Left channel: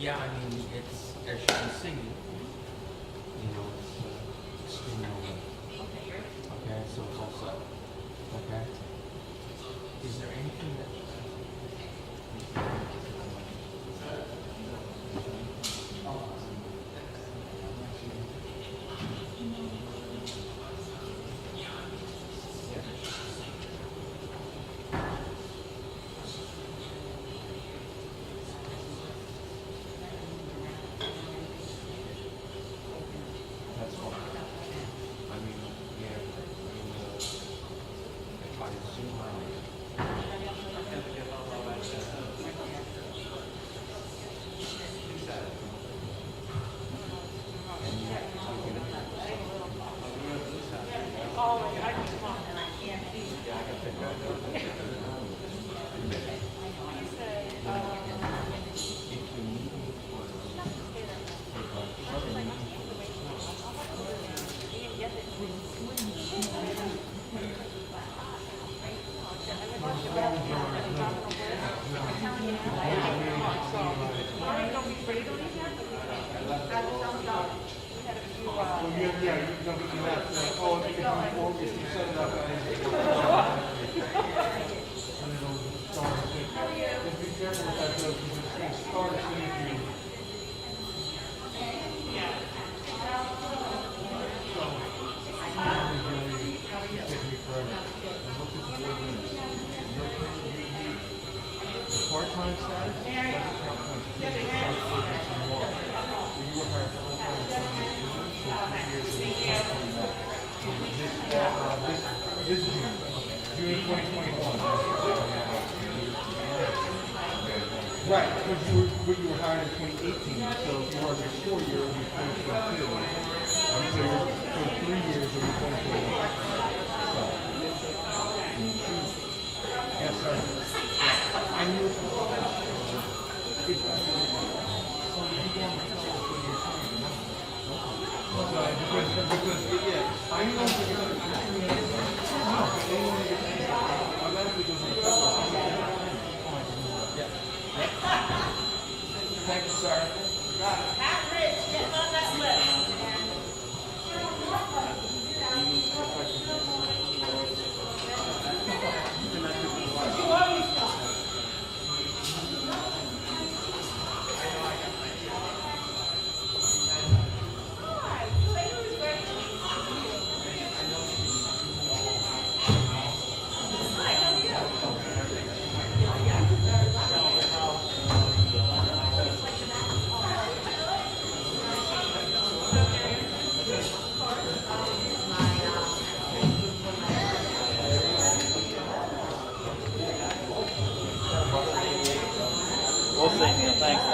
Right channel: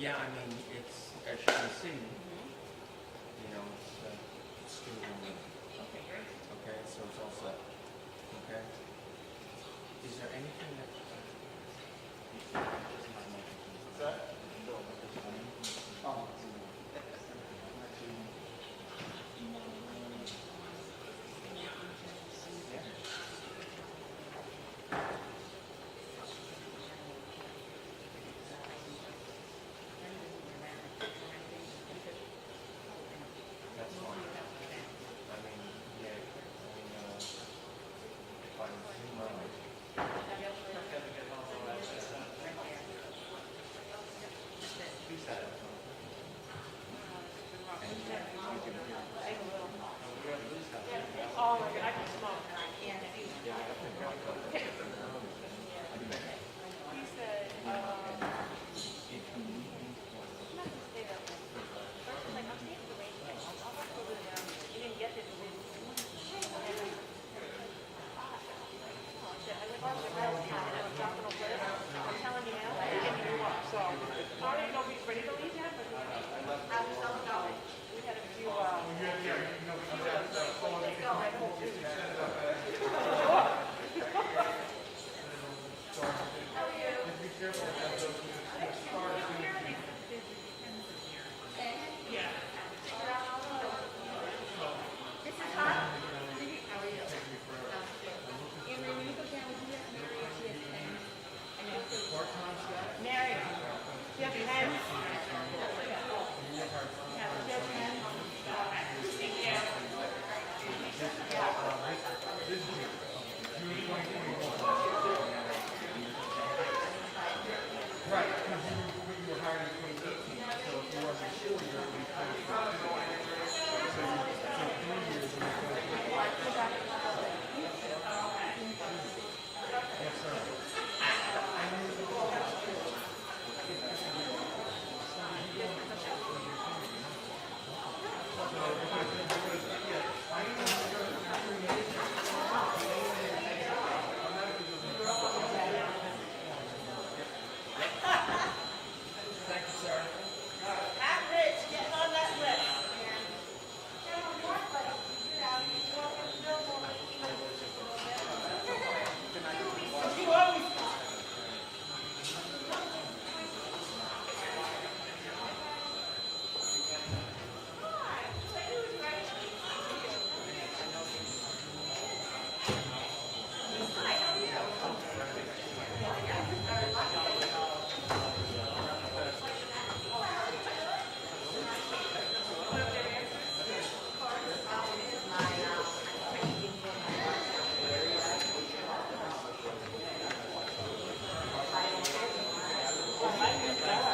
Yeah, I mean, it's, as you can see, you know, it's streaming over. Okay, so it's all set. Okay? Is there anything that... That's fine. I mean, yeah, I mean, if I zoom out... Right, but you were hired in 2018, so if you work for 4 years, it'll be 2022. So for 3 years, it'll be 2021. Yes, sir. And you Thank you, sir. We'll see. Thanks.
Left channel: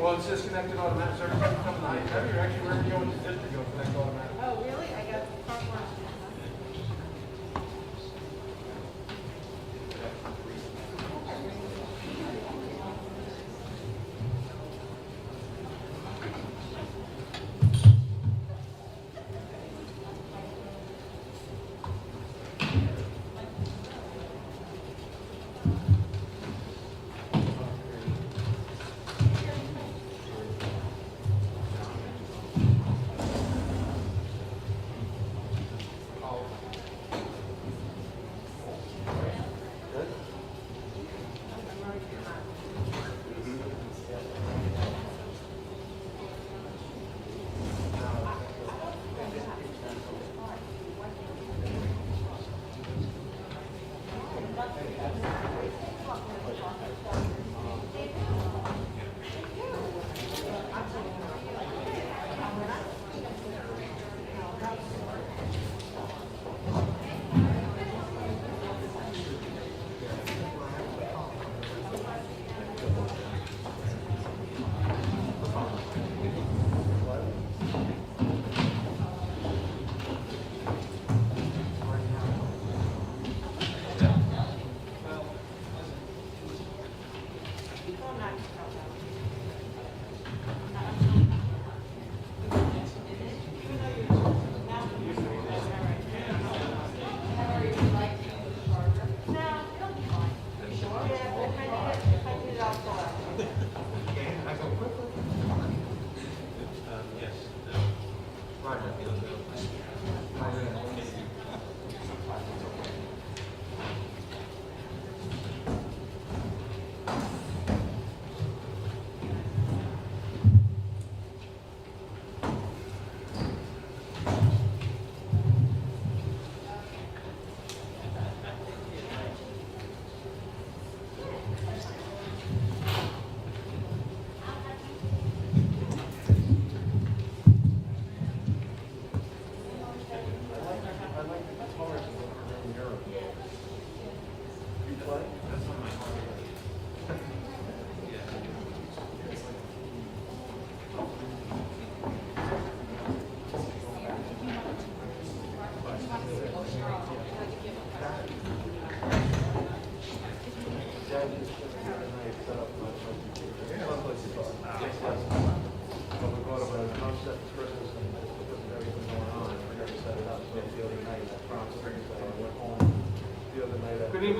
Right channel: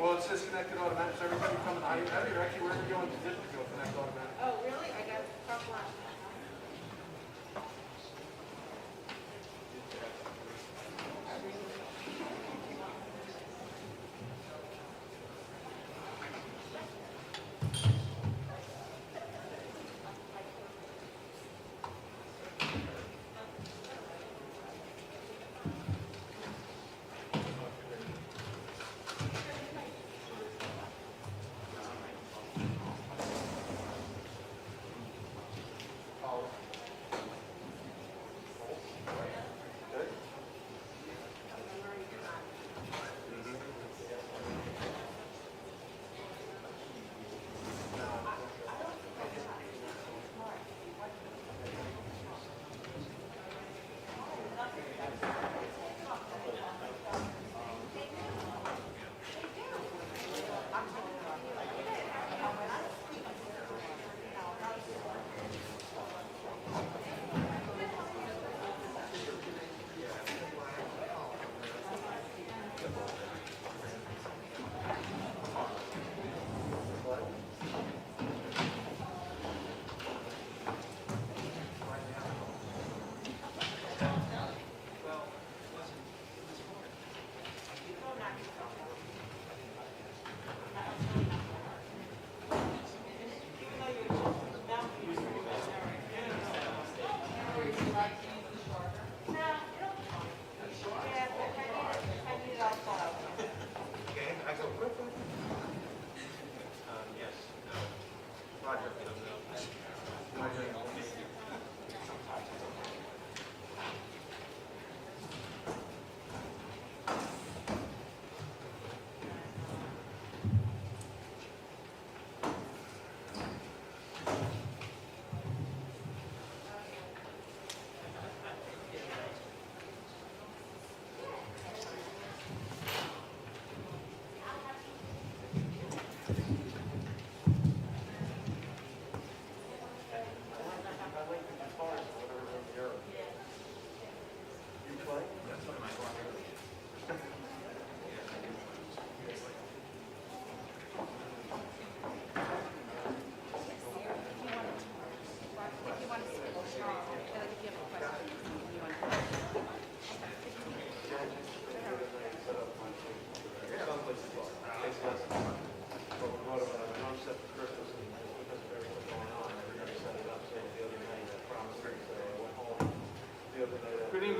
Well, it's disconnected automatically. So every time you come in the height, you're actually wherever you go in the district, you'll connect automatically. Oh, really? I got front one.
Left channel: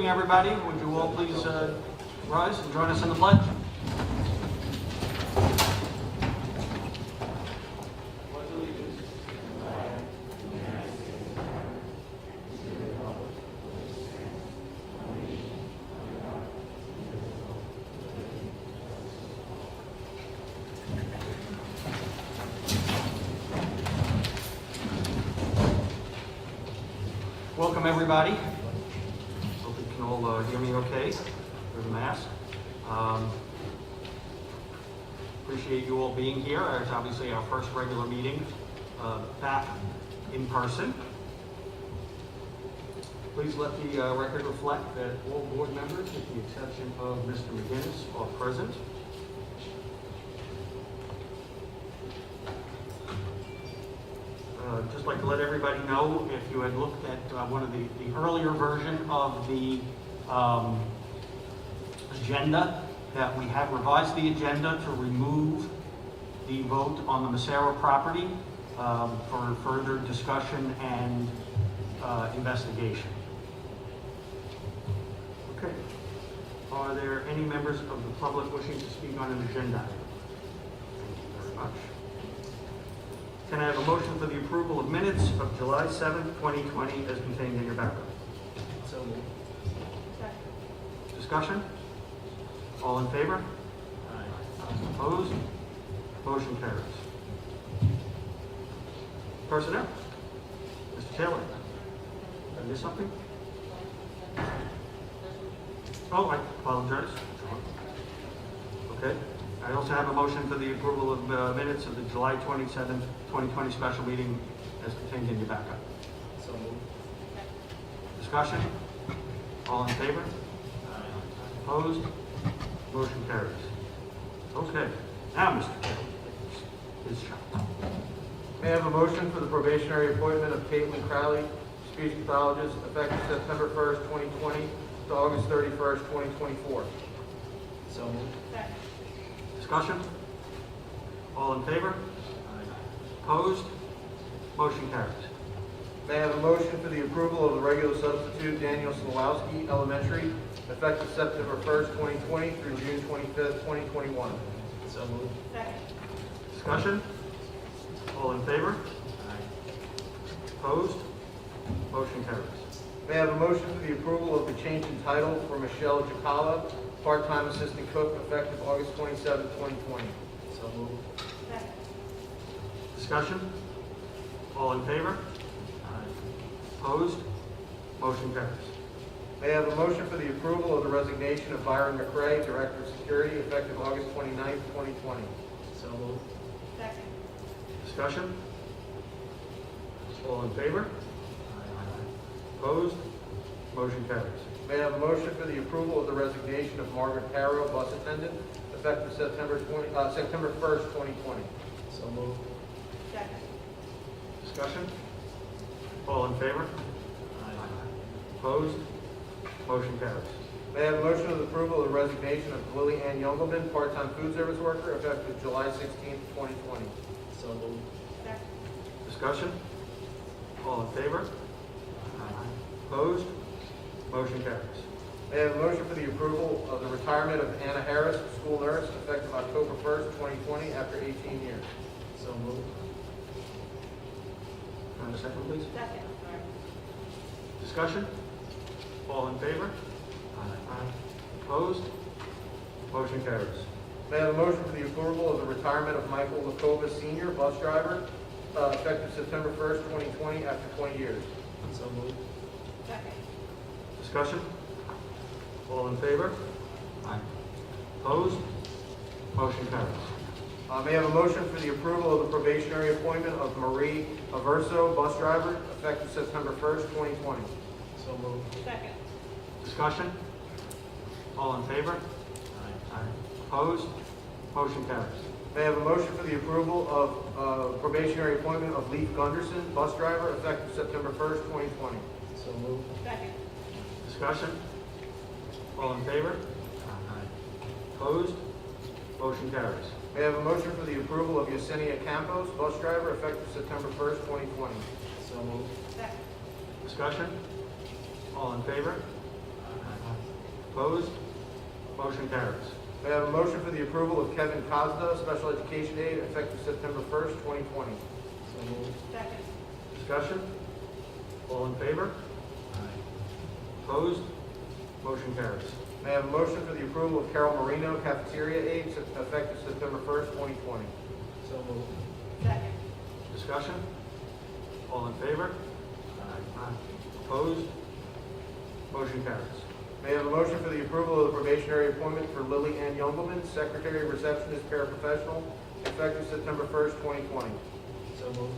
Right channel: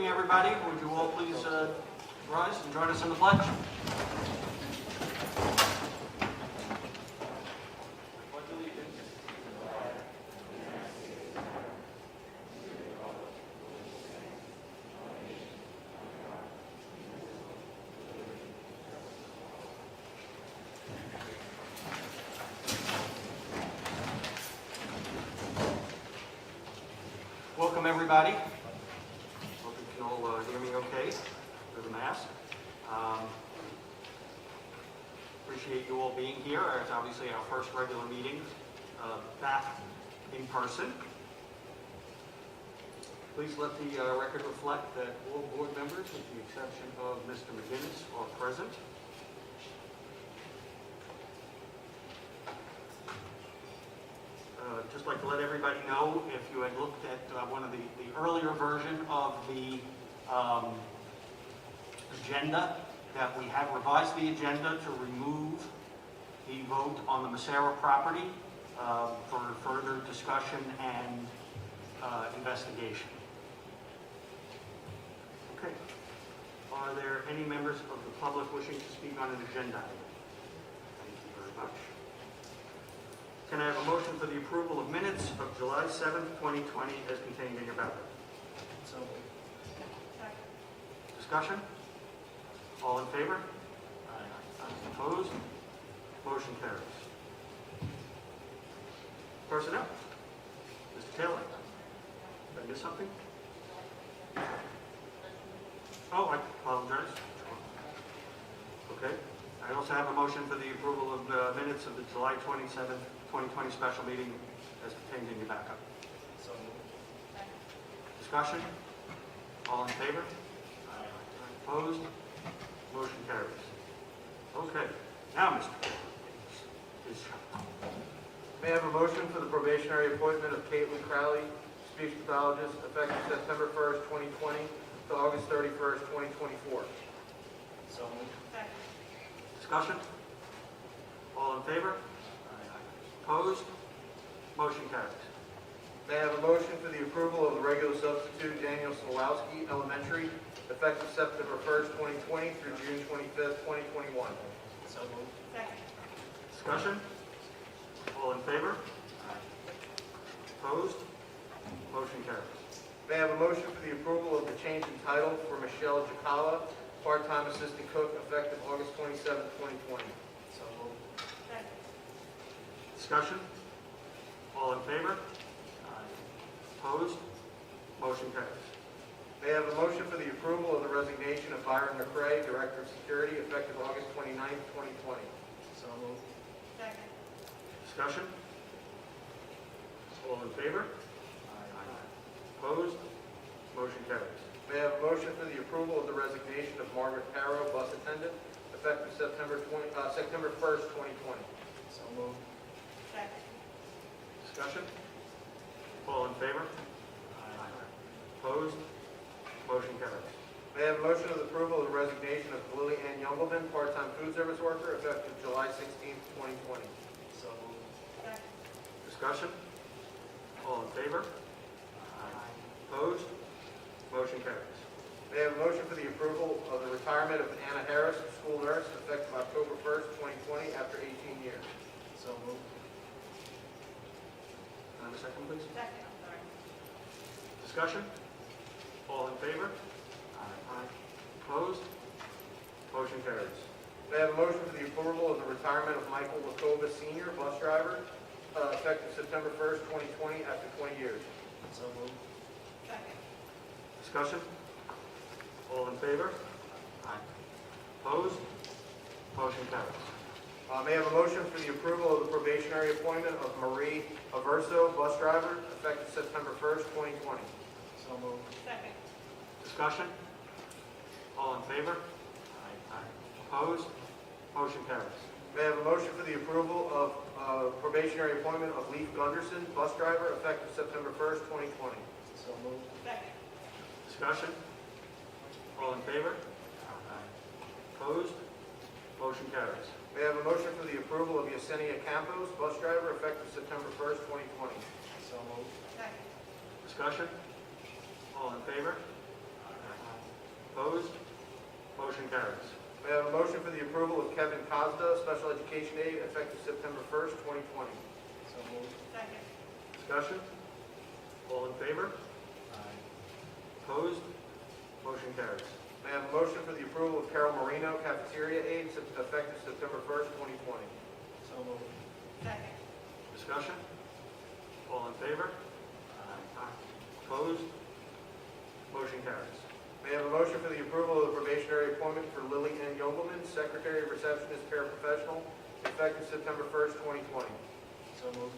everybody. Would you all please rise and join us in the pledge? Welcome, everybody. Hope you can all hear me okay through the mask. Appreciate you all being here. It's obviously our first regular meeting back in person. Please let the record reflect that all board members, with the exception of Mr. McGinnis, are present. Just like to let everybody know, if you had looked at one of the earlier version of the agenda, that we have revised the agenda to remove the vote on the Massaro property for further discussion and investigation. Okay. Are there any members of the public wishing to speak on an agenda item? Thank you very much. Can I have a motion for the approval of minutes of July 7th, 2020 as contained in your backup? So moved. Discussion? All in favor? Aye. Opposed? Motion carries. Personnel? Mr. Taylor? Did I miss something? Oh, I apologize. Okay. I also have a motion for the approval of minutes of the July 27th, 2020 special meeting as contained in your backup. So moved. Discussion? All in favor? Aye. Opposed? Motion carries. Okay. Now, Mr. Taylor, please. May I have a motion for the probationary appointment of Caitlin Crowley, speech pathologist, effective September 1st, 2020 to August 31st, 2024. So moved. Discussion? All in favor? Aye. Opposed? Motion carries. May I have a motion for the approval of the regular substitute Daniel Slawowski, elementary, effective September 1st, 2020 through June 25th, 2021. So moved. Discussion? All in favor? Aye. Opposed? Motion carries. May I have a motion for the approval of the change in title for Michelle Jacala, part-time assistant cook, effective August 27th, 2020. So moved. Discussion? All in favor? Aye. Opposed? Motion carries. May I have a motion for the approval of the resignation of Byron McRae, Director of Security, effective August 29th, 2020. So moved. Discussion? All in favor? Aye. Opposed? Motion carries. May I have a motion for the approval of the resignation of Margaret Parrow, bus attendant, effective September 1st, 2020. So moved. Discussion? All in favor? Aye. Opposed? Motion carries. May I have a motion of the approval of the resignation of Lily Ann Youngelman, part-time food service worker, effective July 16th, 2020. So moved. Discussion? All in favor? Opposed? Motion carries. May I have a motion for the approval of the retirement of Anna Harris, school nurse, effective October 1st, 2020, after 18 years. So moved. Can I have a second, please? Discussion? All in favor? Aye. Opposed? Motion carries. May I have a motion for the approval of the retirement of Michael Lakova, senior, bus driver, effective September 1st, 2020, after 20 years. So moved. Discussion? All in favor? Opposed? Motion carries. May I have a motion for the approval of the probationary appointment of Marie Averso, bus driver, effective September 1st, 2020. So moved. Discussion? All in favor? Aye. Opposed? Motion carries. May I have a motion for the approval of probationary appointment of Leif Gunderson, bus driver, effective September 1st, 2020. So moved. Discussion? All in favor? Opposed? Motion carries. May I have a motion for the approval of Yesenia Campos, bus driver, effective September 1st, 2020. So moved. Discussion? All in favor? Opposed? Motion carries. May I have a motion for the approval of Kevin Cosdo, special education aide, effective September 1st, 2020? So moved. Second. Discussion? All in favor? Aye. Opposed? Motion carries. May I have a motion for the approval of Carol Marino, cafeteria aide, effective September 1st, 2020? So moved. Second. Discussion? All in favor? Aye. Opposed? Motion carries. May I have a motion for the approval of the probationary appointment for Lily Ann Youngelman, secretary, receptionist, paraprofessional, effective September 1st, 2020? So moved.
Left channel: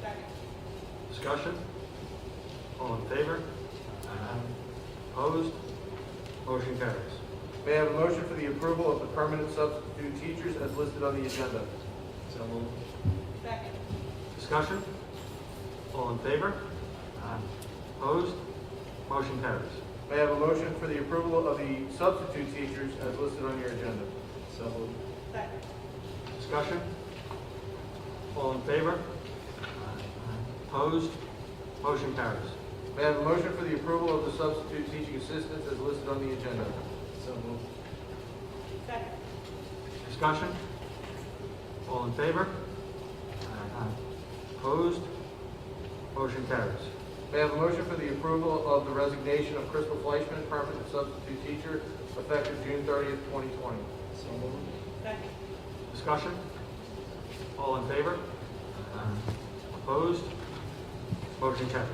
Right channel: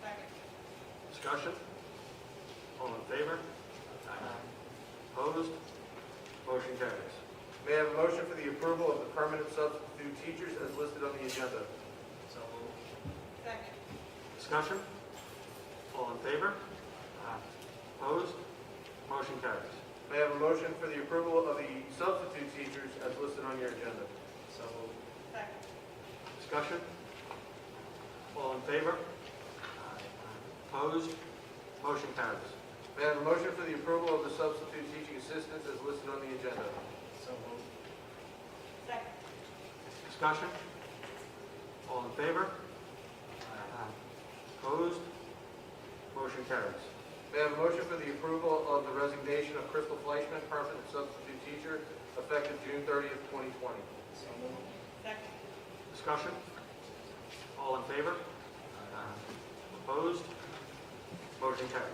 Second. Discussion? All in favor? Aye. Opposed? Motion carries. May I have a motion for the approval of the permanent substitute teachers as listed on the agenda? So moved. Second. Discussion? All in favor? Opposed? Motion carries. May I have a motion for the approval of the substitute teachers as listed on your agenda? So moved. Second. Discussion? All in favor? Opposed? Motion carries. May I have a motion for the approval of the substitute teaching assistants as listed on the agenda? So moved. Second. Discussion? All in favor? Opposed? Motion carries. May I have a motion for the approval of the resignation of Crystal Fleischman, permanent substitute teacher, effective June 30th, 2020? So moved. Second. Discussion? All in favor? Opposed? Motion carries.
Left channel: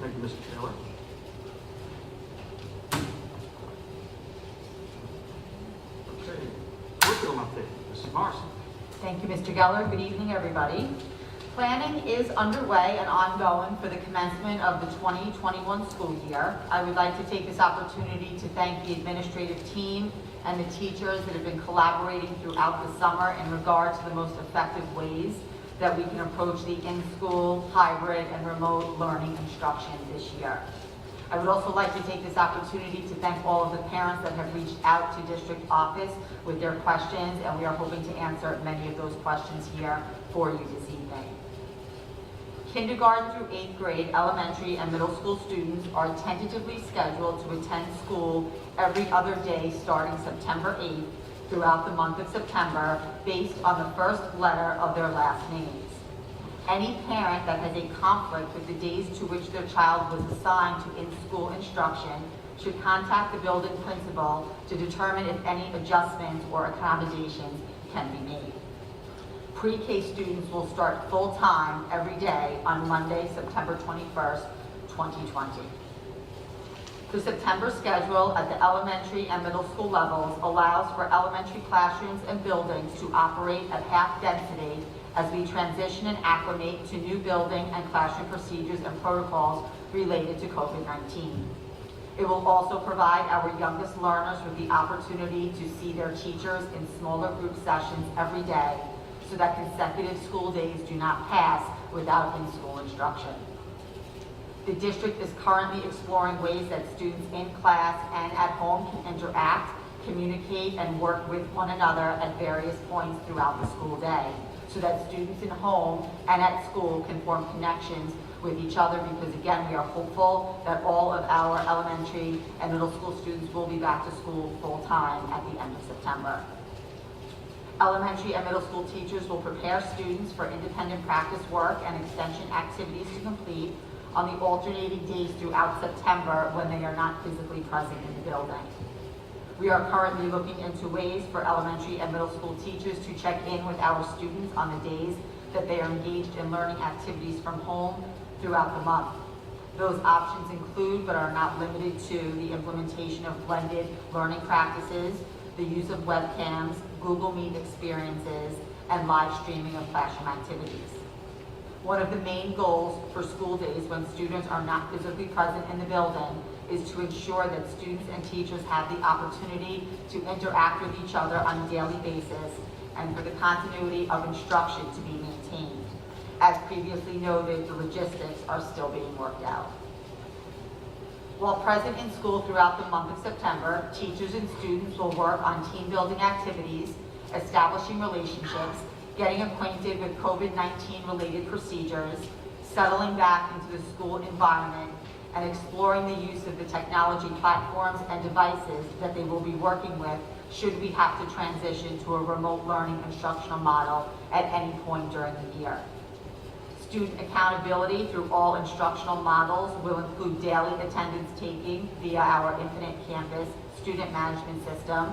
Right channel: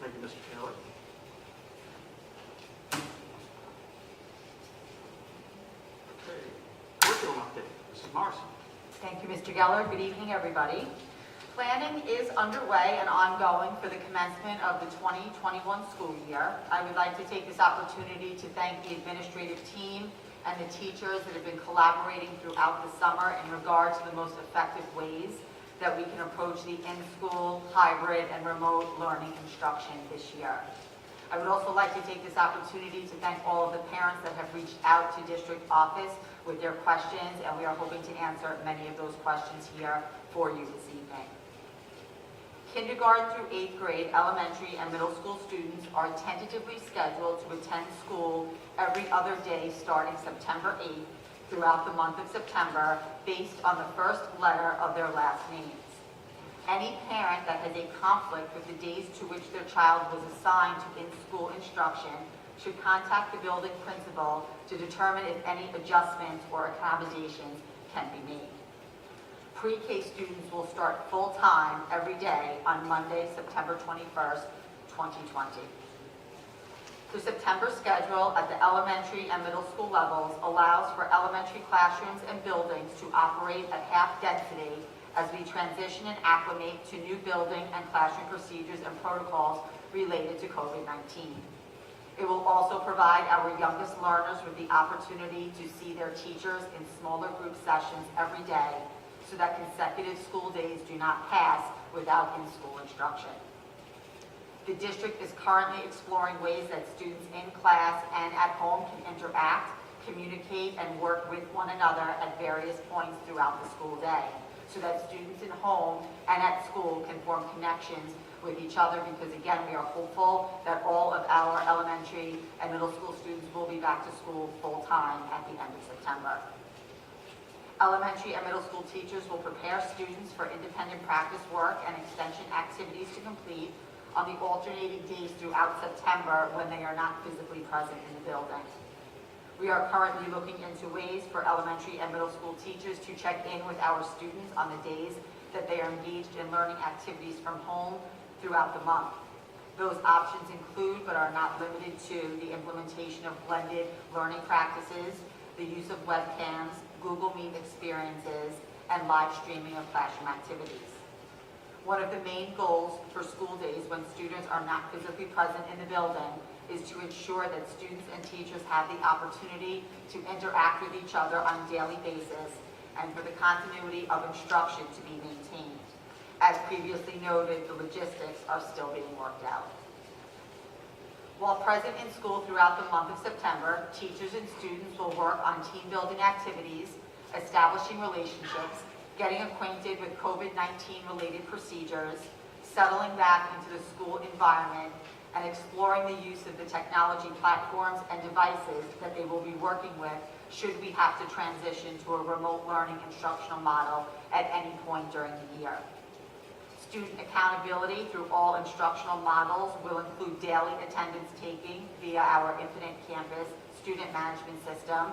Thank you, Mr. Taylor. Okay, curriculum update, Mrs. Morrison. Thank you, Mr. Geller. Good evening, everybody. Planning is underway and ongoing for the commencement of the 2021 school year. I would like to take this opportunity to thank the administrative team and the teachers that have been collaborating throughout the summer in regard to the most effective ways that we can approach the in-school, hybrid, and remote learning instruction this year. I would also like to take this opportunity to thank all of the parents that have reached out to district office with their questions, and we are hoping to answer many of those questions here for you this evening. Kindergarten through 8th grade elementary and middle school students are tentatively scheduled to attend school every other day starting September 8th throughout the month of September based on the first letter of their last names. Any parent that has a conflict with the days to which their child was assigned to in-school instruction should contact the building principal to determine if any adjustments or accommodations can be made. Pre-K students will start full-time every day on Monday, September 21st, 2020. The September schedule at the elementary and middle school levels allows for elementary classrooms and buildings to operate at half density as we transition and acclimate to new building and classroom procedures and protocols related to COVID-19. It will also provide our youngest learners with the opportunity to see their teachers in smaller group sessions every day so that consecutive school days do not pass without in-school instruction. The district is currently exploring ways that students in class and at home can interact, communicate, and work with one another at various points throughout the school day, so that students in home and at school can form connections with each other, because again, we are hopeful that all of our elementary and middle school students will be back to school full-time at the end of September. Elementary and middle school teachers will prepare students for independent practice work and extension activities to complete on the alternating days throughout September when they are not physically present in the building. We are currently looking into ways for elementary and middle school teachers to check in with our students on the days that they are engaged in learning activities from home throughout the month. Those options include, but are not limited to, the implementation of blended learning practices, the use of webcams, Google Meet experiences, and live streaming of classroom activities. One of the main goals for school days when students are not physically present in the building is to ensure that students and teachers have the opportunity to interact with each other on a daily basis and for the continuity of instruction to be maintained. As previously noted, the logistics are still being worked out. While present in school throughout the month of September, teachers and students will work on team building activities, establishing relationships, getting acquainted with COVID-19 related procedures, settling back into the school environment, and exploring the use of the technology platforms and devices that they will be working with should we have to transition to a remote learning instructional model at any point during the year. Student accountability through all instructional models will include daily attendance taking via our Infinite Campus student management system,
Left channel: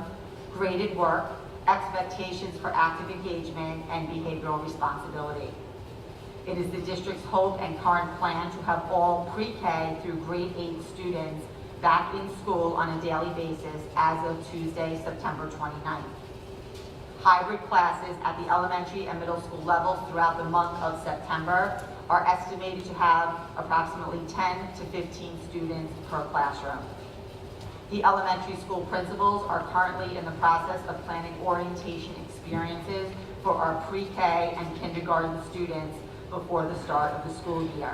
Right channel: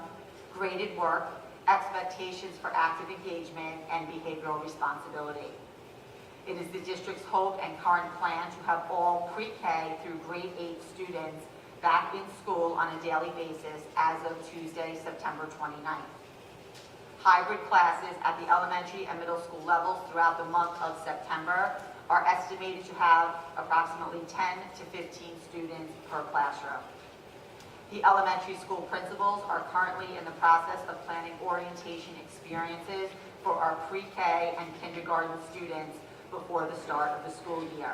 graded work, expectations for active engagement, and behavioral responsibility. It is the district's hope and current plan to have all pre-K through grade 8 students back in school on a daily basis as of Tuesday, September 29th. Hybrid classes at the elementary and middle school levels throughout the month of September are estimated to have approximately 10 to 15 students per classroom. The elementary school principals are currently in the process of planning orientation experiences for our pre-K and kindergarten students before the start of the school year.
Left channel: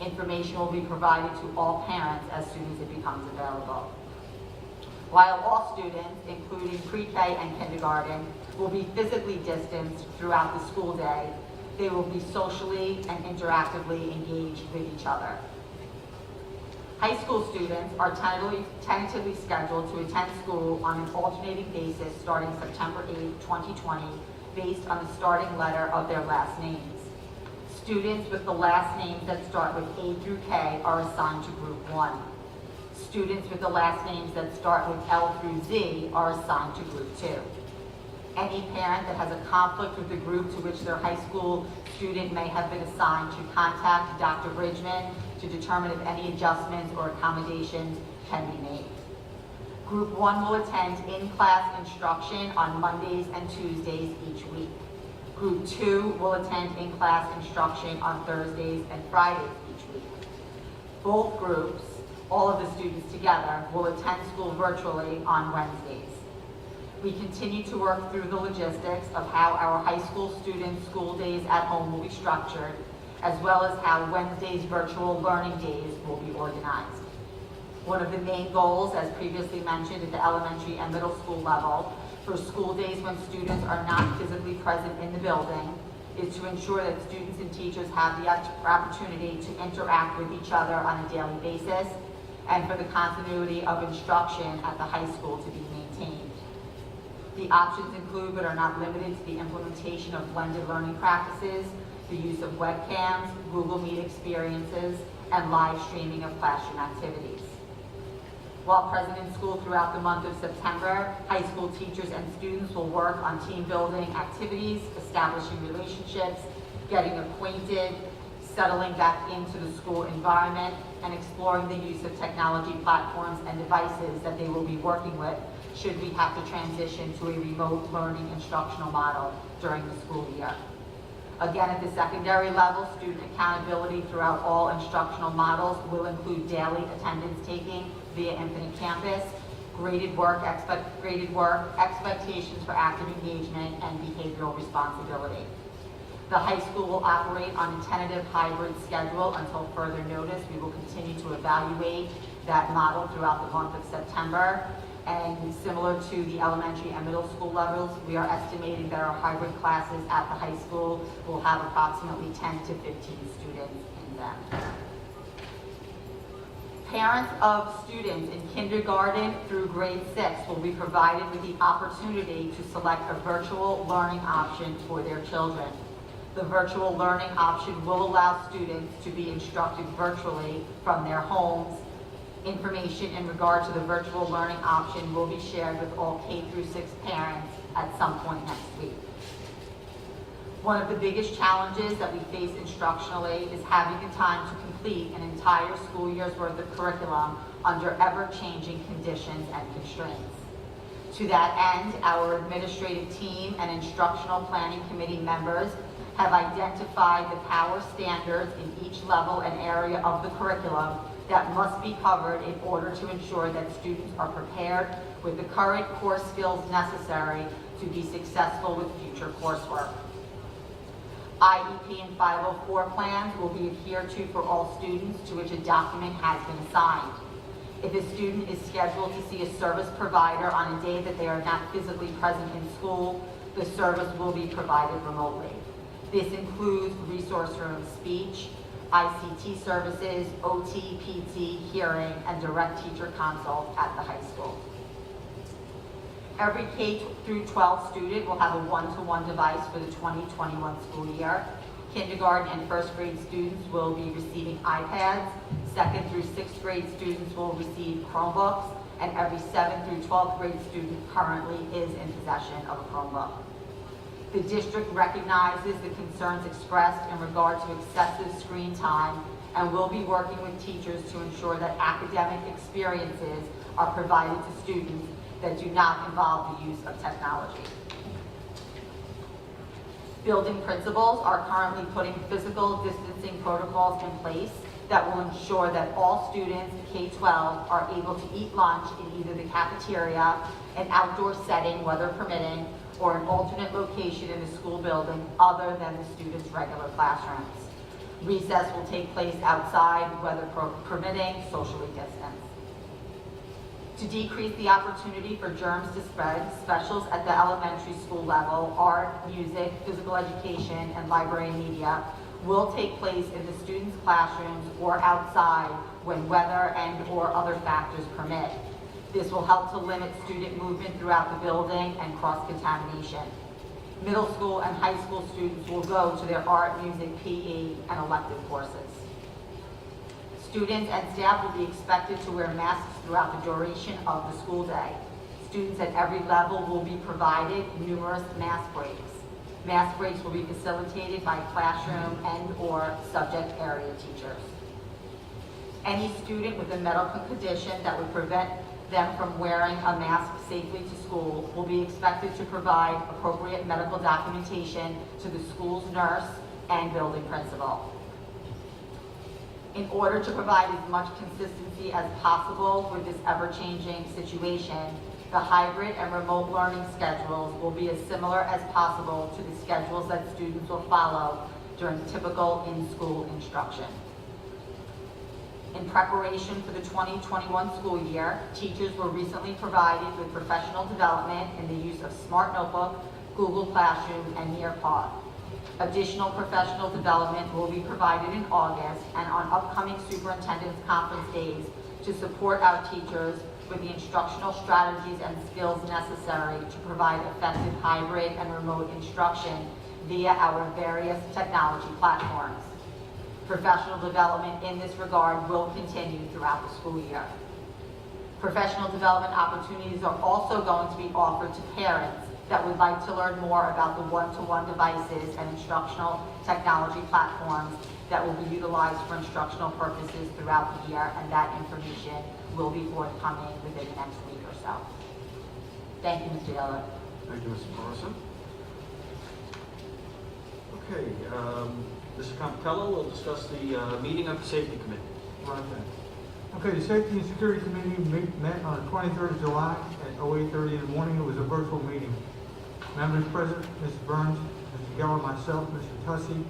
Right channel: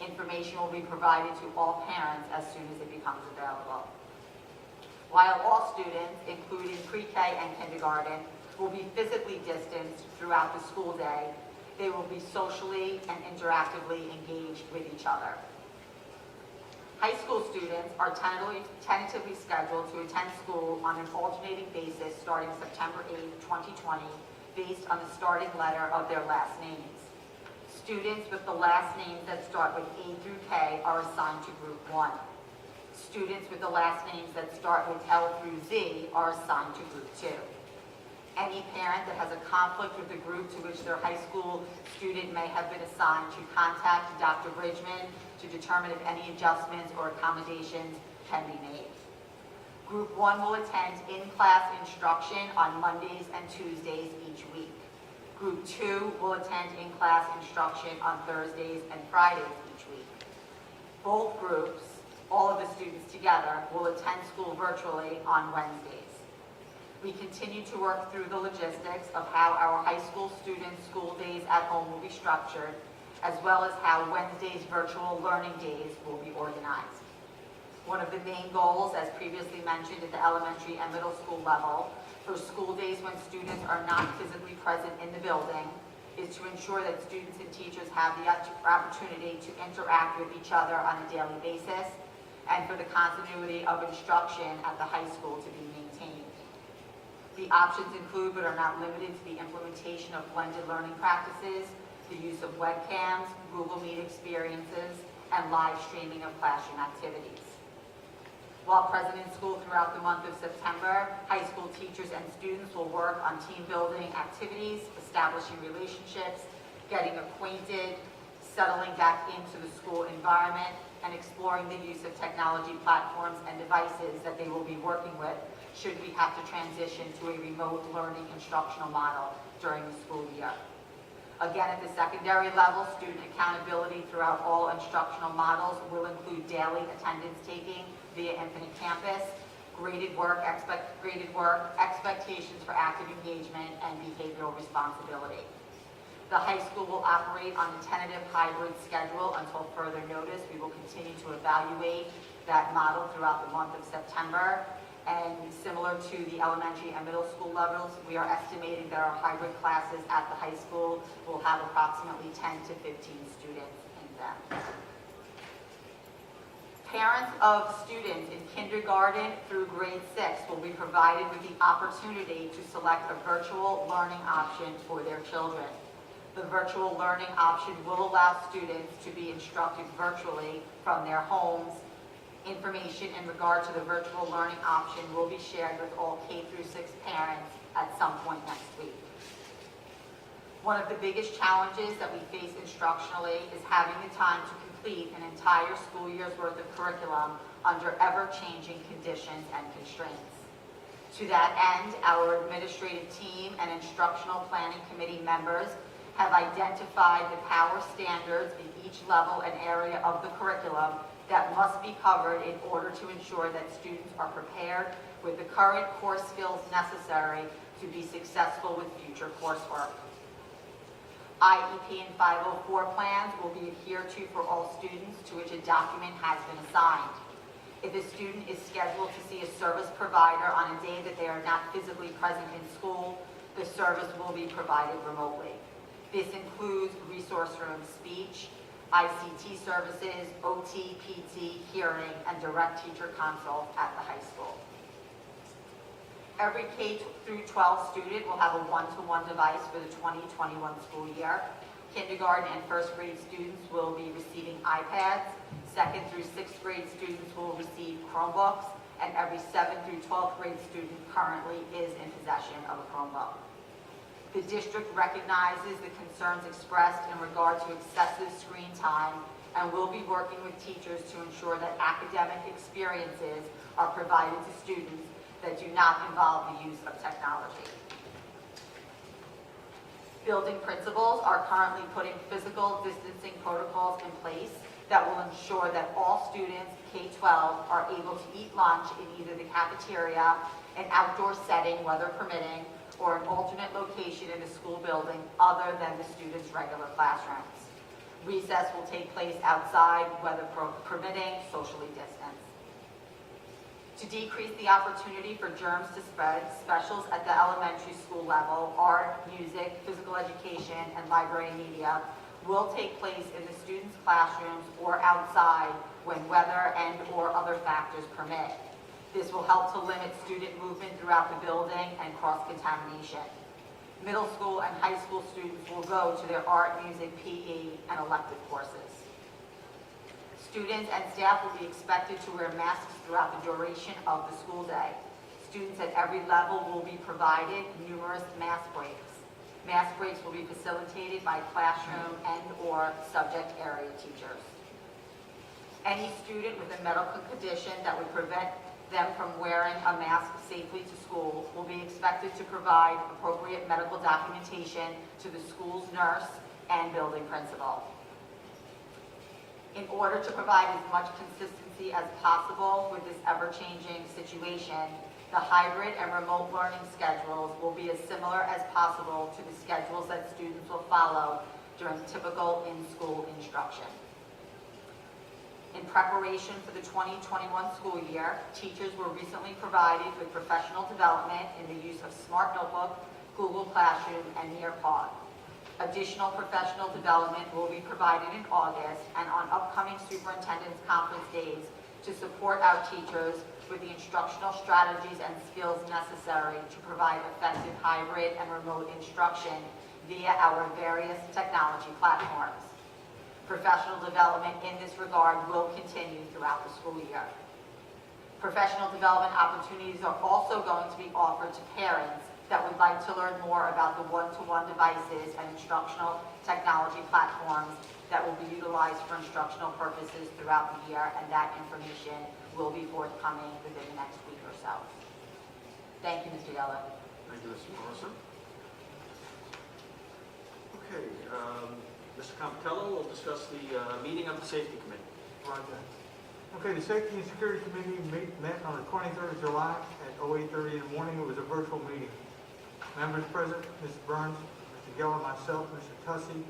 Information will be provided to all parents as soon as it becomes available. While all students, including pre-K and kindergarten, will be physically distanced throughout the school day, they will be socially and interactively engaged with each other. High school students are tentatively scheduled to attend school on an alternating basis starting September 8, 2020, based on the starting letter of their last names. Students with the last names that start with A through K are assigned to Group 1. Students with the last names that start with L through Z are assigned to Group 2. Any parent that has a conflict with the group to which their high school student may have been assigned should contact Dr. Bridgman to determine if any adjustments or accommodations can be made. Group 1 will attend in-class instruction on Mondays and Tuesdays each week. Group 2 will attend in-class instruction on Thursdays and Fridays each week. Both groups, all of the students together, will attend school virtually on Wednesdays. We continue to work through the logistics of how our high school students' school days at home will be structured, as well as how Wednesday's virtual learning days will be organized. One of the main goals, as previously mentioned at the elementary and middle school level, for school days when students are not physically present in the building, is to ensure that students and teachers have the opportunity to interact with each other on a daily basis, and for the continuity of instruction at the high school to be maintained. The options include, but are not limited to, the implementation of blended learning practices, the use of webcams, Google Meet experiences, and live streaming of classroom activities. While present in school throughout the month of September, high school teachers and students will work on team building activities, establishing relationships, getting acquainted, settling back into the school environment, and exploring the use of technology platforms and devices that they will be working with should we have to transition to a remote learning instructional model during the school year. Again, at the secondary level, student accountability throughout all instructional models will include daily attendance taking via Infinite Campus, graded work, expectations for active engagement, and behavioral responsibility. The high school will operate on a tentative hybrid schedule until further notice. We will continue to evaluate that model throughout the month of September. And similar to the elementary and middle school levels, we are estimating that our hybrid classes at the high school will have approximately 10 to 15 students in them. Parents of students in kindergarten through grade 6 will be provided with the opportunity to select a virtual learning option for their children. The virtual learning option will allow students to be instructed virtually from their homes. Information in regard to the virtual learning option will be shared with all K through 6 parents at some point next week. One of the biggest challenges that we face instructionally is having the time to complete an entire school year's worth of curriculum under ever-changing conditions and constraints. To that end, our administrative team and instructional planning committee members have identified the power standards in each level and area of the curriculum that must be covered in order to ensure that students are prepared with the current core skills necessary to be successful with future coursework. IEP and 504 plans will be adhered to for all students to which a document has been assigned. If a student is scheduled to see a service provider on a day that they are not physically present in school, the service will be provided remotely. This includes resource room speech, ICT services, OT, PT, hearing, and direct teacher consult at the high school. Every K through 12 student will have a one-to-one device for the 2021 school year. Kindergarten and first grade students will be receiving iPads. Second through sixth grade students will receive Chromebooks, and every 7th through 12th grade student currently is in possession of a Chromebook. The district recognizes the concerns expressed in regard to excessive screen time and will be working with teachers to ensure that academic experiences are provided to students that do not involve the use of technology. Building principals are currently putting physical distancing protocols in place that will ensure that all students K-12 are able to eat lunch in either the cafeteria, an outdoor setting, weather permitting, or an alternate location in the school building other than the students' regular classrooms. Recess will take place outside, weather permitting, socially distanced. To decrease the opportunity for germs to spread, specials at the elementary school level, art, music, physical education, and library and media will take place in the students' classrooms or outside when weather and/or other factors permit. This will help to limit student movement throughout the building and cross-contamination. Middle school and high school students will go to their art, music, PE, and elective courses. Students and staff will be expected to wear masks throughout the duration of the school day. Students at every level will be provided numerous mask breaks. Mask breaks will be facilitated by classroom and/or subject area teachers. Any student with a medical condition that would prevent them from wearing a mask safely to school will be expected to provide appropriate medical documentation to the school's nurse and building principal. In order to provide as much consistency as possible with this ever-changing situation, the hybrid and remote learning schedules will be as similar as possible to the schedules that students will follow during typical in-school instruction. In preparation for the 2021 school year, teachers were recently provided with professional development in the use of Smart Notebook, Google Classroom, and Nearpod. Additional professional development will be provided in August and on upcoming superintendent's conference days to support our teachers with the instructional strategies and skills necessary to provide effective hybrid and remote instruction via our various technology platforms. Professional development in this regard will continue throughout the school year. Professional development opportunities are also going to be offered to parents that would like to learn more about the one-to-one devices and instructional technology platforms that will be utilized for instructional purposes throughout the year, and that information will be forthcoming within the next week or so. Thank you, Mr. Yeller. Thank you, Mrs. Morrison. Okay, Mr. Compitello will discuss the meeting of the Safety Committee. Right then. Okay, the Safety and Security Committee met on the 23rd of July at 08:30 in the morning. It was a virtual meeting. Members present, Mr. Burns, Mr. Geller, myself, Mr. Tussey,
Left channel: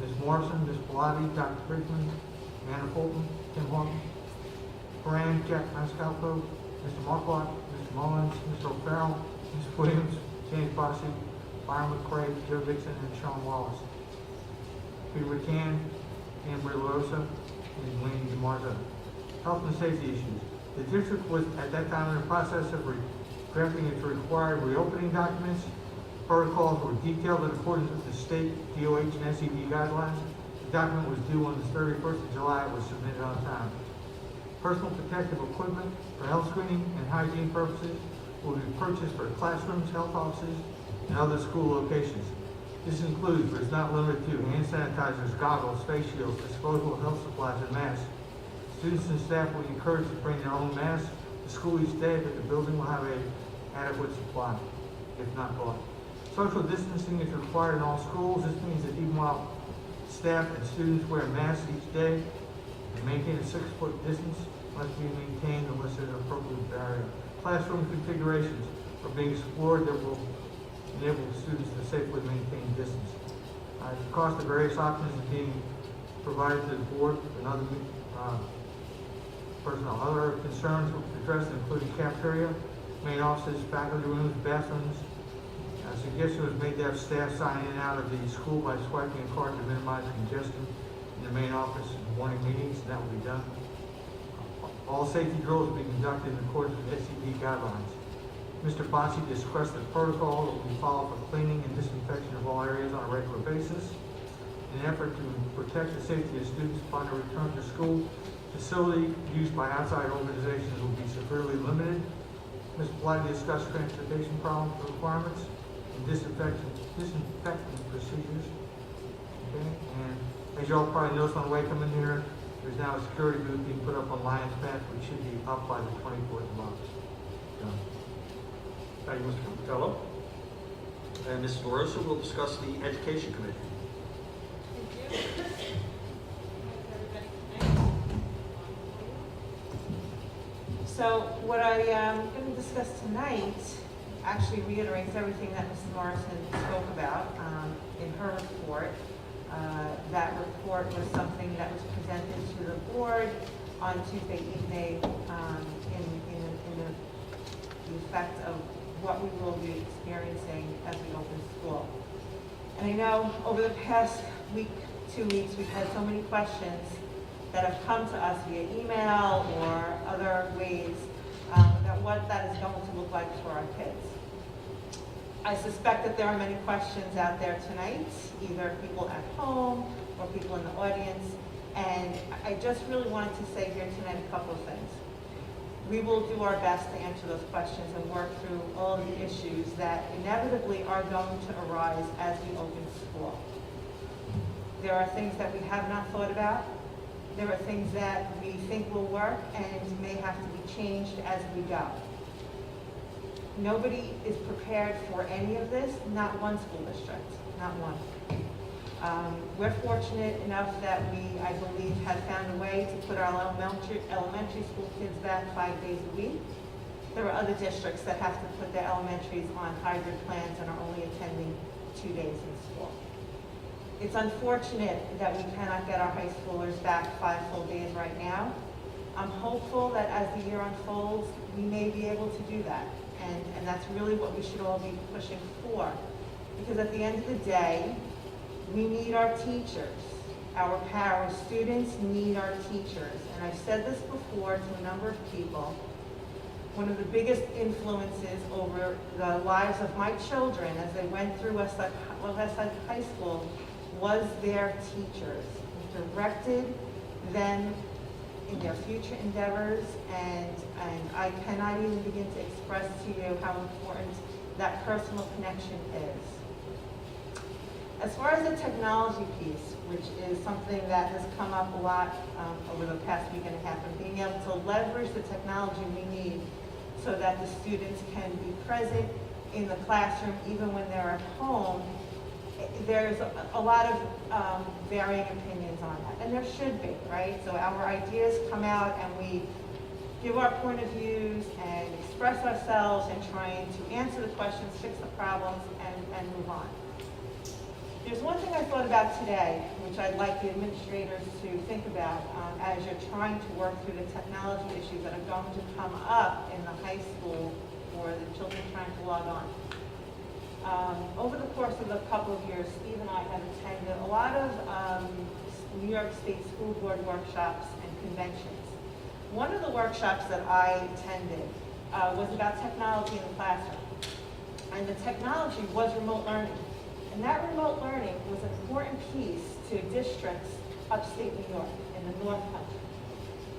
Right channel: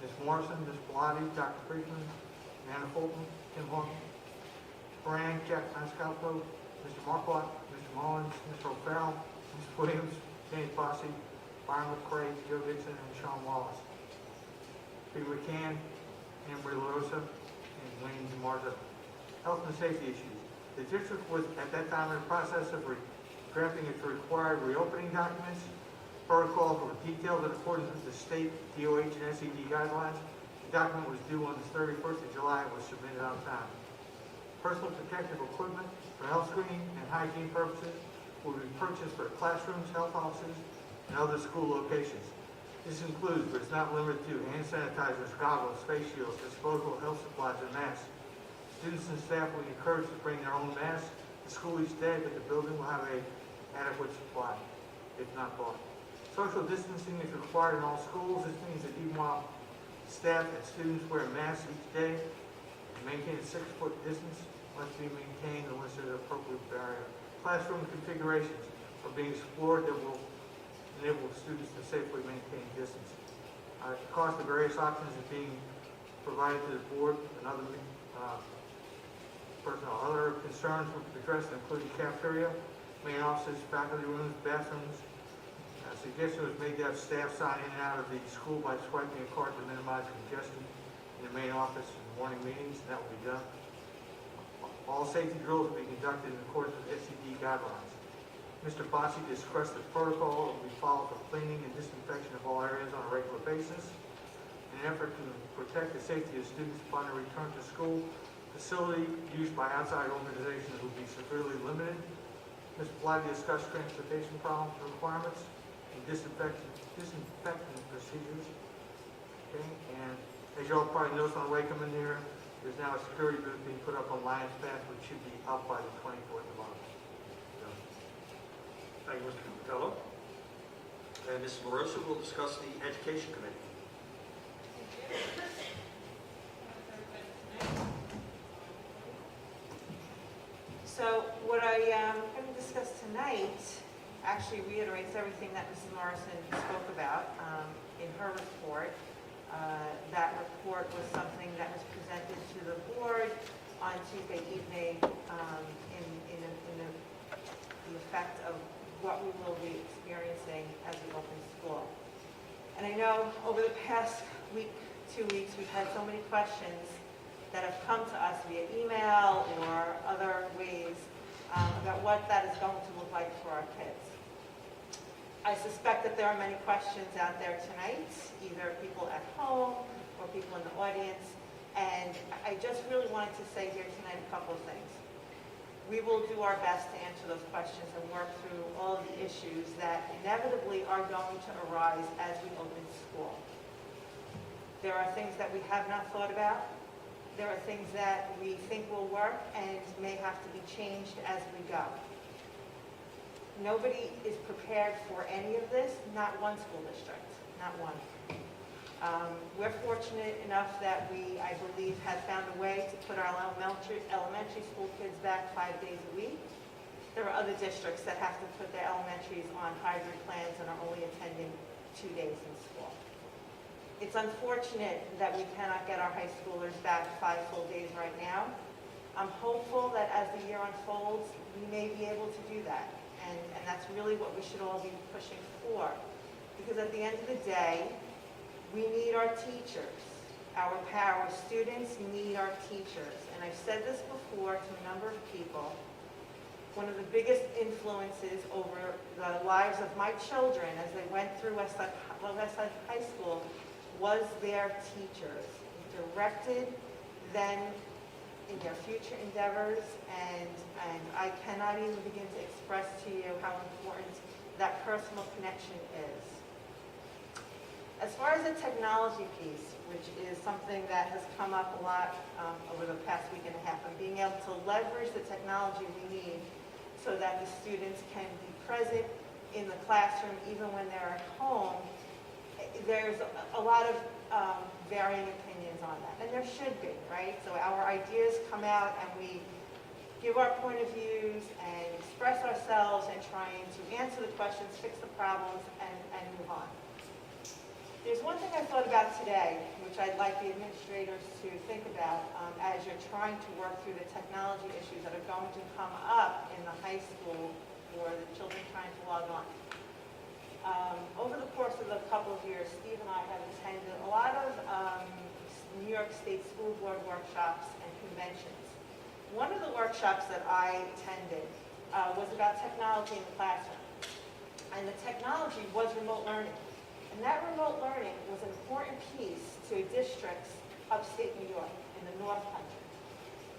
Ms. Morrison, Ms. Bellotti, Dr. Friedman, Anna Fulton, Tim Hawkins, Moran, Jack Mascalco, Mr. Marquardt, Mr. Mullins, Mr. O'Farrell, Ms. Williams, James Bossy, Byron McCray, Joe Dixon, and Sean Wallace. Peter McCann, Ann Marie LaRosa, and Wayne DeMarzo. Health and safety issues. The district was at that time in the process of drafting its required reopening documents. Protocols were detailed in accordance with the state DOH and SED guidelines. The document was due on the 31st of July. It was submitted on time. Personal protective equipment for health screening and hygiene purposes will be purchased for classrooms, health offices, and other school locations. This includes, but is not limited to, hand sanitizers, goggles, face shields, disposable health supplies, and masks. Students and staff will be encouraged to bring their own masks to school each day, but the building will have an adequate supply, if not bought. Social distancing is required in all schools. This means that even while staff and students wear masks each day and maintain a 6-foot distance must be maintained unless there's an appropriate barrier. Classroom configurations are being explored that will enable students to safely maintain distance. The cost of various options is being provided to the board and other personnel. Other concerns were addressed, including cafeteria, main offices, faculty rooms, bathrooms. A suggestion was made to have staff sign in and out of the school by swiping a card to minimize congestion in in the main office in morning meetings, and that will be done. All safety drills will be conducted in accordance with SCD guidelines. Mr. Bonsi discussed the protocol that will be followed for cleaning and disinfection of all areas on a regular basis. In an effort to protect the safety of students upon their return to school, facility used by outside organizations will be severely limited. Ms. Blatty discussed transportation problems requirements and disinfecting procedures. Okay, and as you all probably noticed on the way coming here, there's now a security booth being put up on Lions Path, which should be up by the 24th of August. Done. Thank you, Mr. Capitello. And Mrs. LaRosa will discuss the Education Committee. So what I am going to discuss tonight actually reiterates everything that Mrs. Morrison spoke about in her report. That report was something that was presented to the board on Tuesday evening in the effect of what we will be experiencing as we open school. And I know over the past week, 2 weeks, we've had so many questions that have come to us via email or other ways about what that is going to look like for our kids. I suspect that there are many questions out there tonight, either people at home or people in the audience, and I just really wanted to say here tonight a couple of things. We will do our best to answer those questions and work through all of the issues that inevitably are going to arise as we open school. There are things that we have not thought about. There are things that we think will work and may have to be changed as we go. Nobody is prepared for any of this, not one school district, not one. We're fortunate enough that we, I believe, have found a way to put our elementary school kids back 5 days a week. There are other districts that have to put their elementaries on hybrid plans and are only attending 2 days in school. It's unfortunate that we cannot get our high schoolers back 5 full days right now. I'm hopeful that as the year unfolds, we may be able to do that. And that's really what we should all be pushing for. Because at the end of the day, we need our teachers. Our students need our teachers. And I've said this before to a number of people. One of the biggest influences over the lives of my children as they went through Westside High School was their teachers. It directed them in their future endeavors, and I cannot even begin to express to you how important that personal connection is. As far as the technology piece, which is something that has come up a lot over the past week and a half, and being able to leverage the technology we need so that the students can be present in the classroom even when they're at home, there's a lot of varying opinions on that, and there should be, right? So our ideas come out and we give our point of views and express ourselves and trying to answer the questions, fix the problems, and move on. There's one thing I thought about today, which I'd like the administrators to think about as you're trying to work through the technology issues that are going to come up in the high school for the children trying to log on. Over the course of a couple of years, Steve and I have attended a lot of New York State School Board workshops and conventions. One of the workshops that I attended was about technology in the classroom. And the technology was remote learning. And that remote learning was an important piece to districts upstate New York in the North Country.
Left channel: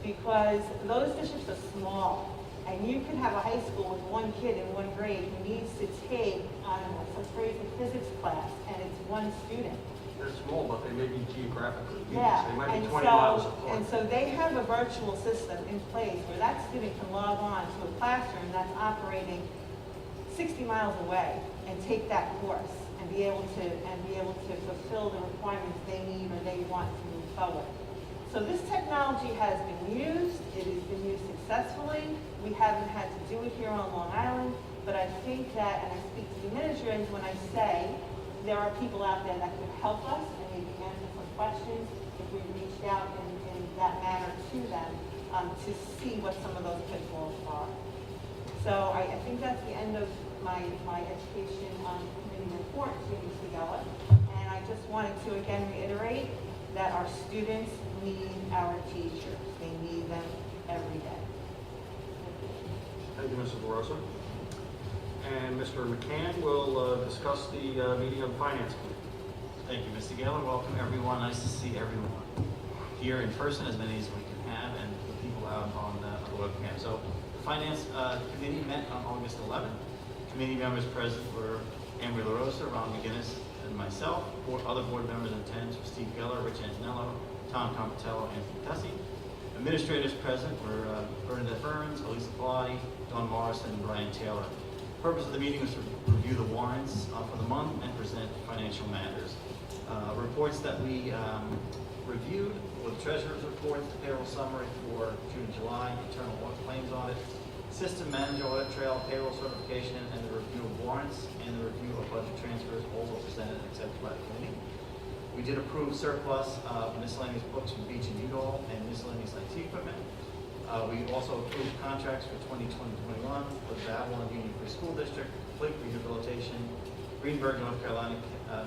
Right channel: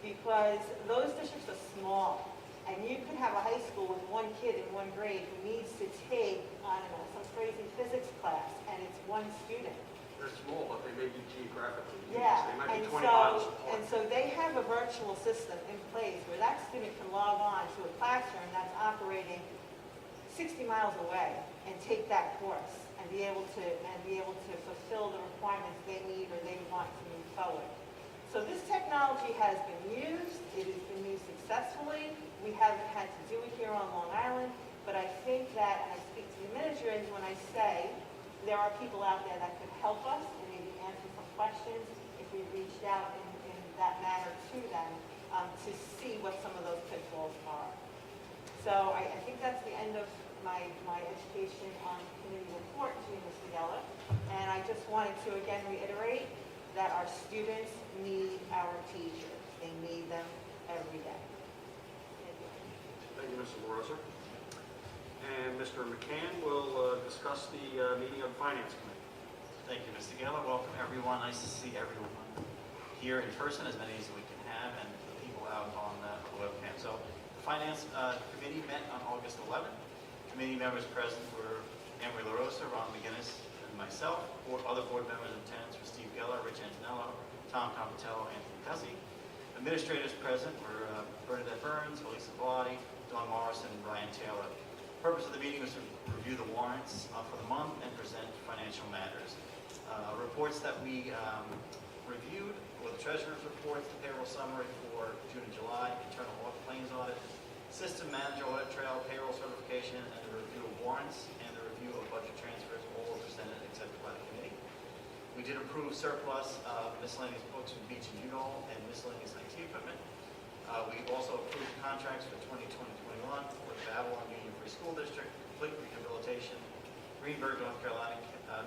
Because those districts are small. And you can have a high school with one kid in one grade who needs to take, I don't know, some crazy physics class, and it's one student. They're small, but they may be geographically used. Yeah, They might be and 20 miles apart. And so they have a virtual system in place where that student can log on to a classroom that's operating 60 miles away and take that course and be able to fulfill the requirements they need or they want to move forward. So this technology has been used. It has been used successfully. We haven't had to do it here on Long Island, but I think that, and I speak to the administrators when I say there are people out there that could help us and maybe answer some questions if we reached out in that manner to them to see what some of those pitfalls are. So I think that's the end of my education committee report to Mr. Geller. And I just wanted to again reiterate that our students need our teachers. They need them every day. Thank you. Thank you, Mrs. LaRosa. And Mr. McCann will discuss the meeting of the Finance Committee. Thank you, Mr. Geller. Welcome, everyone. Nice to see everyone here in person, as many as we can have, and the people out on the webcam. So, the Finance Committee met on August 11th. Committee members present were Emery LaRosa, Ron McGinnis, and myself. Other board members in attendance were Steve Geller, Rich Antonello, Tom Compatello, and Anthony Tussey. Administrators present were Bernadette Burns, Elisa Pilati, Dawn Morrison, and Brian Taylor. The purpose of the meeting was to review the warrants for the month and present financial matters. Reports that we reviewed were the treasurer's reports, the payroll summary for June and July, internal audit claims audit, system manager audit trail, payroll certification, and the review of warrants and the review of budget transfers, all were presented and accepted by the committee. We did approve surplus miscellaneous books from Beach and Udall and miscellaneous IT equipment. We also approved contracts for 2020-21 for the Babylon Union Free School District, Fleet Rehabilitation, Greenberg, North Carolina,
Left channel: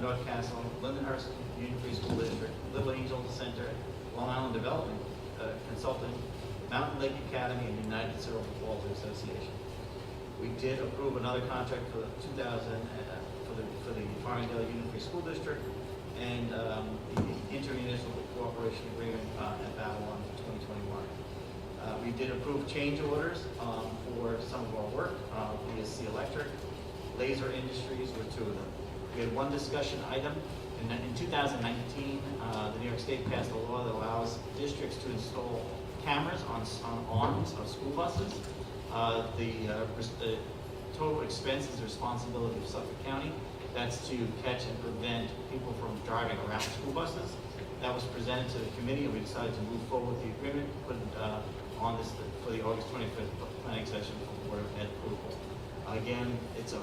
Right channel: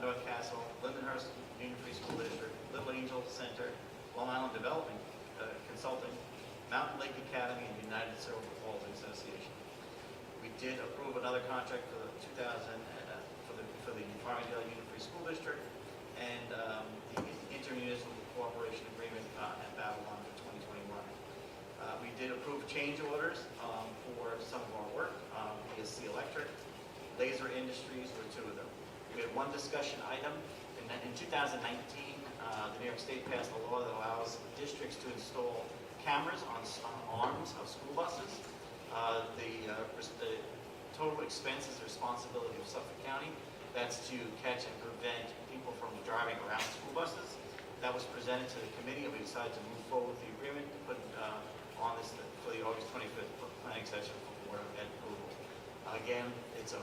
North Castle, Lindenhurst Union Free School District, Little Angel Center, Long Island Development Consulting, Mountain Lake Academy, and United Cerebral Palsy Association. We did approve another contract for the 2000 for the Farmingdale Union Free School District, and the intermunicipal cooperation agreement at Babylon for 2021. We did approve change orders for some of our work, BSC Electric, Laser Industries were two of them. We had one discussion item. In 2019, the New York State passed a law that allows districts to install cameras on arms of school buses. The total expense is the responsibility of Suffolk County. That's to catch and prevent people from driving around school buses. That was presented to the committee, and we decided to move forward with the agreement, put on this for the August 25th planning session for Board of Ed approval. Again, it's 100%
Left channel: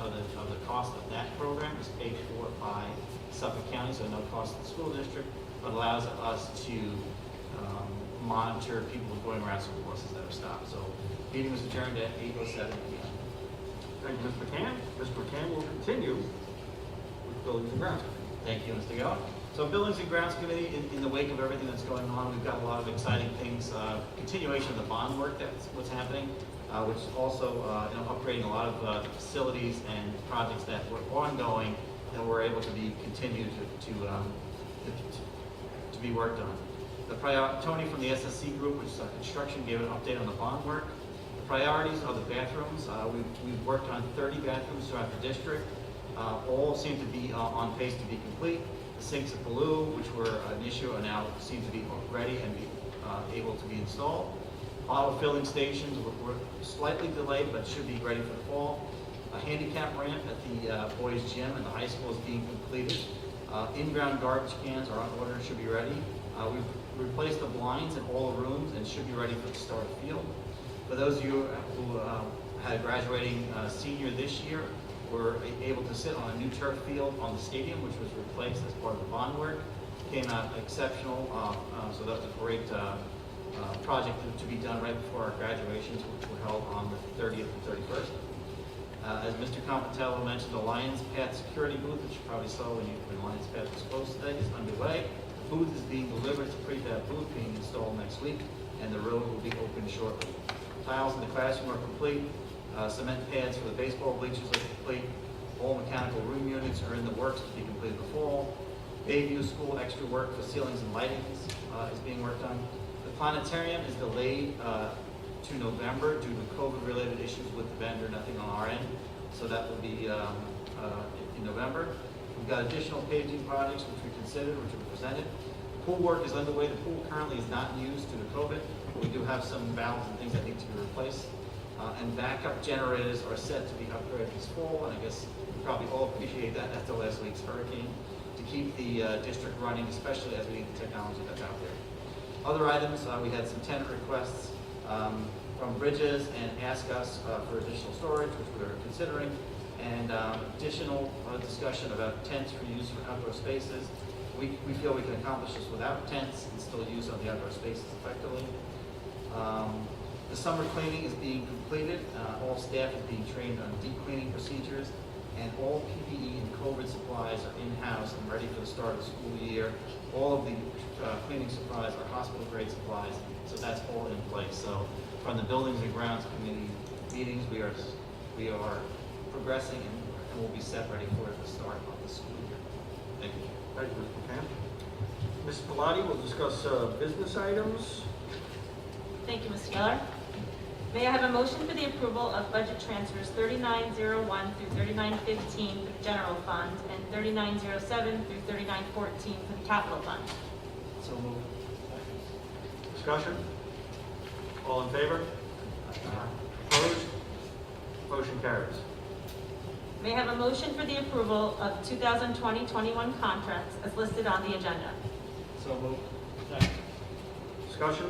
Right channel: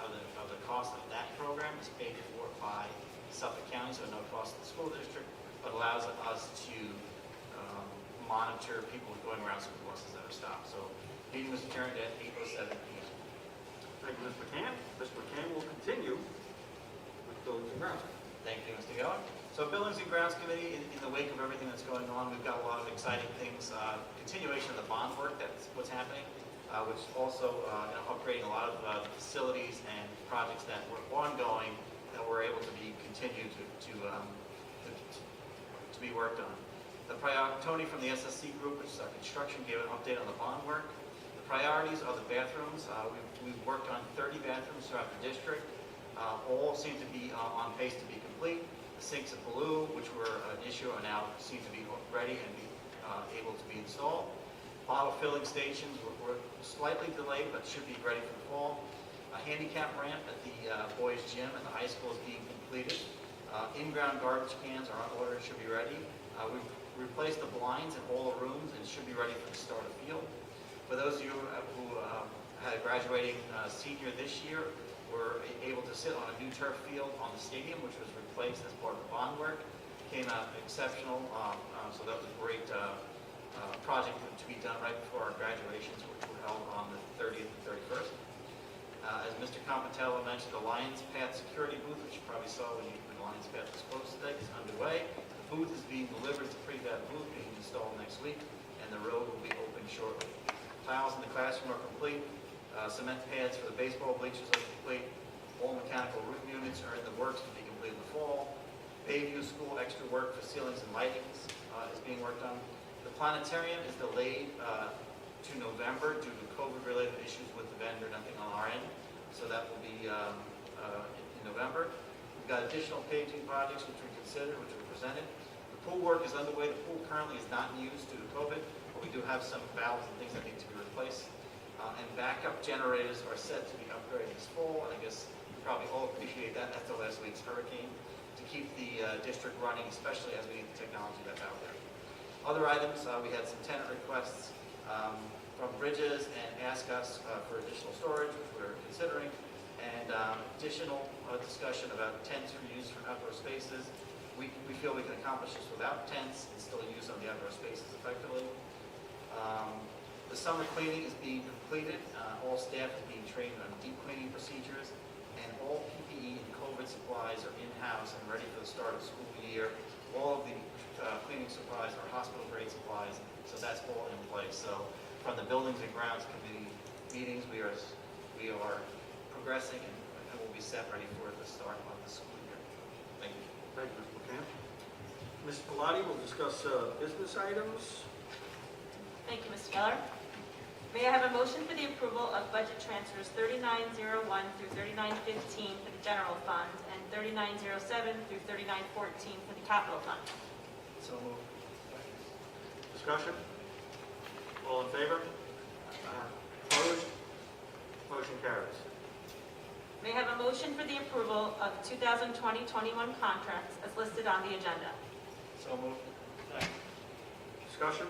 of the cost of that program is paid for by Suffolk County, so no cost to the school district, but allows us to monitor people going around school buses that are stopped. So, meeting was adjourned at 8:07 p.m. Thank you, Mr. McCann. Mr. McCann will continue with Buildings and Grounds. Thank you, Mr. Geller. So Buildings and Grounds Committee, in the wake of everything that's going on, we've got a lot of exciting things, continuation of the bond work that's what's happening, which is also upgrading a lot of facilities and projects that were ongoing that were able to be continued to be worked on. Tony from the SSC group, which is our construction, gave an update on the bond work. The priorities are the bathrooms. We've worked on 30 bathrooms throughout the district. All seem to be on pace to be complete. The sinks at Blue, which were an issue, are now seem to be ready and be able to be installed. Bottle filling stations were slightly delayed, but should be ready for the fall. A handicap ramp at the boys' gym and the high school is being completed. In-ground garbage cans are on order and should be ready. We've replaced the blinds in all the rooms and should be ready for the start of field. For those of you who had a graduating senior this year, were able to sit on a new turf field on the stadium, which was replaced as part of the bond work. Came out exceptional, so that was a great project to be done right before our graduations, which were held on the 30th and 31st. As Mr. Compatello mentioned, the Lions Path security booth, which you probably saw when Lions Path was closed today, is underway. The booth is being delivered. It's a prefab booth being installed next week, and the road will be open shortly. Tiles in the classroom are complete. Cement pads for the baseball bleachers are complete. All mechanical room units are in the works to be completed in the fall. Bayview School extra work for ceilings and lighting is being worked on. The planetarium is delayed to November due to COVID-related issues with the vendor, nothing on our end. So that will be in November. We've got additional paging projects which we considered, which were presented. The pool work is underway. The pool currently is not used due to COVID, but we do have some valves and things that need to be replaced. And backup generators are set to be upgraded this fall, and I guess you probably all appreciate that after last week's hurricane, to keep the district running, especially as we need the technology that's out there. Other items, we had some tenant requests from Bridges and ask us for additional storage, which we're considering, and additional discussion about tents for use for outdoor spaces. We feel we can accomplish this without tents and still use on the outdoor spaces effectively. The summer cleaning is being completed. All staff is being trained on deep cleaning procedures. and all PPE and COVID supplies are in-house and ready for the start of the school year. All of the cleaning supplies are hospital-grade supplies, so that's all in place. So from the Buildings and Grounds Committee meetings, we are progressing and will be set ready for the start of the school year. Thank you. Thank you, Mr. Camp. Ms. Pilati will discuss business items. Thank you, Mr. Geller. May I have a motion for the approval of budget transfers 3901 through 3915 for the general fund and 3907 through 3914 for the capital fund? So moved. Discussion? All in favor? Opposed? Motion carries. May I have a motion for the approval of 2020-21 contracts as listed on the agenda? So moved. Discussion?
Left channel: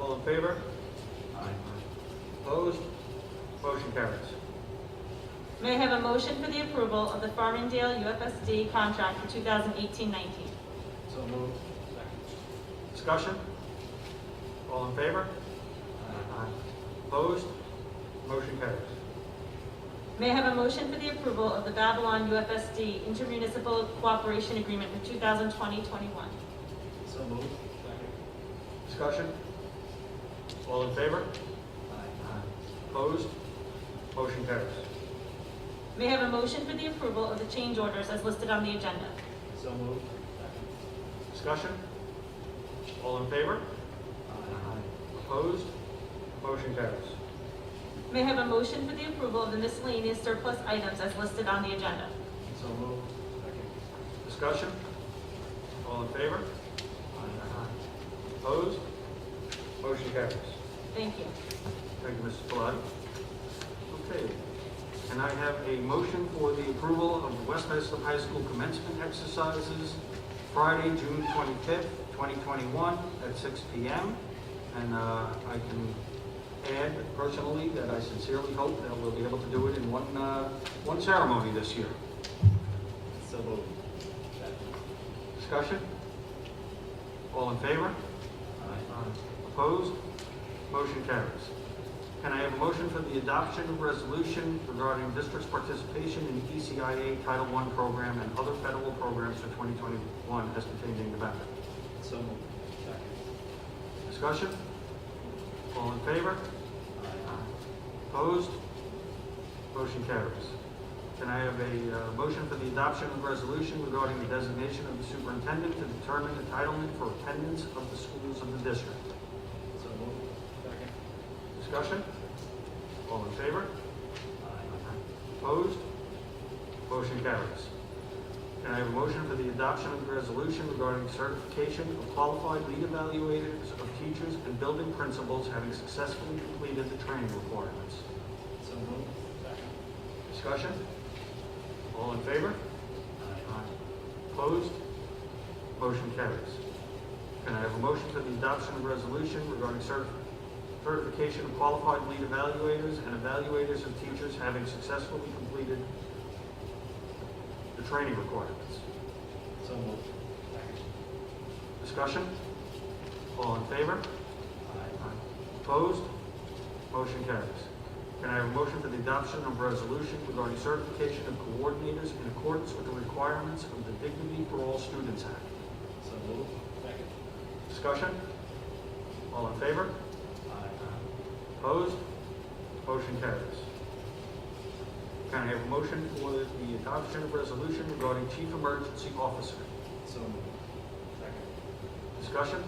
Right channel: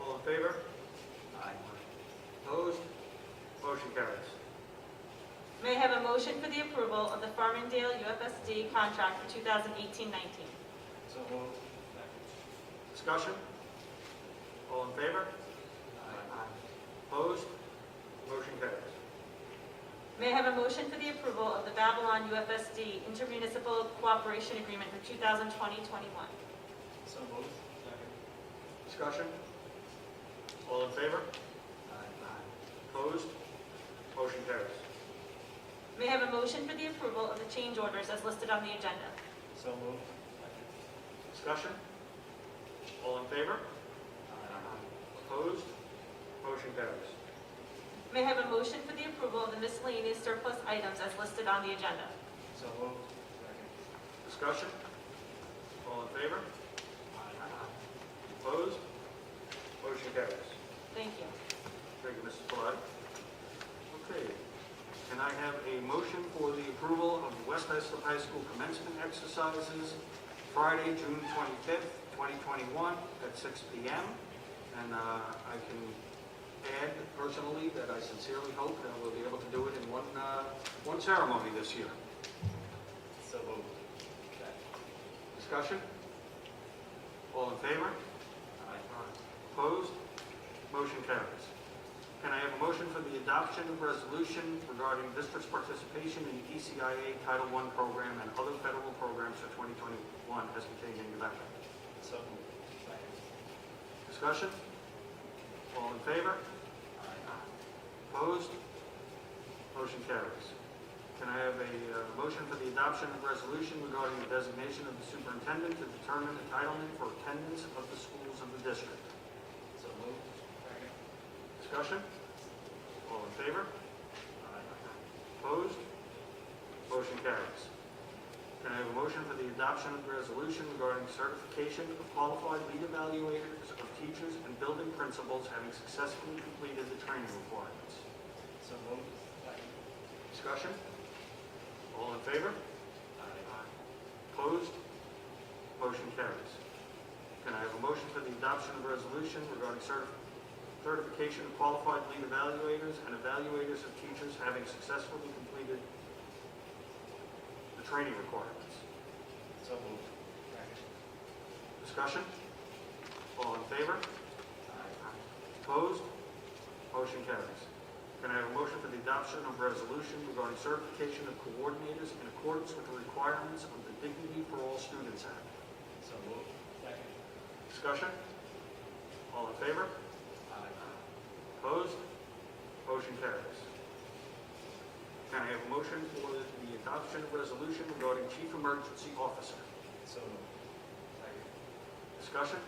All in favor? Opposed? Motion carries. May I have a motion for the approval of the Farmingdale UFSD contract for 2018-19? So moved. Discussion? All in favor? Opposed? Motion carries. May I have a motion for the approval of the Babylon UFSD intermunicipal cooperation agreement for 2020-21? So moved. Discussion? All in favor? Opposed? Motion carries. May I have a motion for the approval of the change orders as listed on the agenda? So moved. Discussion? All in favor? Opposed? Motion carries. May I have a motion for the approval of the miscellaneous surplus items as listed on the agenda? So moved. Discussion? All in favor? Opposed? Motion carries. Thank you. Thank you, Mrs. Pilati. Okay. And I have a motion for the approval of the West Islip High School commencement exercises Friday, June 25th, 2021 at 6 p.m. And I can add personally that I sincerely hope that we'll be able to do it in one ceremony this year. So moved. Discussion? All in favor? Opposed? Motion carries. Can I have a motion for the adoption of resolution regarding district's participation in the ECIA Title I program and other federal programs for 2021 as contained in the ballot? So moved. Discussion? All in favor? Opposed? Motion carries. Can I have a motion for the adoption of resolution regarding the designation of the superintendent to determine entitlement for attendance of the schools of the district? So moved. Discussion? All in favor? Opposed? Motion carries. Can I have a motion for the adoption of the resolution regarding certification of qualified lead evaluators of teachers and building principals having successfully completed the training requirements? So moved. Discussion? All in favor? Opposed? Motion carries. Can I have a motion for the adoption of resolution regarding certification of qualified lead evaluators and evaluators of teachers having successfully completed the training requirements? So moved. Discussion? All in favor? Opposed? Motion carries. Can I have a motion for the adoption of resolution regarding certification of coordinators in accordance with the requirements of the Dignity for All Students Act? So moved. Discussion? All in favor? Opposed? Motion carries. Can I have a motion for the adoption of resolution regarding Chief Emergency Officer? So moved. Discussion?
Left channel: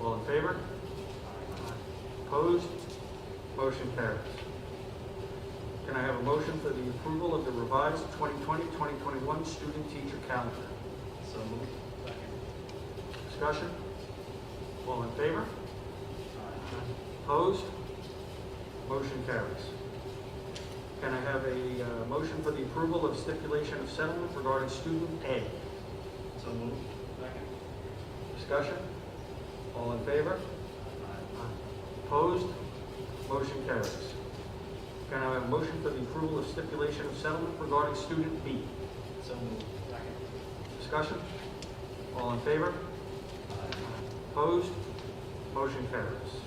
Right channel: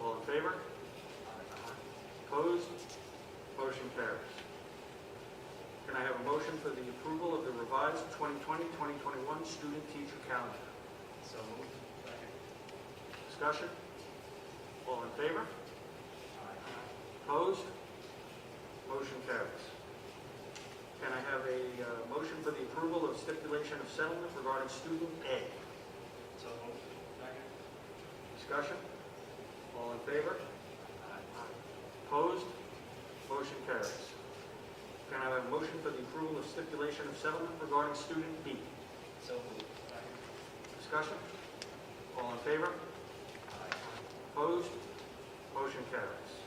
All in favor? Opposed? Motion carries. Can I have a motion for the approval of the revised 2020-2021 student-teacher calendar? So moved. Discussion? All in favor? Opposed? Motion carries. Can I have a motion for the approval of stipulation of settlement regarding student A? So moved. Discussion? All in favor? Opposed? Motion carries. Can I have a motion for the approval of stipulation of settlement regarding student B? So moved. Discussion? All in favor? Opposed? Motion carries.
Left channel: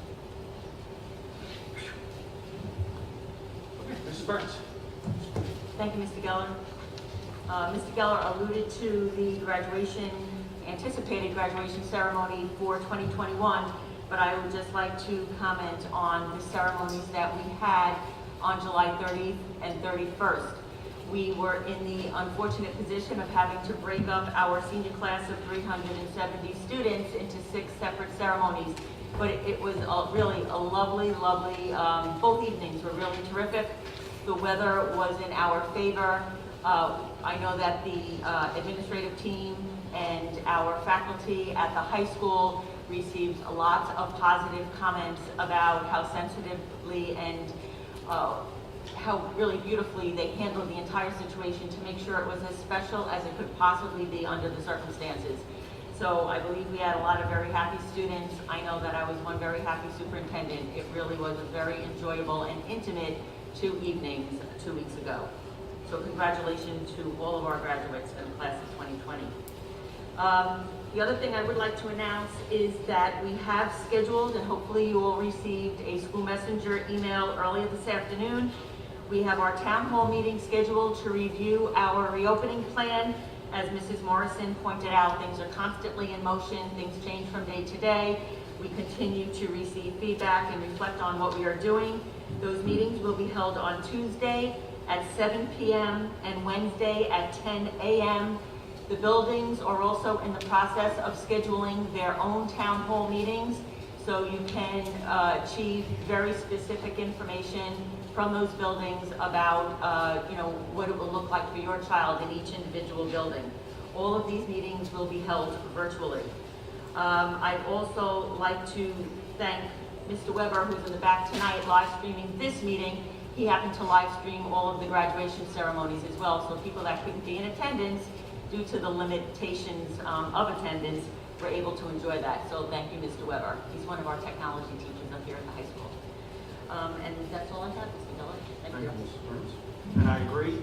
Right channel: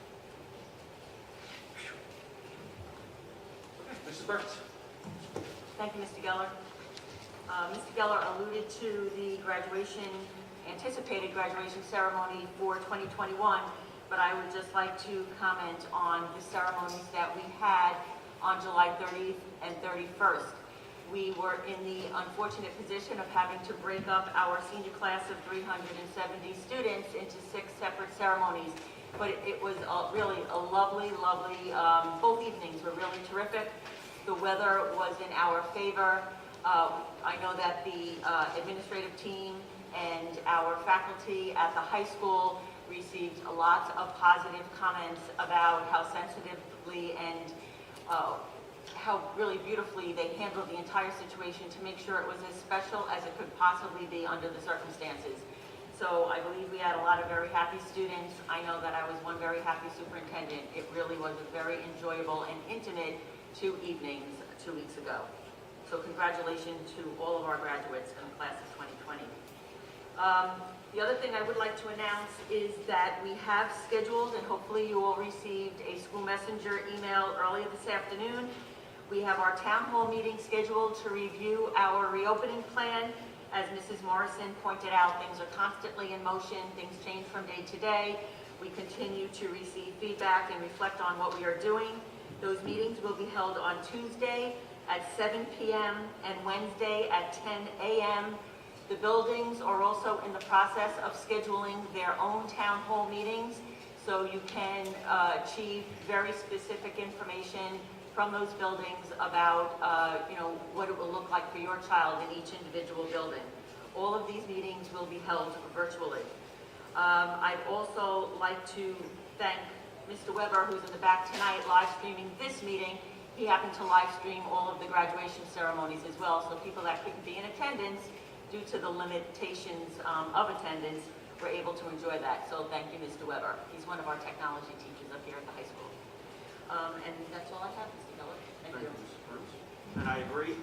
Mrs. Burns? Thank you, Mr. Geller. Mr. Geller alluded to the anticipated graduation ceremony for 2021, but I would just like to comment on the ceremonies that we had on July 30th and 31st. We were in the unfortunate position of having to break up our senior class of 370 students into 6 separate ceremonies. But it was really a lovely, both evenings were really terrific. The weather was in our favor. I know that the administrative team and our faculty at the high school received lots of positive comments about how sensitively and how really beautifully they handled the entire situation to make sure it was as special as it could possibly be under the circumstances. So I believe we had a lot of very happy students. I know that I was one very happy superintendent. It really was a very enjoyable and intimate 2 evenings 2 weeks ago. So congratulations to all of our graduates in the class of 2020. The other thing I would like to announce is that we have scheduled, and hopefully you all received a school messenger email earlier this afternoon. We have our town hall meeting scheduled to review our reopening plan. As Mrs. Morrison pointed out, things are constantly in motion. Things change from day to day. We continue to receive feedback and reflect on what we are doing. Those meetings will be held on Tuesday at 7 p.m. and Wednesday at 10 a.m. The buildings are also in the process of scheduling their own town hall meetings, so you can achieve very specific information from those buildings about what it will look like for your child in each individual building. All of these meetings will be held virtually. I'd also like to thank Mr. Weber, who's in the back tonight, live streaming this meeting. He happened to live stream all of the graduation ceremonies as well, so people that couldn't be in attendance due to the limitations of attendance were able to enjoy that. So thank you, Mr. Weber. He's one of our technology teachers up here at the high school. And that's all I have, Mr. Miller. Thank you. Mrs. Burns. And I agree,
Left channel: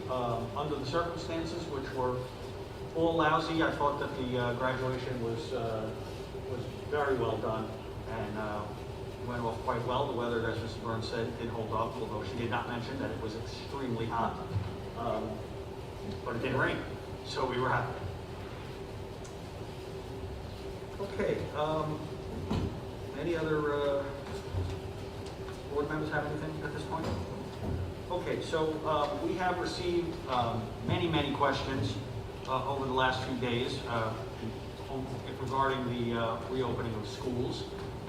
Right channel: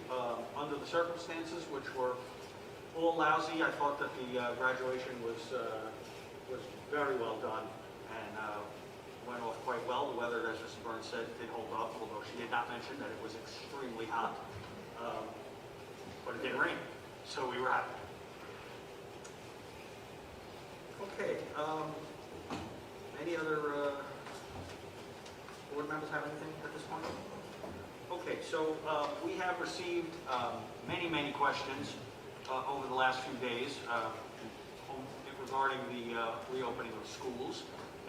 under the circumstances, which were all lousy, I thought that the graduation was very well done and went off quite well. The weather, as Mrs. Burns said, did hold up, although she did not mention that it was extremely hot. But it didn't rain, so we were happy. Okay, any other board members have anything at this point? Okay, so we have received many questions over the last few days regarding the reopening of schools,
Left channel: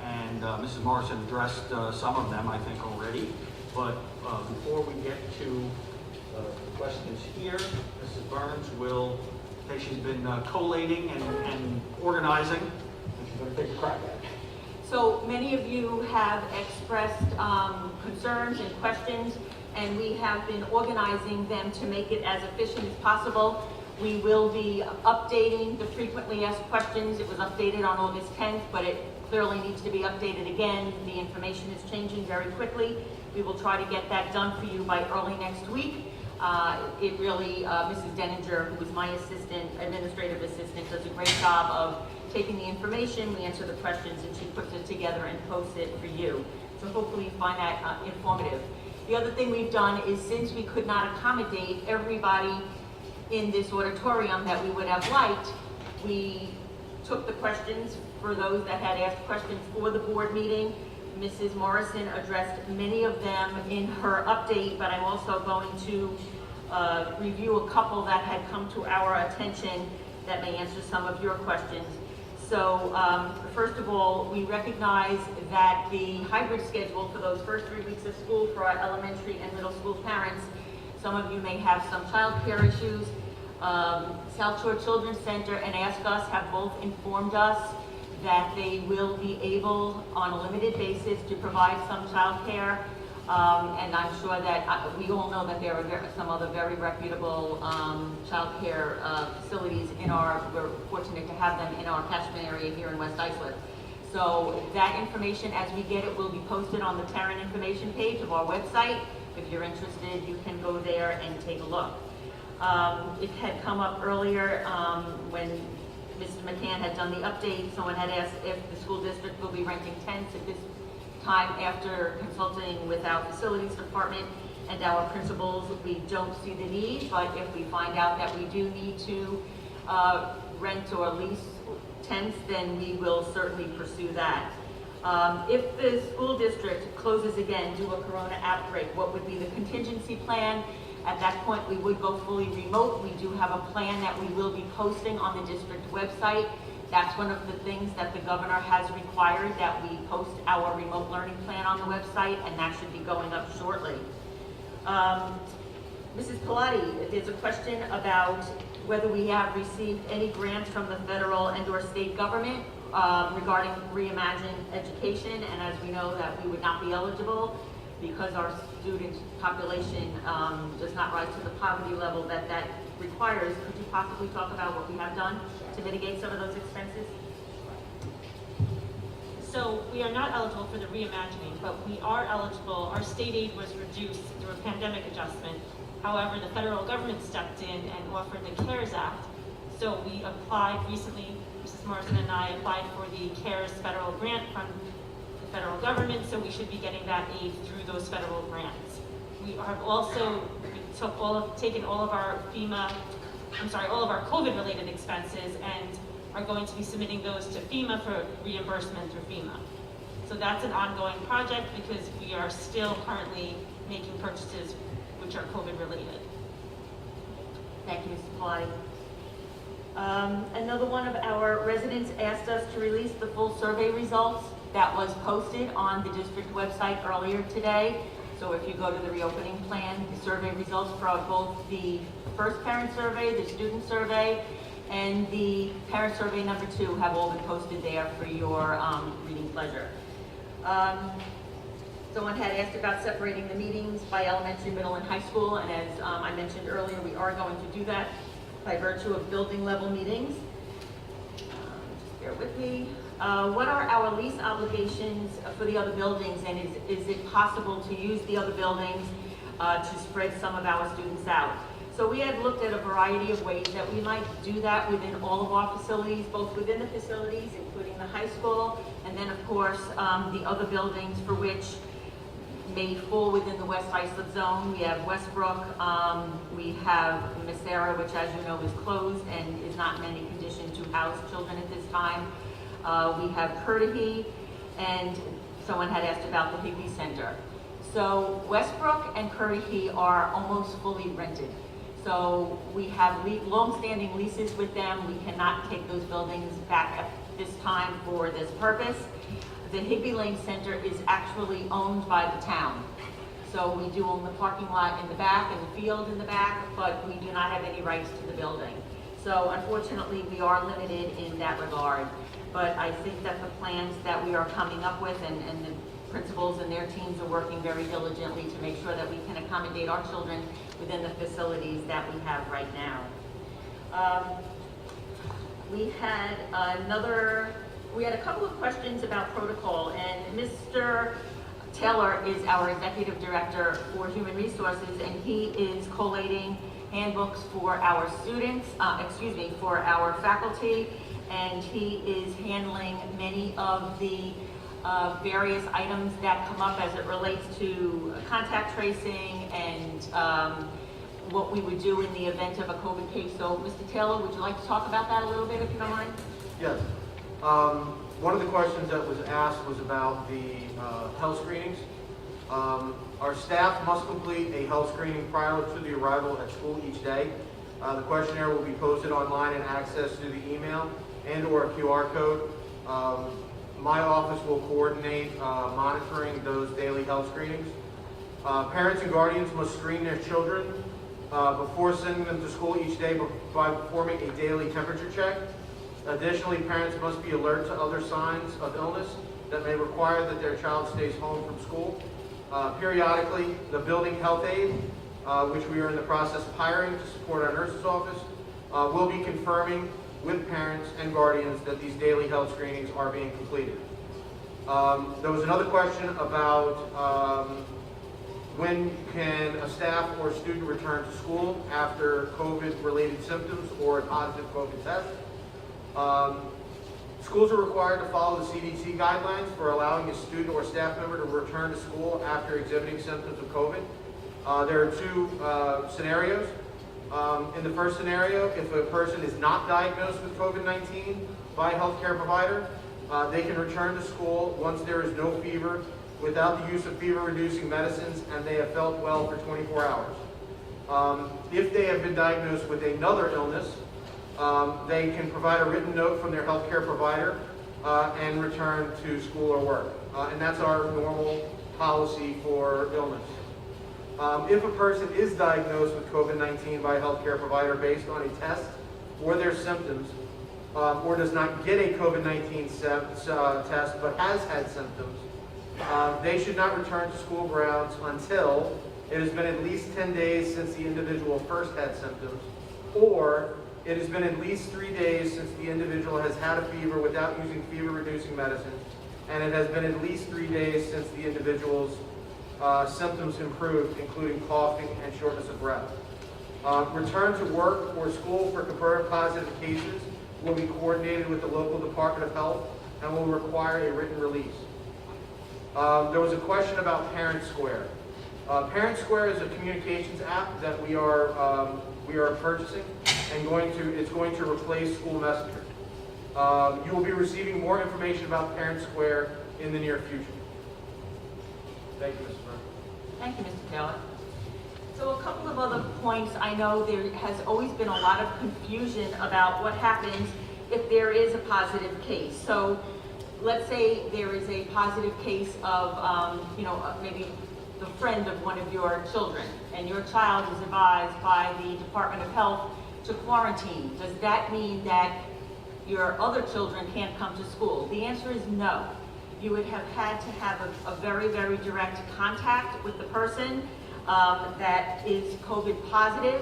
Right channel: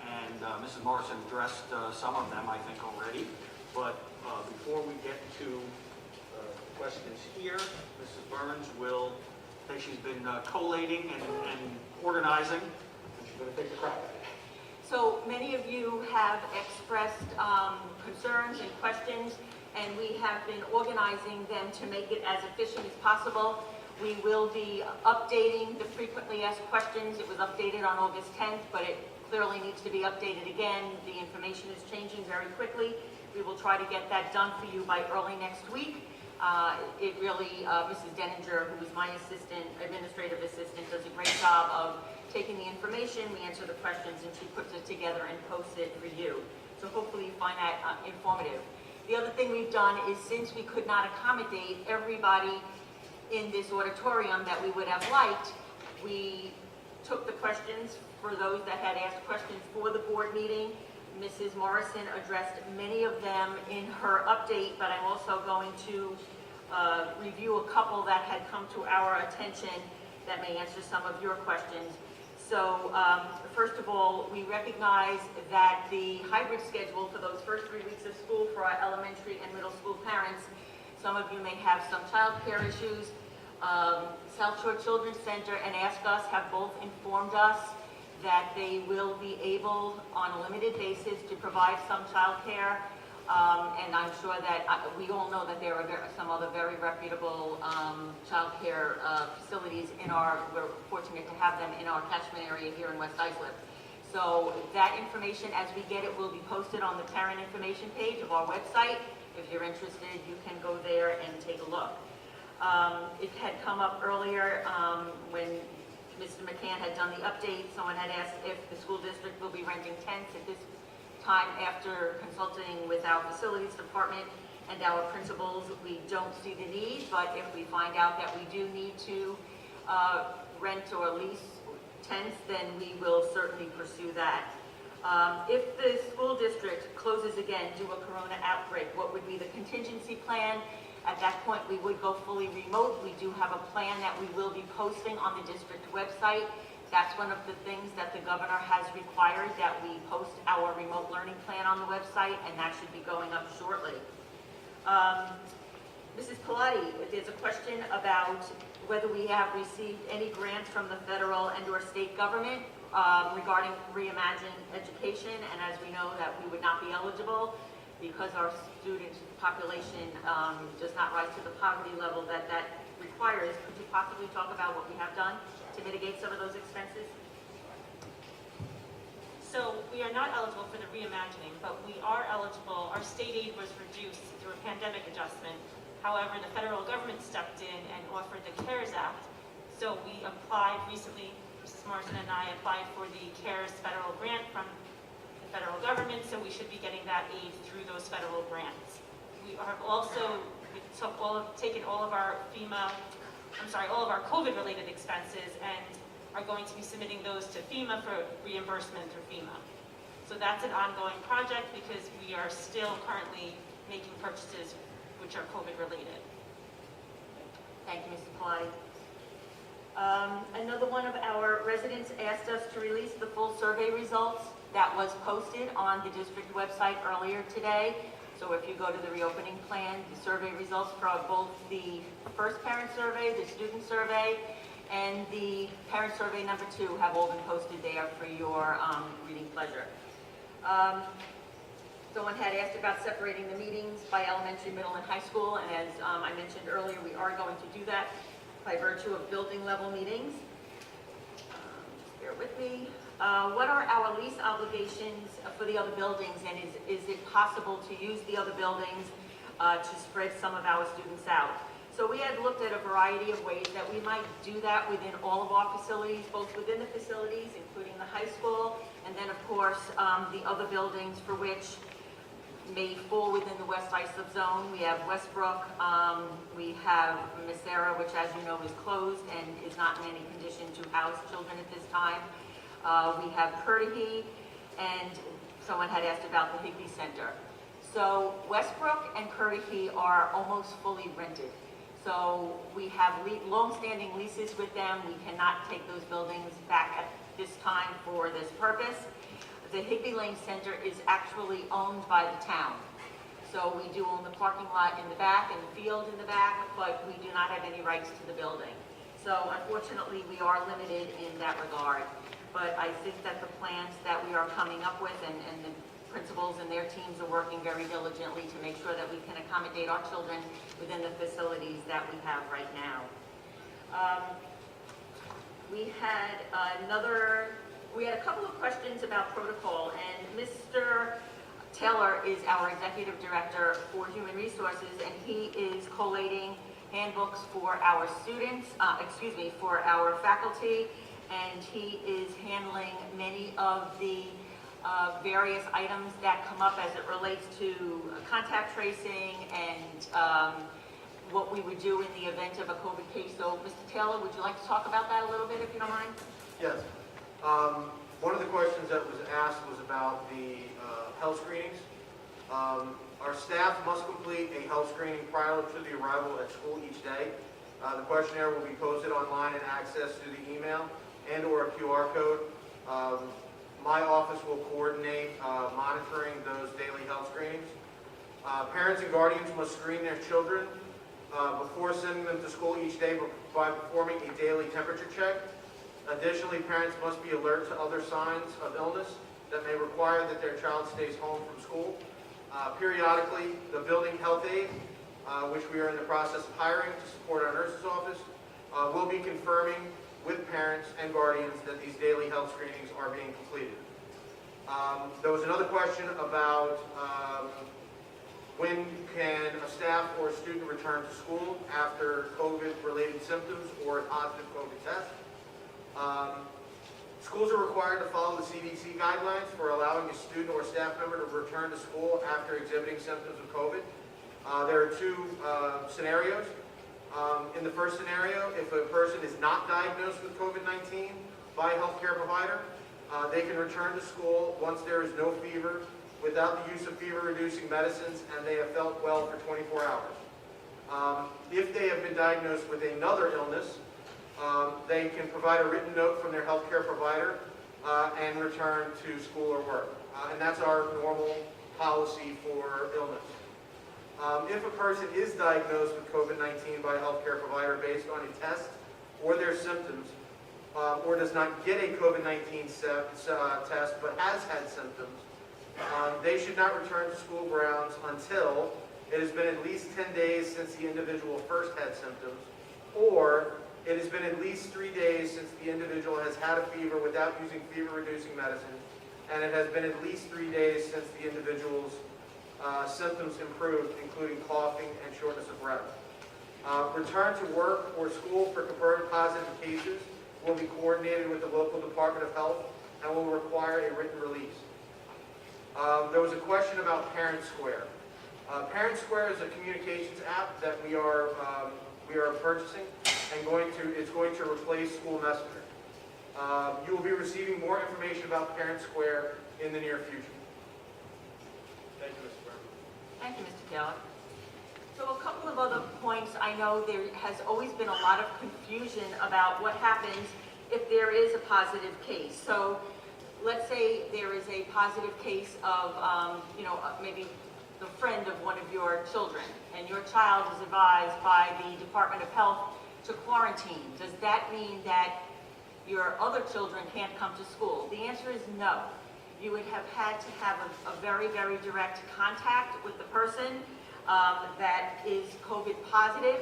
and Mrs. Morrison addressed some of them, I think, already. But before we get to the questions here, Mrs. Burns will say she's been collating and organizing, and she's going to take a crack at it. So many of you have expressed concerns and questions, and we have been organizing them to make it as efficient as possible. We will be updating the frequently asked questions. It was updated on August 10th, but it clearly needs to be updated again. The information is changing very quickly. We will try to get that done for you by early next week. It really, Mrs. Denninger, who is my administrative assistant, does a great job of taking the information, we answer the questions, and she puts it together and posts it for you. So hopefully you find that informative. The other thing we've done is, since we could not accommodate everybody in this auditorium that we would have liked, we took the questions for those that had asked questions for the board meeting. Mrs. Morrison addressed many of them in her update, but I'm also going to review a couple that had come to our attention that may answer some of your questions. So first of all, we recognize that the hybrid schedule for those first 3 weeks of school for our elementary and middle school parents, some of you may have some child care issues. South Shore Children's Center and Ask Us have both informed us that they will be able, on a limited basis, to provide some child care. And I'm sure that we all know that there are some other very reputable child care facilities we're fortunate to have them in our catchment area here in West Islip. So that information, as we get it, will be posted on the Tarrant information page of our website. If you're interested, you can go there and take a look. It had come up earlier when Mr. McCann had done the update. Someone had asked if the school district will be renting tents at this time after consulting with our facilities department. and our principals, we don't see the need, but if we find out that we do need to rent or lease tents, then we will certainly pursue that. If the school district closes again due to a corona outbreak, what would be the contingency plan? At that point, we would go fully remote. We do have a plan that we will be posting on the district website. That's one of the things that the governor has required, that we post our remote learning plan on the website, and that should be going up shortly. Mrs. Pilati, there's a question about whether we have received any grants from the federal and/or state government regarding Reimagine Education, and as we know that we would not be eligible because our student population does not rise to the poverty level that requires. Could you possibly talk about what we have done to mitigate some of those expenses? So we are not eligible for the reimagining, but we are eligible. Our state aid was reduced through a pandemic adjustment. However, the federal government stepped in and offered the CARES Act. So we applied recently, Mrs. Morrison and I applied for the CARES federal grant from the federal government, so we should be getting that aid through those federal grants. We have also taken all of our all of our COVID-related expenses and are going to be submitting those to FEMA for reimbursement through FEMA. So that's an ongoing project because we are still currently making purchases which are COVID-related. Thank you, Ms. Pilati. Another one of our residents asked us to release the full survey results that was posted on the district website earlier today. So if you go to the reopening plan, the survey results for both the first parent survey, the student survey, and the parent survey number 2 have all been posted there for your reading pleasure. Someone had asked about separating the meetings by elementary, middle, and high school, and as I mentioned earlier, we are going to do that by virtue of building level meetings. Just bear with me. What are our lease obligations for the other buildings, and is it possible to use the other buildings to spread some of our students out? So we had looked at a variety of ways that we might do that within all of our facilities, both within the facilities, including the high school, and then of course the other buildings for which may fall within the West Islip zone. We have Westbrook, we have Messera, which as you know is closed and is not in any condition to house children at this time. We have Curtahee, and someone had asked about the Higbee Center. So Westbrook and Curtahee are almost fully rented. So we have long-standing leases with them. We cannot take those buildings back at this time for this purpose. The Higbee Lane Center is actually owned by the town. So we do own the parking lot in the back and the field in the back, but we do not have any rights to the building. So unfortunately, we are limited in that regard. But I think that the plans that we are coming up with and the principals and their teams are working very diligently to make sure that we can accommodate our children within the facilities that we have right now. We had a couple of questions about protocol, and Mr. Taylor is our Executive Director for Human Resources, and he is collating handbooks for our students, for our faculty, and he is handling many of the various items that come up as it relates to contact tracing and what we would do in the event of a COVID case. So, Mr. Taylor, would you like to talk about that a little bit, if you don't mind? Yes. One of the questions that was asked was about the health screenings. Our staff must complete a health screening prior to the arrival at school each day. The questionnaire will be posted online and accessed through the email and or a QR code. My office will coordinate monitoring those daily health screenings. Parents and guardians must screen their children before sending them to school each day by performing a daily temperature check. Additionally, parents must be alert to other signs of illness that may require that their child stays home from school. Periodically, the building health aide, which we are in the process of hiring to support our nurse's office, will be confirming with parents and guardians that these daily health screenings are being completed. There was another question about when can a staff or student return to school after COVID-related symptoms or a positive COVID test. Schools are required to follow the CDC guidelines for allowing a student or staff member to return to school after exhibiting symptoms of COVID. There are two scenarios. In the first scenario, if a person is not diagnosed with COVID-19 by a healthcare provider, they can return to school once there is no fever, without the use of fever-reducing medicines, and they have felt well for 24 hours. If they have been diagnosed with another illness, they can provide a written note from their healthcare provider and return to school or work. And that's our normal policy for illness. If a person is diagnosed with COVID-19 by a healthcare provider based on a test or their symptoms, or does not get a COVID-19 test but has had symptoms, they should not return to school grounds until it has been at least 10 days since the individual first had symptoms, or it has been at least 3 days since the individual has had a fever without using fever-reducing medicines, and it has been at least 3 days since the individual's symptoms improved, including coughing and shortness of breath. Return to work or school for confirmed positive cases will be coordinated with the local Department of Health and will require a written release. There was a question about Parent Square. Parent Square is a communications app that we are purchasing, and it's going to replace School Messenger. You will be receiving more information about Parent Square in the near future. Thank you, Mr. Brown. Thank you, Mr. Taylor. So a couple of other points. I know there has always been a lot of confusion about what happens if there is a positive case. So let's say there is a positive case of, maybe the friend of one of your children, and your child is advised by the Department of Health to quarantine. Does that mean that your other children can't come to school? The answer is no. You would have had to have a very, very direct contact with the person that is COVID positive,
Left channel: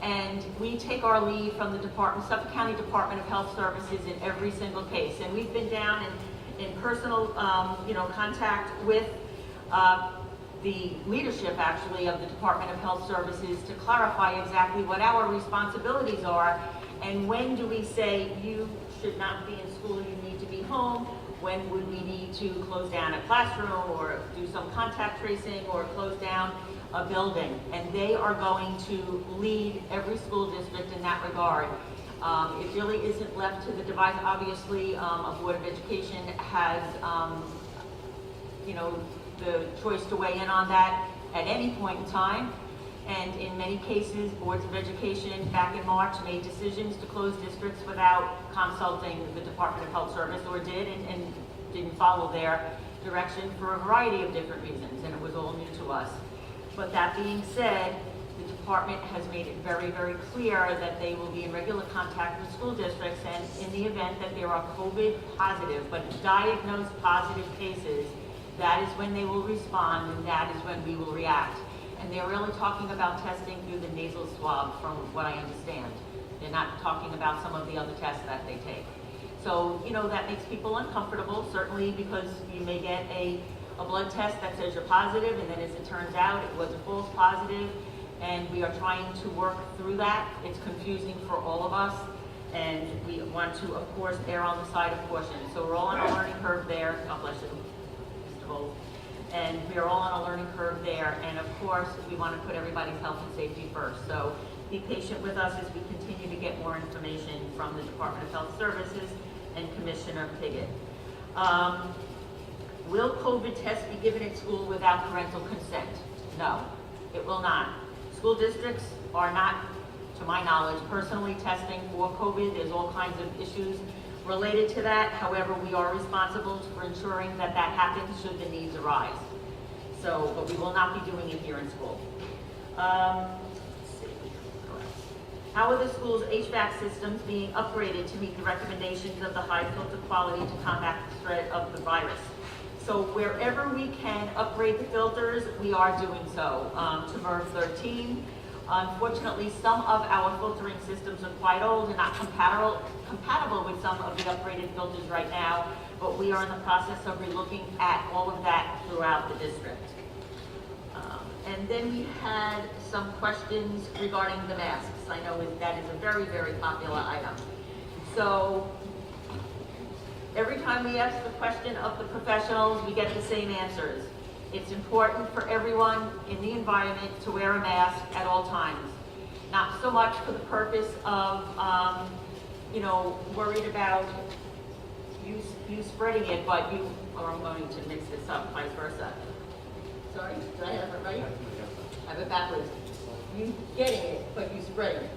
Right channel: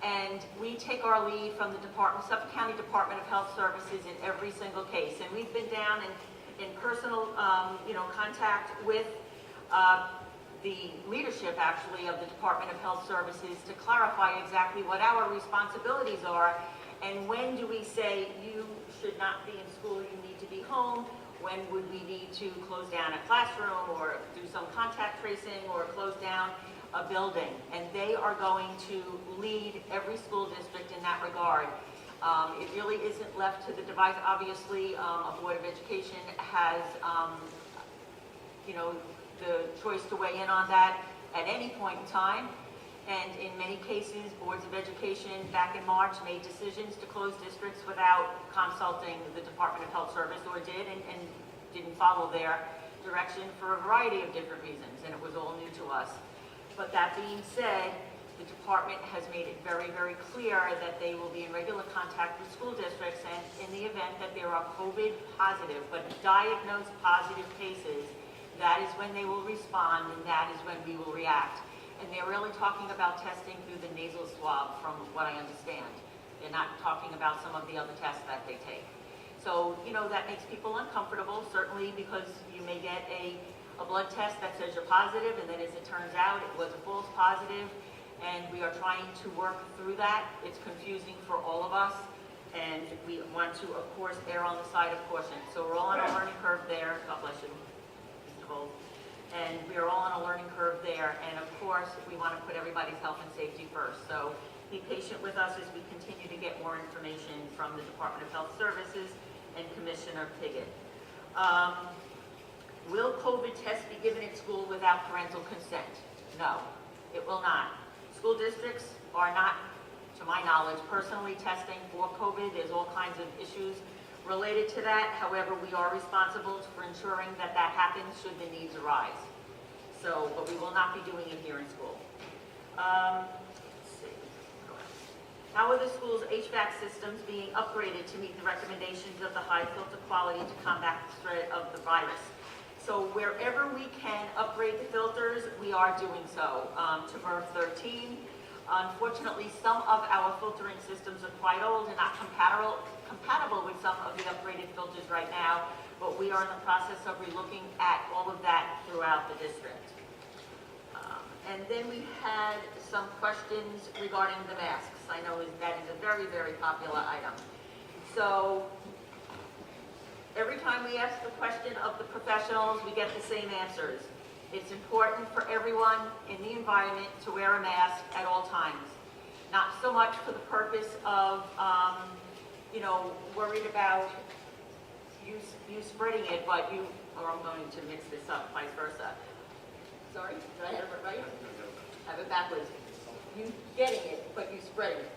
and we take our lead from the Suffolk County Department of Health Services in every single case. And we've been down in personal, contact with the leadership, actually, of the Department of Health Services to clarify exactly what our responsibilities are, and when do we say you should not be in school, you need to be home. When would we need to close down a classroom or do some contact tracing or close down a building? And they are going to lead every school district in that regard. It really isn't left to the device. Obviously, a Board of Education has, the choice to weigh in on that at any point in time. And in many cases, boards of education back in March made decisions to close districts without consulting the Department of Health Service, or did and didn't follow their direction for a variety of different reasons, and it was all new to us. But that being said, the department has made it very, very clear that they will be in regular contact with school districts, and in the event that there are COVID positive, but diagnosed positive cases, that is when they will respond, and that is when we will react. And they're really talking about testing through the nasal swab, from what I understand. They're not talking about some of the other tests that they take. So, that makes people uncomfortable, certainly, because you may get a blood test that says you're positive, and then as it turns out, it was a false positive, and we are trying to work through that. It's confusing for all of us, and we want to, of course, err on the side of caution. So we're all on a learning curve there. God bless you, Mr. Bolt. And we are all on a learning curve there, and of course, we want to put everybody's health and safety first. So be patient with us as we continue to get more information from the Department of Health Services and Commissioner Piggott. Will COVID tests be given at school without parental consent? No, it will not. School districts are not, to my knowledge, personally testing for COVID. There's all kinds of issues related to that. However, we are responsible for ensuring that that happens should the needs arise. So, but we will not be doing it here in school. Let's see. How are the school's HVAC systems being upgraded to meet the recommendations of the high filter quality to combat the spread of the virus? So wherever we can upgrade the filters, we are doing so. To MERV 13. Unfortunately, some of our filtering systems are quite old and not compatible with some of the upgraded filters right now, but we are in the process of relooking at all of that throughout the district. And then we had some questions regarding the masks. I know that is a very, very popular item. So every time we ask the question of the professionals, we get the same answers. It's important for everyone in the environment to wear a mask at all times. Not so much for the purpose of, worried about you spreading it, but or I'm going to mix this up, vice versa. Sorry, did I have it right? I have it backwards. You getting it, but you spreading it.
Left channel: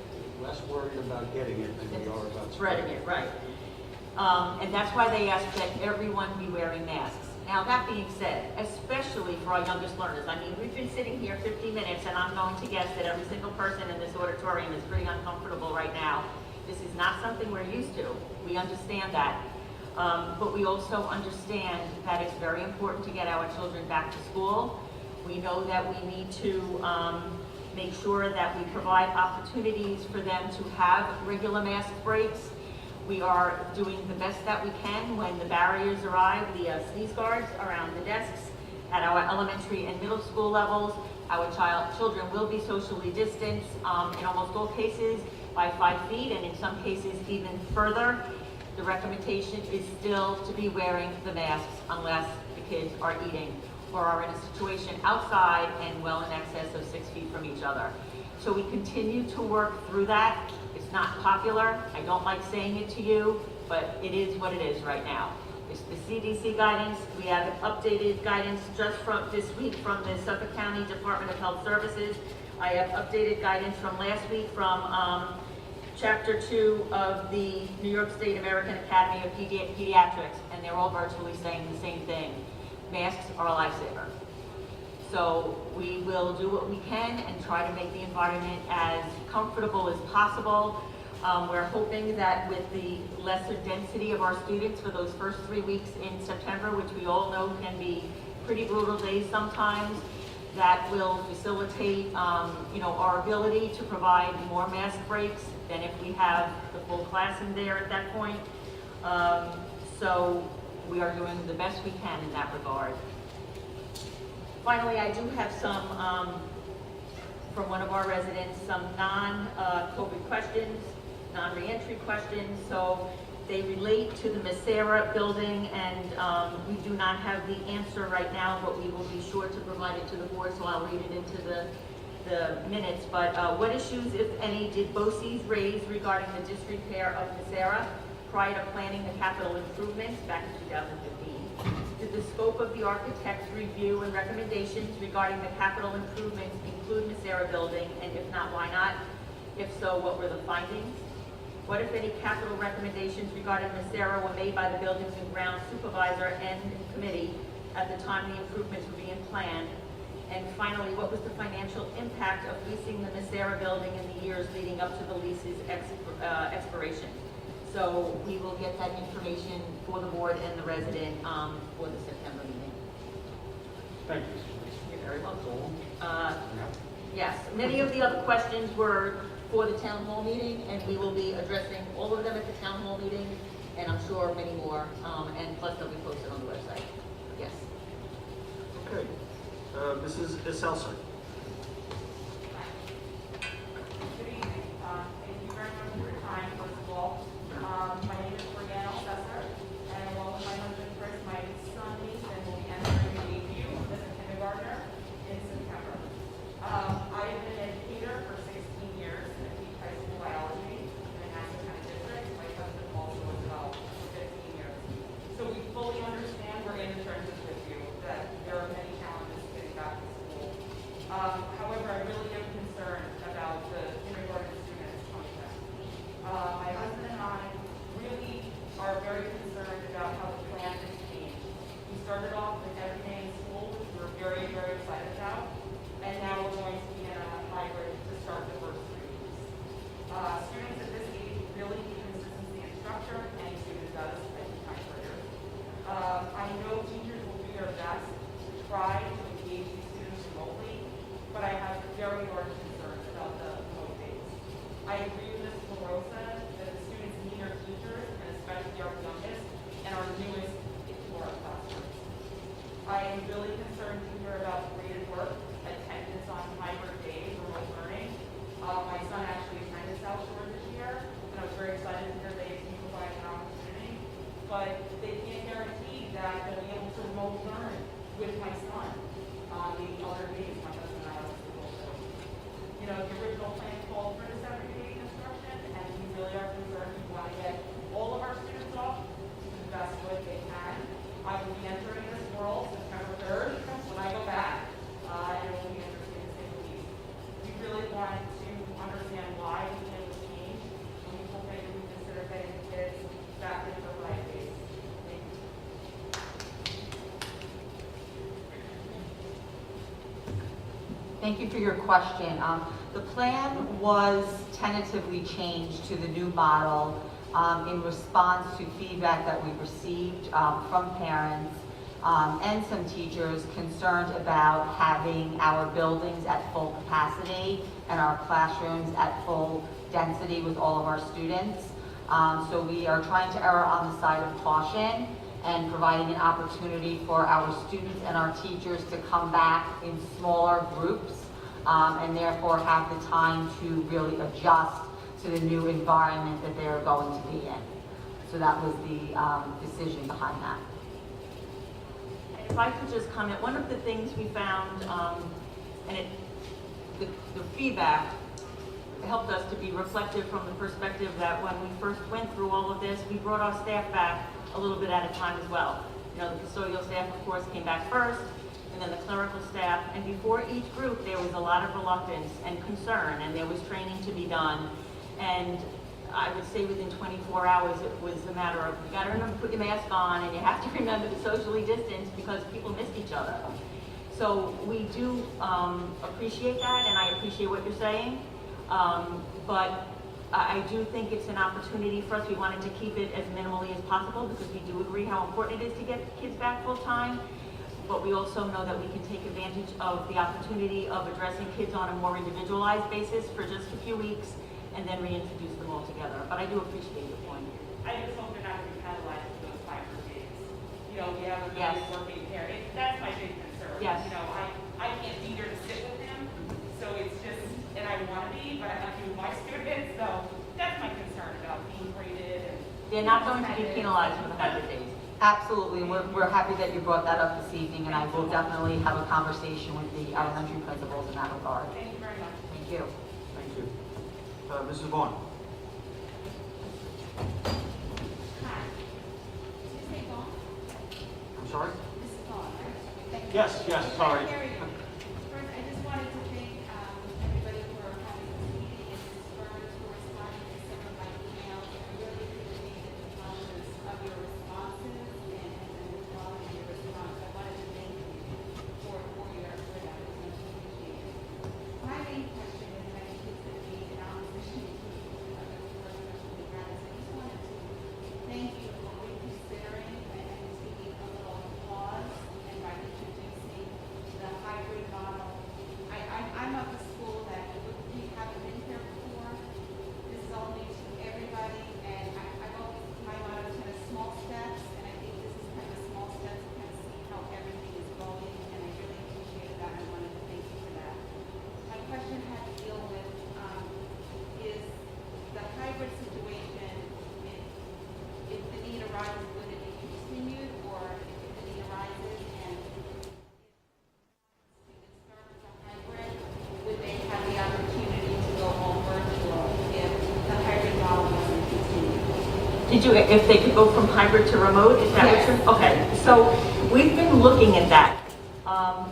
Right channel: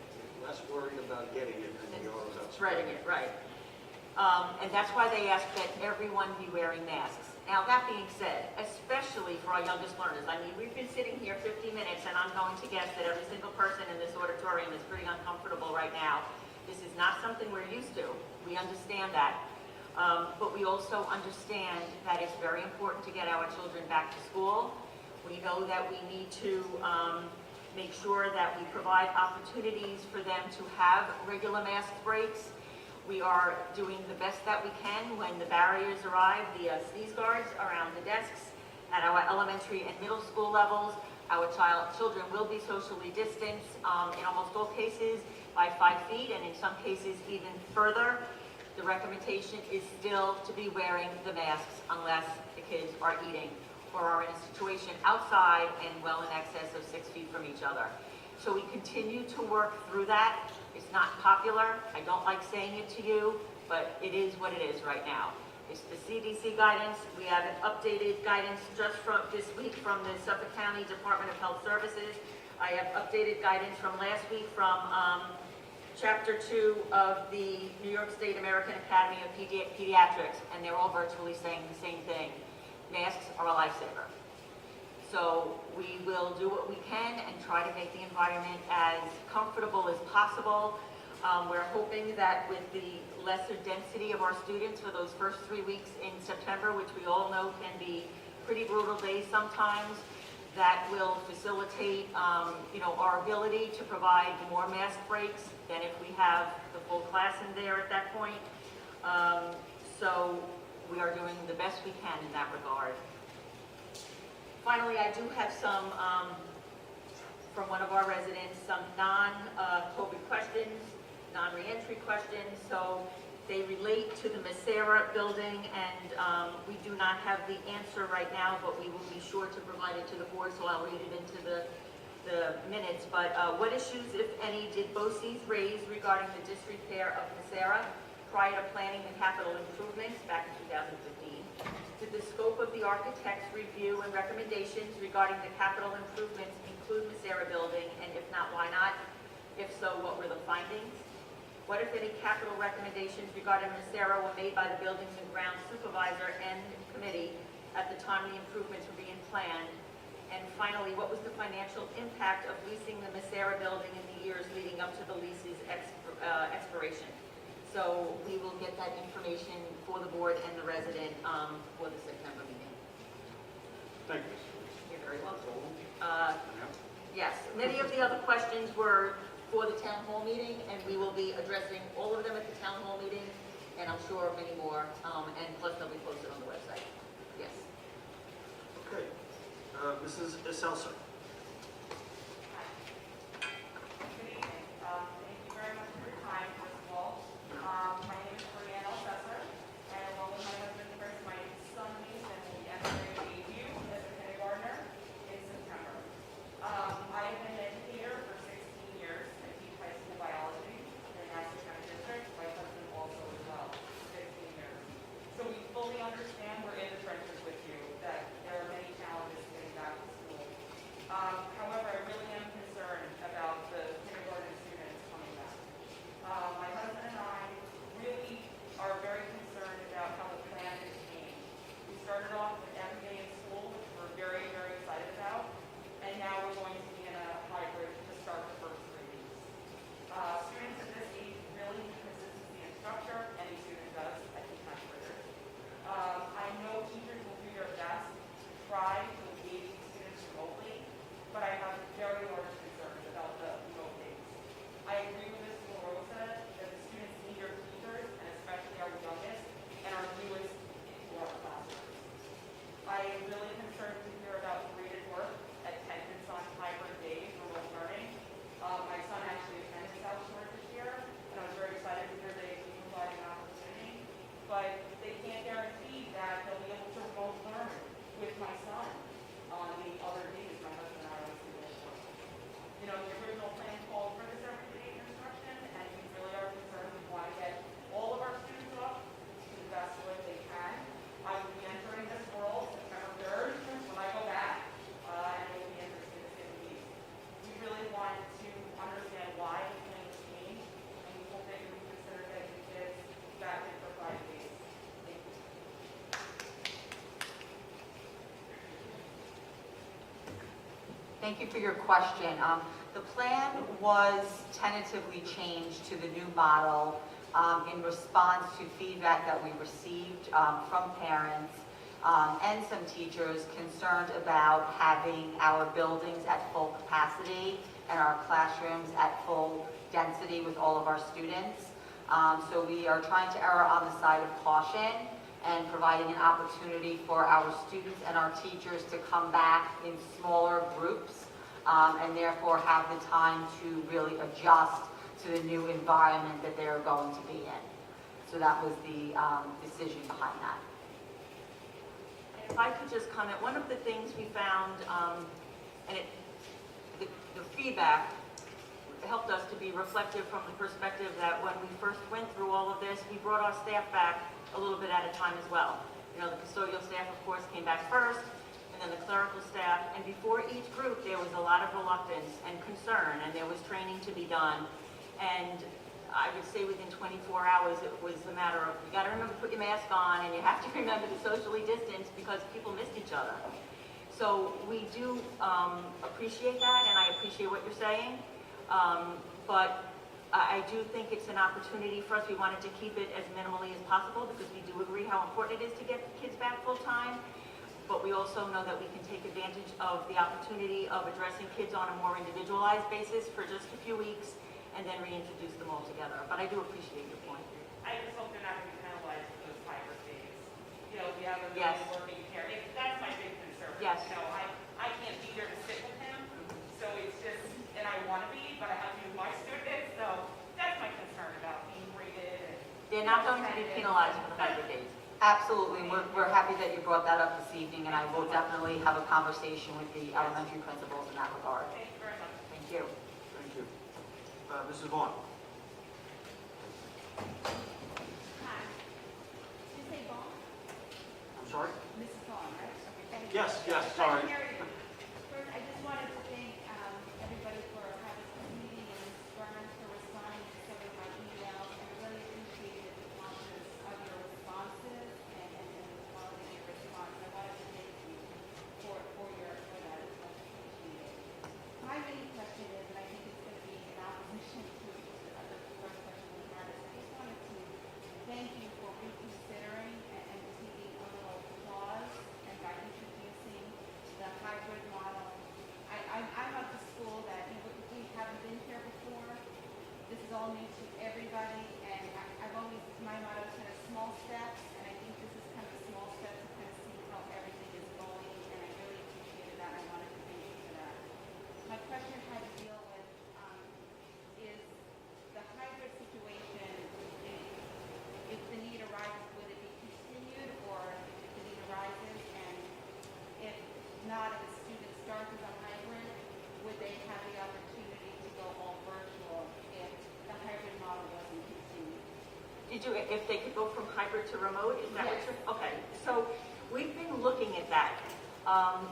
Less worried about getting it than we are about Spreading it, right. And that's why they ask that everyone be wearing masks. Now, that being said, especially for our youngest learners, I mean, we've been sitting here 50 minutes, and I'm going to guess that every single person in this auditorium is pretty uncomfortable right now. This is not something we're used to. We understand that. But we also understand that it's very important to get our children back to school. We know that we need to make sure that we provide opportunities for them to have regular mask breaks. We are doing the best that we can when the barriers arrive, the sneeze guards around the desks at our elementary and middle school levels. Our children will be socially distanced in almost all cases by 5 feet, and in some cases even further. The recommendation is still to be wearing the masks unless the kids are eating or are in a situation outside and well in excess of 6 feet from each other. So we continue to work through that. It's not popular. I don't like saying it to you, but it is what it is right now. It's the CDC guidance. We have an updated guidance just from this week from the Suffolk County Department of Health Services. I have updated guidance from last week from Chapter 2 of the New York State American Academy of Pediatrics, and they're all virtually saying the same thing. Masks are a lifesaver. So we will do what we can and try to make the environment as comfortable as possible. We're hoping that with the lesser density of our students for those first 3 weeks in September, which we all know can be pretty brutal days sometimes, that will facilitate our ability to provide more mask breaks than if we have the full class in there at that point. So we are doing the best we can in that regard. Finally, I do have some, from one of our residents, some non-COVID questions, non-reentry questions. So they relate to the Macera building, and we do not have the answer right now, but we will be sure to provide it to the board, so I'll read it into the minutes. But what issues, if any, did BOCES raise regarding the disrepair of Macera prior to planning the capital improvements back in 2015? Did the scope of the architect's review and recommendations regarding the capital improvements include Macera building, and if not, why not? If so, what were the findings? What, if any, capital recommendations regarding Macera were made by the Buildings and Grounds Supervisor and Committee at the time the improvements were being planned? And finally, what was the financial impact of leasing the Macera building in the years leading up to the lease's expiration? So we will get that information for the board and the resident for the September meeting. Thank you. You're very welcome. Yeah. Yes, many of the other questions were for the town hall meeting, and we will be addressing all of them at the town hall meeting, and I'm sure many more, and plus they'll be posted on the website. Yes. Okay. Mrs. Isselson. Good evening. Thank you very much for your time, first of all. My name is Brianna Sesser, and along with my husband Chris, my son Nathan will be entering AU as a kindergartner in September. I have been an educator for 16 years and I teach high school biology in the Nassau County District. My husband also as well for 15 years. So we fully understand we're in the trenches with you, that there are many challenges getting back to school. However, I really am concerned about the kindergarten students coming back. My husband and I really are very concerned about how the plan has changed. We started off with every day in school, which we're very, very excited about, and now we're going to be in a hybrid to start the first 3 weeks. Students at this age really need consistency in structure, any student does, I think my career. I know teachers will do their best to try to engage these students remotely, but I Thank you for your question. The plan was tentatively changed to the new model in response to feedback that we received from parents and some teachers concerned about having our buildings at full capacity and our classrooms at full density with all of our students. So we are trying to err on the side of caution and providing an opportunity for our students and our teachers to come back in smaller groups and therefore have the time to really adjust to the new environment that they're going to be in. So that was the decision behind that. If I could just comment, one of the things we found, and the feedback helped us to be reflective from the perspective that when we first went through all of this, we brought our staff back a little bit at a time as well. You know, the custodial staff, of course, came back first, and then the clerical staff, and before each group, there was a lot of reluctance and concern, and there was training to be done. And I would say within 24 hours, it was a matter of, you gotta remember to put your mask on, and you have to remember to socially distance because people missed each other. So we do appreciate that, and I appreciate what you're saying. But I do think it's an opportunity for us. We wanted to keep it as minimally as possible because we do agree how important it is to get kids back full time. But we also know that we can take advantage of the opportunity of addressing kids on a more individualized basis for just a few weeks and then reintroduce them all together. But I do appreciate your point. I just hope they're not penalized for those 5 days. You know, we have a Yes. really working parent. That's my big concern. Yes. You know, I can't be there to sit with him, so it's just, and I want to be, but I have to be with my students, so that's my concern about being graded and. They're not going to be penalized for the 100 days. Absolutely, we're happy that you brought that up this evening, and I will definitely have a conversation with the elementary principals in that regard. Thank you very much. Thank you. Thank you. Mrs. Vaughn? Hi. Is this on? I'm sorry? Mrs. Vaughn, right? Thank you. Yes, sorry. First, I just wanted to thank everybody for having this meeting and Mrs. Burns for responding to some of my emails. I really appreciated the numbers of your responses and the quality of your response. I wanted to thank you for that. It's much appreciated. My main question is, and I think it's going to be an opposition to the first question we had, is I just wanted to thank you for reconsidering and taking a little pause and by introducing the hybrid model. I'm of the school that we haven't been here before. This is all new to everybody, and I've always, my motto is kind of small steps, and I think this is kind of small steps to kind of see how everything is going, and I really appreciate that. I wanted to thank you for that. My question had to deal with is the hybrid situation. If the need arises, would it be continued, or if the need arises, and if not, if a student starts with a hybrid, would they have the opportunity to go home virtual if the hybrid model wasn't continued? Did you, if they could go from hybrid to remote, is that what Yes. you're? Okay, so we've been looking at that.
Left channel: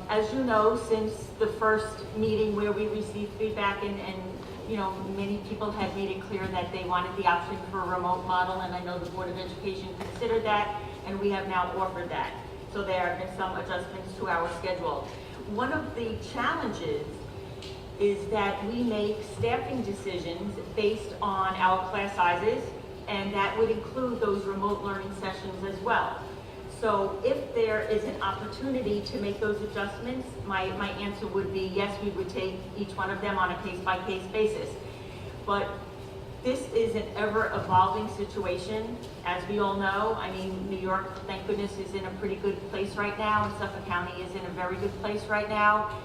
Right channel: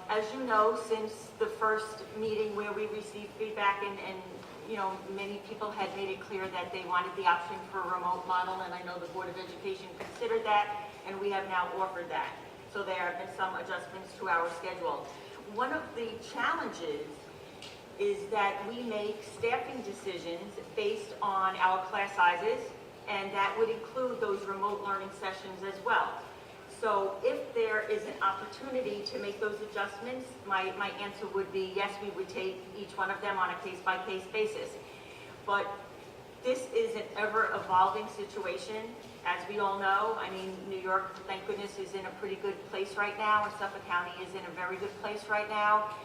As you know, since the first meeting where we received feedback and you know, many people had made it clear that they wanted the option for a remote model, and I know the Board of Education considered that, and we have now offered that. So there have been some adjustments to our schedule. One of the challenges is that we make staffing decisions based on our class sizes, and that would include those remote learning sessions as well. So if there is an opportunity to make those adjustments, my answer would be yes, we would take each one of them on a case-by-case basis. But this is an ever-evolving situation, as we all know. I mean, New York, thank goodness, is in a pretty good place right now, and Suffolk County is in a very good place right now.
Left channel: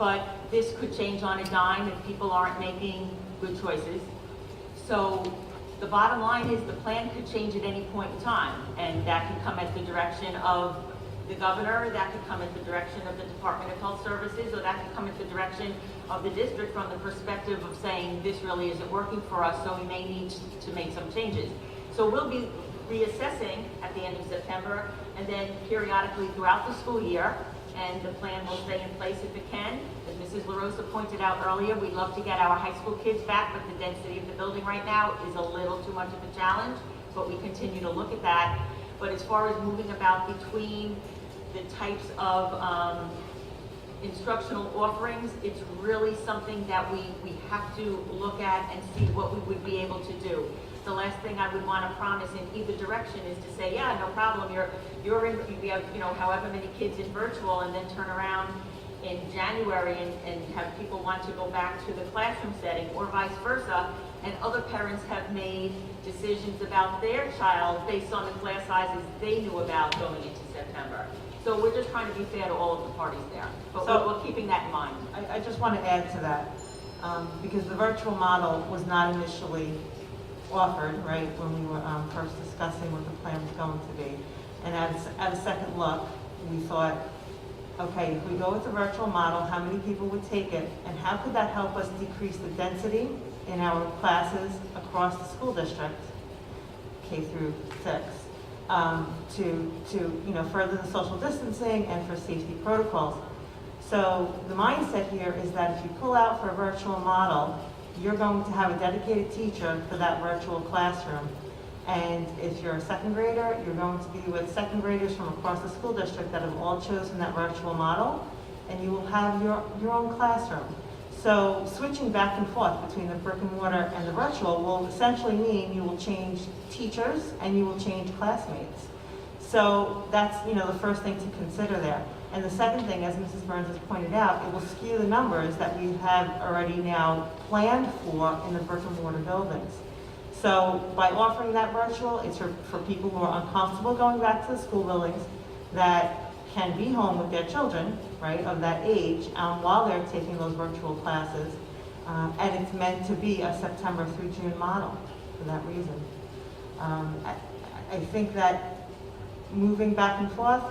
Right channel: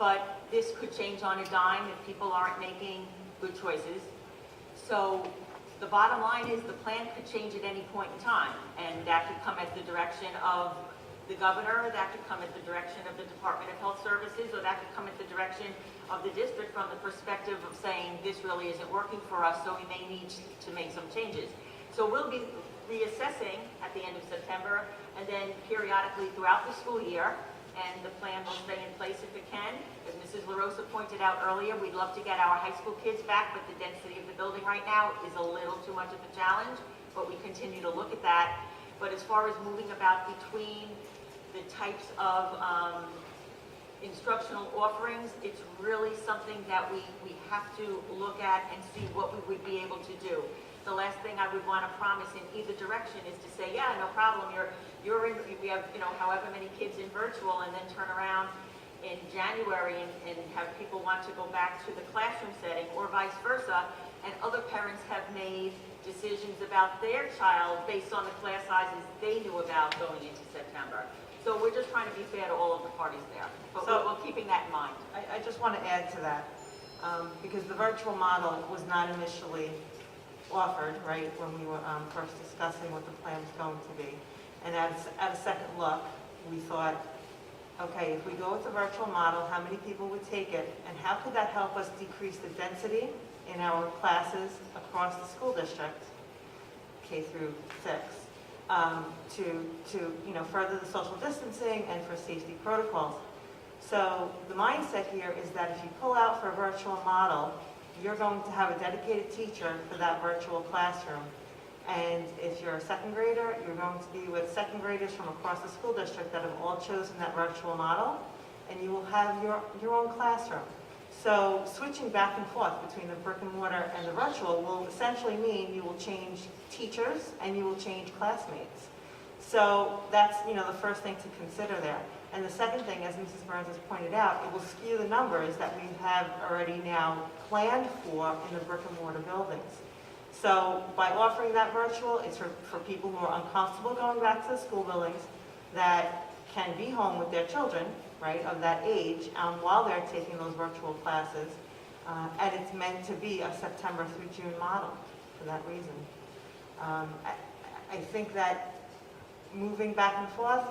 But this could change on a dime if people aren't making good choices. So the bottom line is the plan could change at any point in time, and that could come at the direction of the governor, that could come at the direction of the Department of Health Services, or that could come at the direction of the district from the perspective of saying this really isn't working for us, so we may need to make some changes. So we'll be reassessing at the end of September and then periodically throughout the school year, and the plan will stay in place if it can. As Mrs. LaRosa pointed out earlier, we'd love to get our high school kids back, but the density of the building right now is a little too much of a challenge, but we continue to look at that. But as far as moving about between the types of instructional offerings, it's really something that we have to look at and see what we would be able to do. The last thing I would want to promise in either direction is to say, yeah, no problem, you're in, we have, you know, however many kids in virtual, and then turn around in January and have people want to go back to the classroom setting, or vice versa, and other parents have made decisions about their child based on the class sizes they knew about going into September. So we're just trying to be fair to all of the parties there, but we're keeping that in mind. I just want to add to that, because the virtual model was not initially offered, right, when we were first discussing what the plan was going to be. And at a second look, we thought, okay, if we go with the virtual model, how many people would take it, and how could that help us decrease the density in our classes across the school district, K through 6, to you know, further the social distancing and for safety protocols. So the mindset here is that if you pull out for a virtual model, you're going to have a dedicated teacher for that virtual classroom. And if you're a second grader, you're going to be with second graders from across the school district that have all chosen that virtual model, and you will have your own classroom. So switching back and forth between the brick and mortar and the virtual will essentially mean you will change teachers and you will change classmates. So that's, you know, the first thing to consider there. And the second thing, as Mrs. Burns has pointed out, it will skew the numbers that we have already now planned for in the brick and mortar buildings. So by offering that virtual, it's for people who are uncomfortable going back to the school buildings, that can be home with their children, right, of that age, while they're taking those virtual classes. And it's meant to be a September through June model for that reason. I think that moving back and forth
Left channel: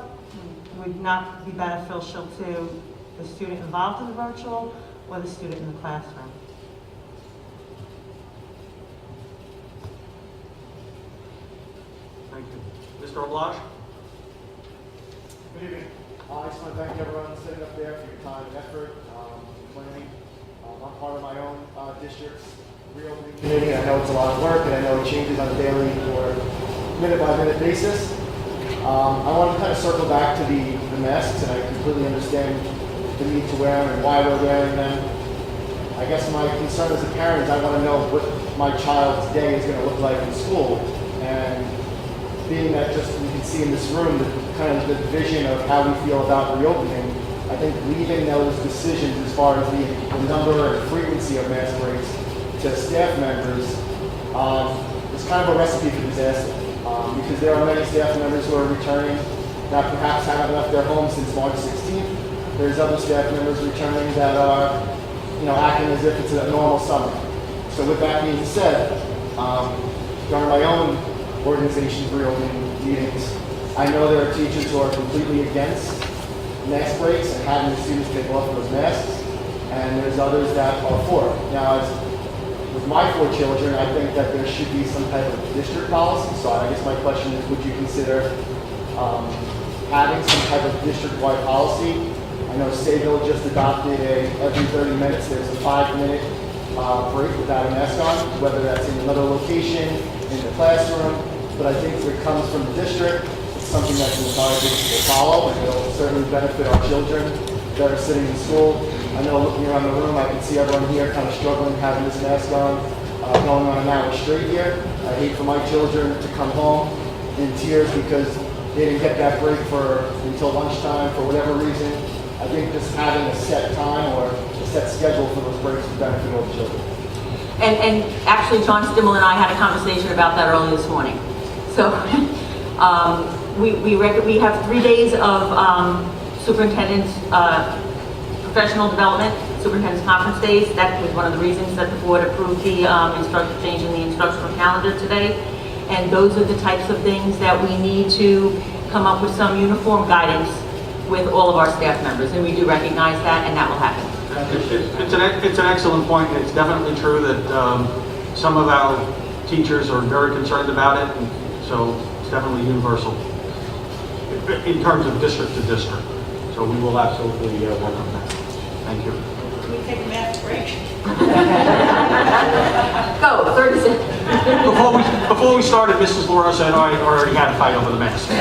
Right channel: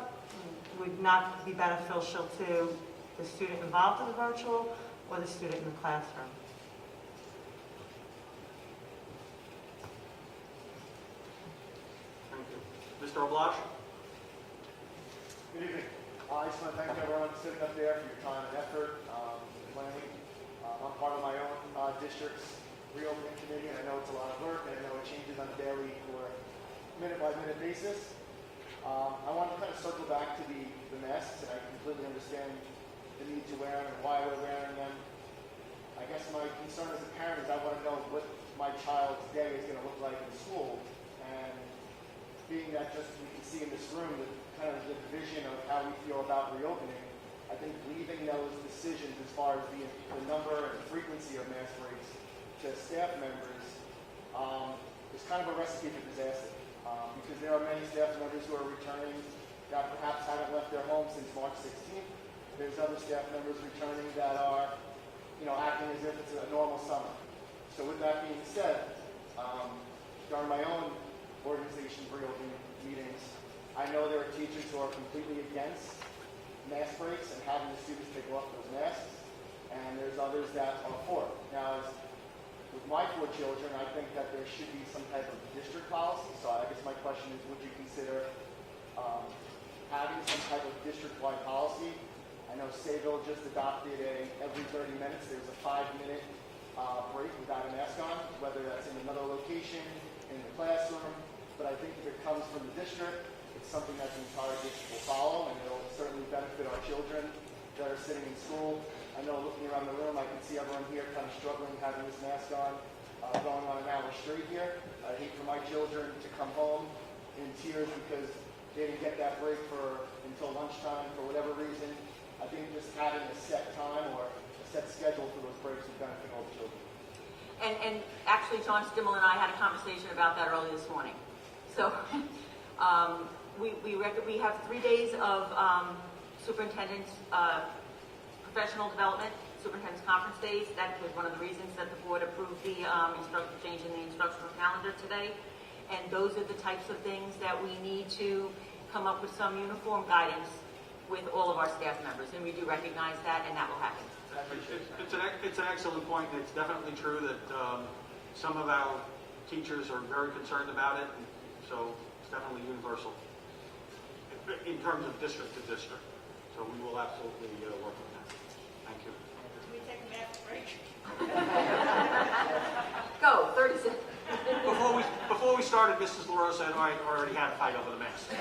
would not be beneficial to the student involved in the virtual or the student in the classroom. Thank you. Mr. Oblash? Good evening. I just want to thank everyone sitting up there for your time and effort, planning. I'm part of my own district's reopening committee. I know it's a lot of work, and I know it changes on a daily or minute-by-minute basis. I want to kind of circle back to the masks, and I completely understand the need to wear them and why we're wearing them. I guess my concern as a parent is I want to know what my child's day is going to look like in school. And being that just you can see in this room, kind of the vision of how we feel about reopening, I think leaving those decisions as far as the number and frequency of mask breaks to staff members is kind of a recipe for disaster. Because there are many staff members who are returning that perhaps haven't left their homes since March 16th. There's other staff members returning that are, you know, acting as if it's a normal summer. So with that being said, during my own organization's reopening meetings, I know there are teachers who are completely against mask breaks and having the students take off those masks, and there's others that are for it. Now, with my 4 children, I think that there should be some type of district policy. So I guess my question is, would you consider having some type of district-wide policy? I know Sayville just adopted every 30 minutes, there's a 5-minute break without a mask on, whether that's in another location, in the classroom. But I think if it comes from the district, it's something that the entire district will follow, and it'll certainly benefit our children that are sitting in school. I know looking around the room, I can see everyone here kind of struggling having this mask on, going on an hour straight here. I hate for my children to come home in tears because they didn't get that break until lunchtime for whatever reason. I think just having a set time or a set schedule for those breaks would benefit all the children. And actually, John Stimmel and I had a conversation about that early this morning. So we have 3 days of superintendent's professional development, superintendent's conference days. That was one of the reasons that the board approved the change in the instructional calendar today. And those are the types of things that we need to come up with some uniform guidance with all of our staff members. And we do recognize that, and that will happen. It's an excellent point. It's definitely true that some of our teachers are very concerned about it, and so it's definitely universal in terms of district to district. So we will absolutely welcome that. Thank you. Can we take a mask break? Go, 30 seconds. Before we started, Mrs. LaRosa and I already had a fight over the mask. So,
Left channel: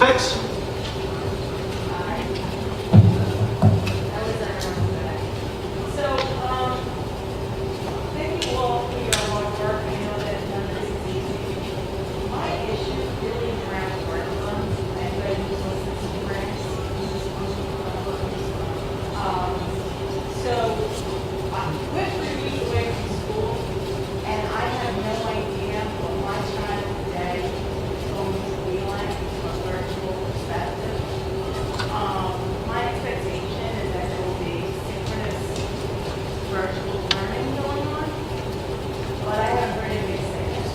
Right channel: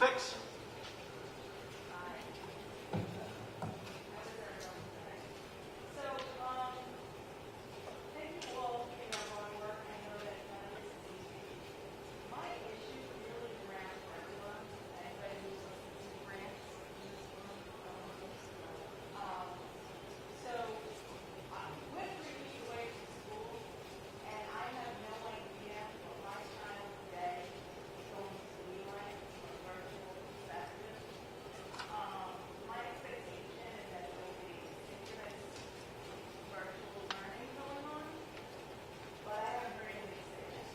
Fix? So, thank you all for your hard work. I know that none of this is easy. My issue really is around curriculum and readiness to grants. So, we're 3 weeks away from school, and I have no idea what my child today is going to be like from a virtual perspective. My expectation is that there will be synchronous virtual learning going on, but I haven't heard anybody say that,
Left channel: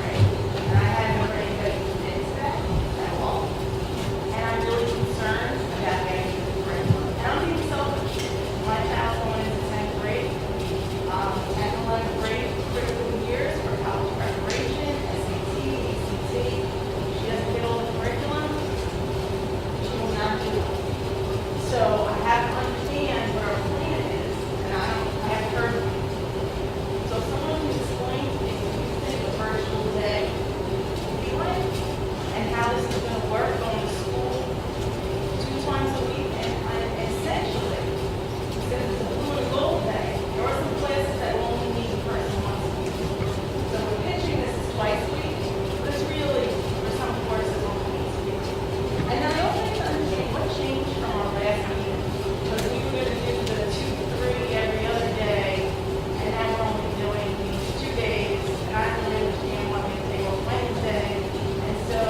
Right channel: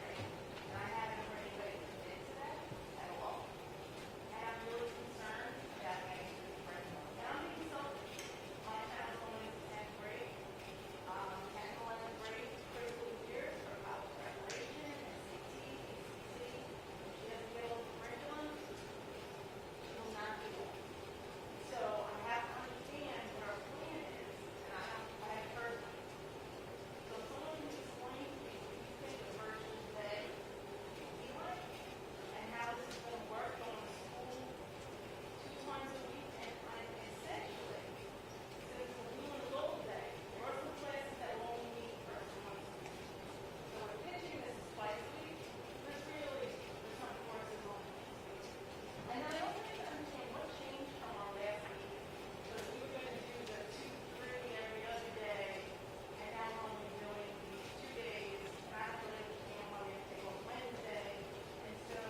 right? And I haven't heard anybody commit to that at all. And I'm really concerned about getting to the curriculum. And I'm being selfish. My child's going into 10th grade, 10th and 11th grade, critical years for college preparation, SAT, ACT. If she doesn't get all the curriculum, she will not do it. So I have to understand what our plan is, and I haven't heard it. So if someone can explain to me what you think a virtual day will be like, and how this is gonna work going to school 2 times a week, and essentially, since it's a blue and gold day, there are some classes that only need a person once a week. So we're pitching this as twice a week, but it's really, for some courses, only needs a week. And then I also need to understand what changed from our last meeting, because we were gonna do the 2, 3 every other day, and now we're only doing these 2 days, and I don't really understand why we take off Wednesday, and so.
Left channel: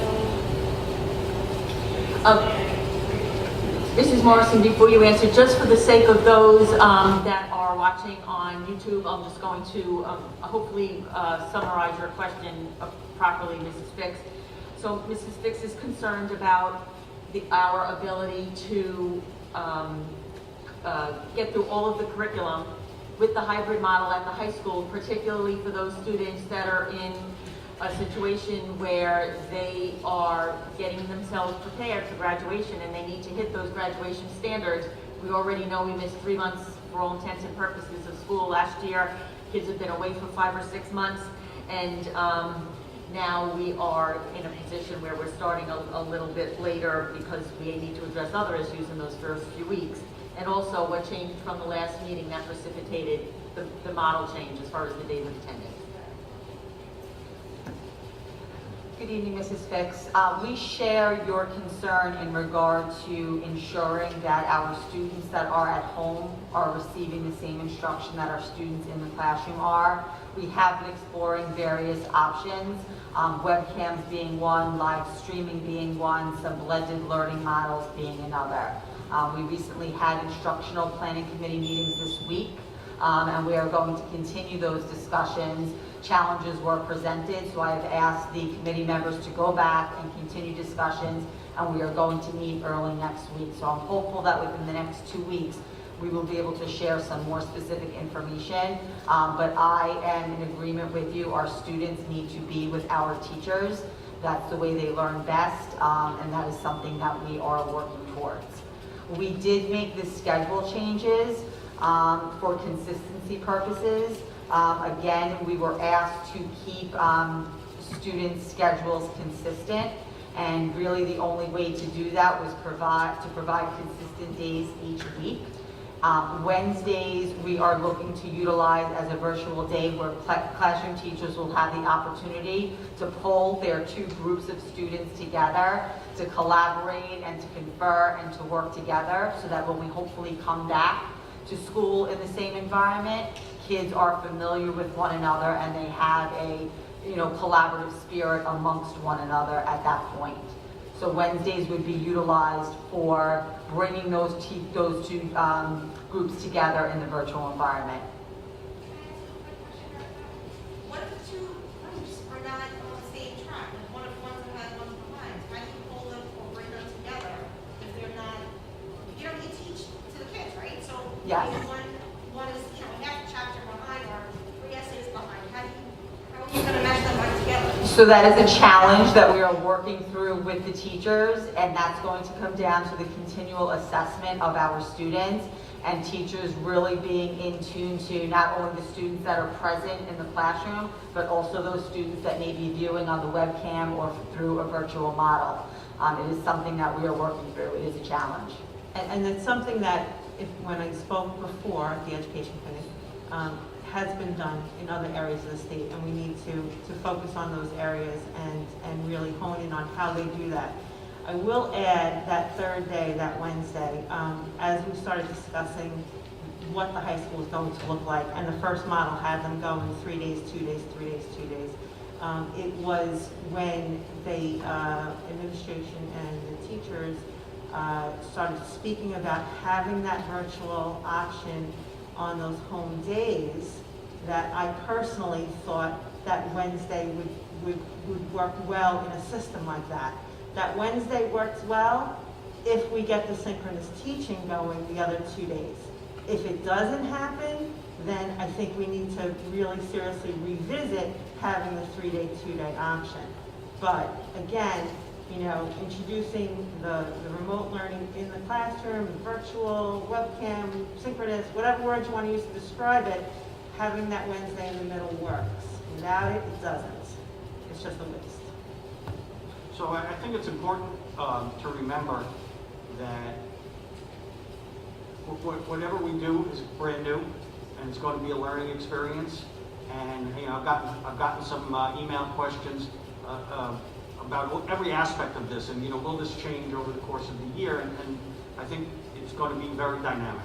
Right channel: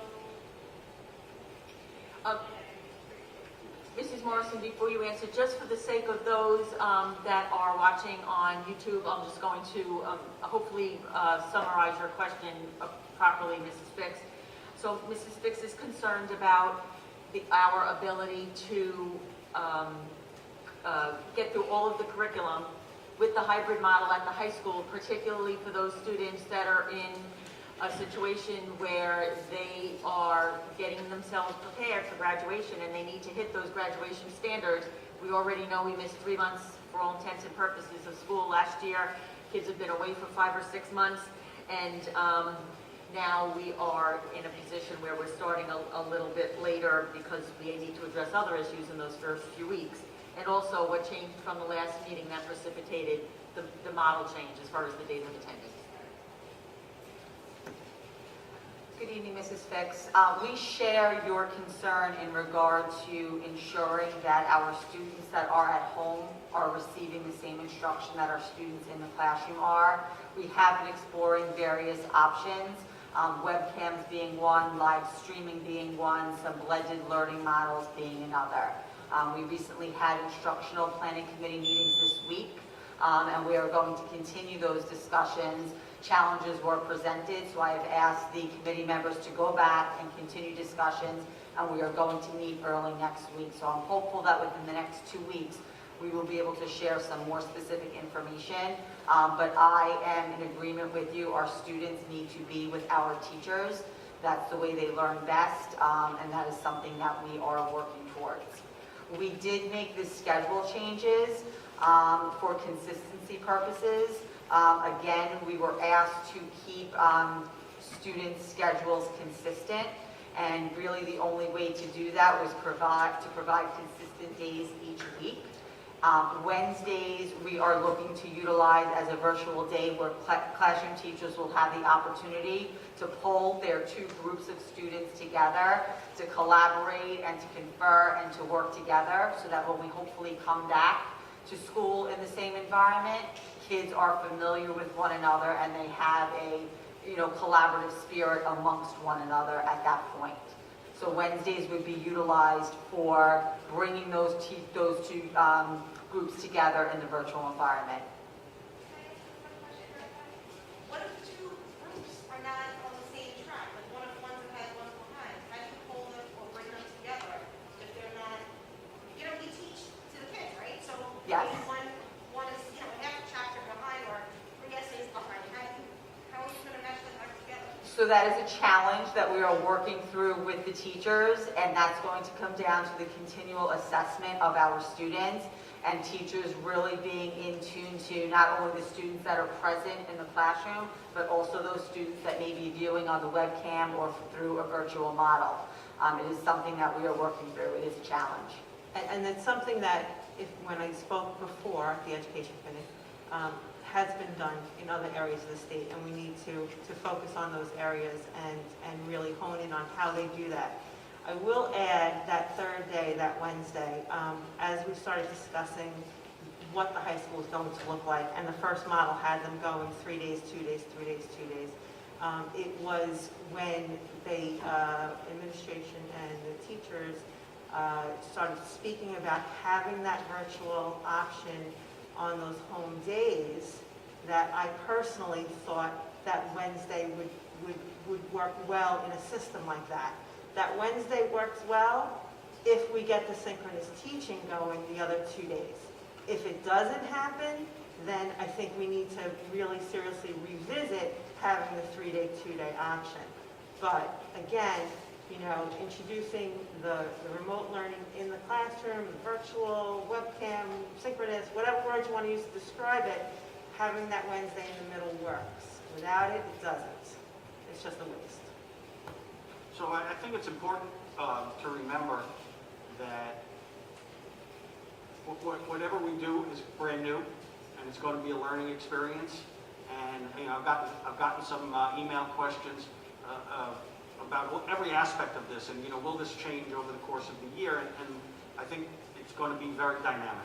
Mrs. Morrison, before you answer, just for the sake of those that are watching on YouTube, I'm just going to hopefully summarize your question properly, Mrs. Fix. So Mrs. Fix is concerned about our ability to get through all of the curriculum with the hybrid model at the high school, particularly for those students that are in a situation where they are getting themselves prepared for graduation and they need to hit those graduation standards. We already know we missed 3 months for all intents and purposes of school last year. Kids have been away for 5 or 6 months, and now we are in a position where we're starting a little bit later because we need to address other issues in those first few weeks. And also what changed from the last meeting that precipitated the model change as far as the days of attendance. Good evening, Mrs. Fix. We share your concern in regard to ensuring that our students that are at home are receiving the same instruction that our students in the classroom are. We have been exploring various options, webcams being one, live streaming being one, some blended learning models being another. We recently had instructional planning committee meetings this week, and we are going to continue those discussions. Challenges were presented, so I have asked the committee members to go back and continue discussions, and we are going to meet early next week. So I'm hopeful that within the next 2 weeks, we will be able to share some more specific information. But I am in agreement with you. Our students need to be with our teachers. That's the way they learn best, and that is something that we are working towards. We did make the schedule changes for consistency purposes. Again, we were asked to keep students' schedules consistent, and really the only way to do that was to provide consistent days each week. Wednesdays, we are looking to utilize as a virtual day where classroom teachers will have the opportunity to pull their 2 groups of students together to collaborate and to confer and to work together, so that when we hopefully come back to school in the same environment, kids are familiar with one another and they have a collaborative spirit amongst one another at that point. So Wednesdays would be utilized for bringing those 2 groups together in the virtual environment. What if 2 groups are not on the same track? Like one ahead, one's behind? How do you pull them or bring them together if they're not? You teach to the kids, right? So Yes. One is half a chapter behind or 3 essays behind. How are you going to mesh them right together? So that is a challenge that we are working through with the teachers, and that's going to come down to the continual assessment of our students and teachers really being in tune to not only the students that are present in the classroom, but also those students that may be viewing on the webcam or through a virtual model. It is something that we are working through. It is a challenge. And it's something that, when I spoke before at the Education Committee, has been done in other areas of the state, and we need to focus on those areas and really hone in on how they do that. I will add that third day, that Wednesday, as we started discussing what the high school is going to look like, and the first model had them going 3 days, 2 days, 3 days, 2 days. It was when the administration and the teachers started speaking about having that virtual option on those home days, that I personally thought that Wednesday would work well in a system like that. That Wednesday works well if we get the synchronous teaching going the other 2 days. If it doesn't happen, then I think we need to really seriously revisit having the 3-day, 2-day option. But again, introducing the remote learning in the classroom, virtual, webcam, synchronous, whatever words you want to use to describe it, having that Wednesday in the middle works. Without it, it doesn't. It's just a waste. So I think it's important to remember that whatever we do is brand new, and it's going to be a learning experience. And I've gotten some email questions about every aspect of this, and will this change over the course of the year? And I think it's going to be very dynamic.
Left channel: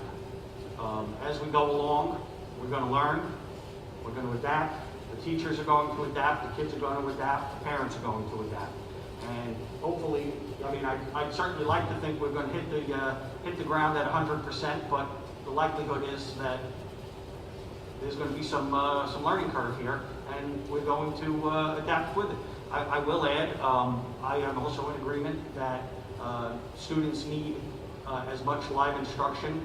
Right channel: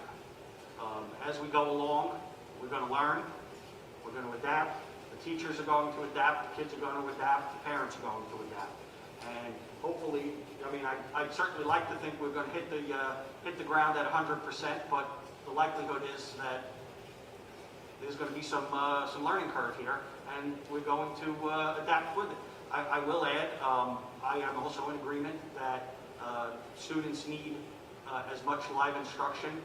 As we go along, we're going to learn, we're going to adapt. The teachers are going to adapt, the kids are going to adapt, the parents are going to adapt. And hopefully, I'd certainly like to think we're going to hit the ground at 100%, but the likelihood is that there's going to be some learning curve here, and we're going to adapt with it. I will add, I am also in agreement that students need as much live instruction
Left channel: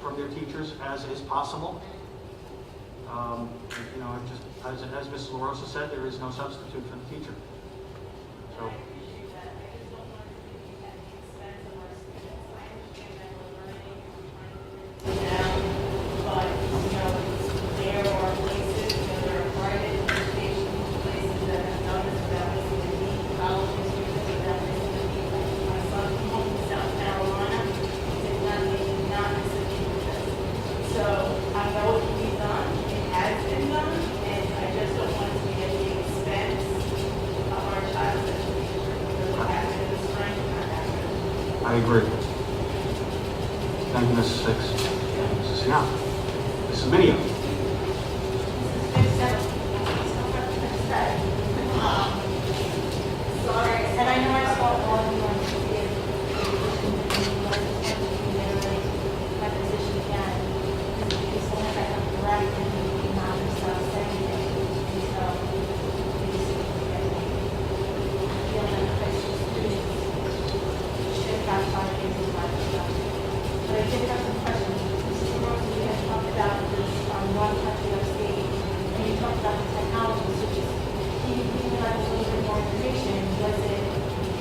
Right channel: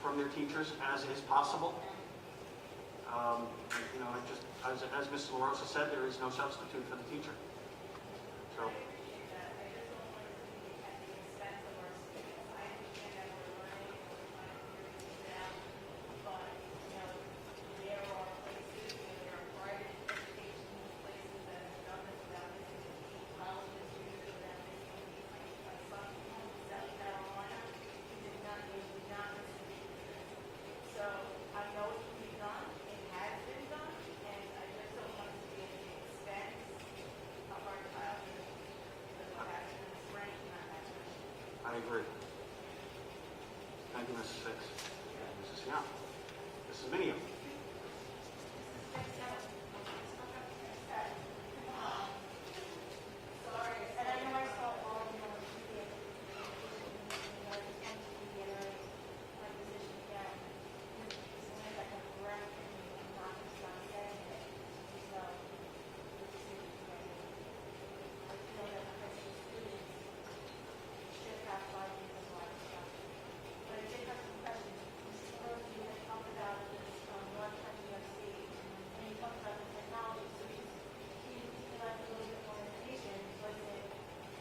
from their teachers as is possible. As Mrs. LaRosa said, there is no substitute for the teacher. So. I agree. Thank you, Mrs. Six. Mrs. Young. Mrs. Minio. And I know I saw all of you on TV, my position again, as long as I have the right and not myself saying it, so feel that Christian students should have 5 days of life stuff. But I did have some questions. Mrs. Rose, we had talked about this on one country upstate, and you talked about the technology, so just can you give me like a little bit more information? Was it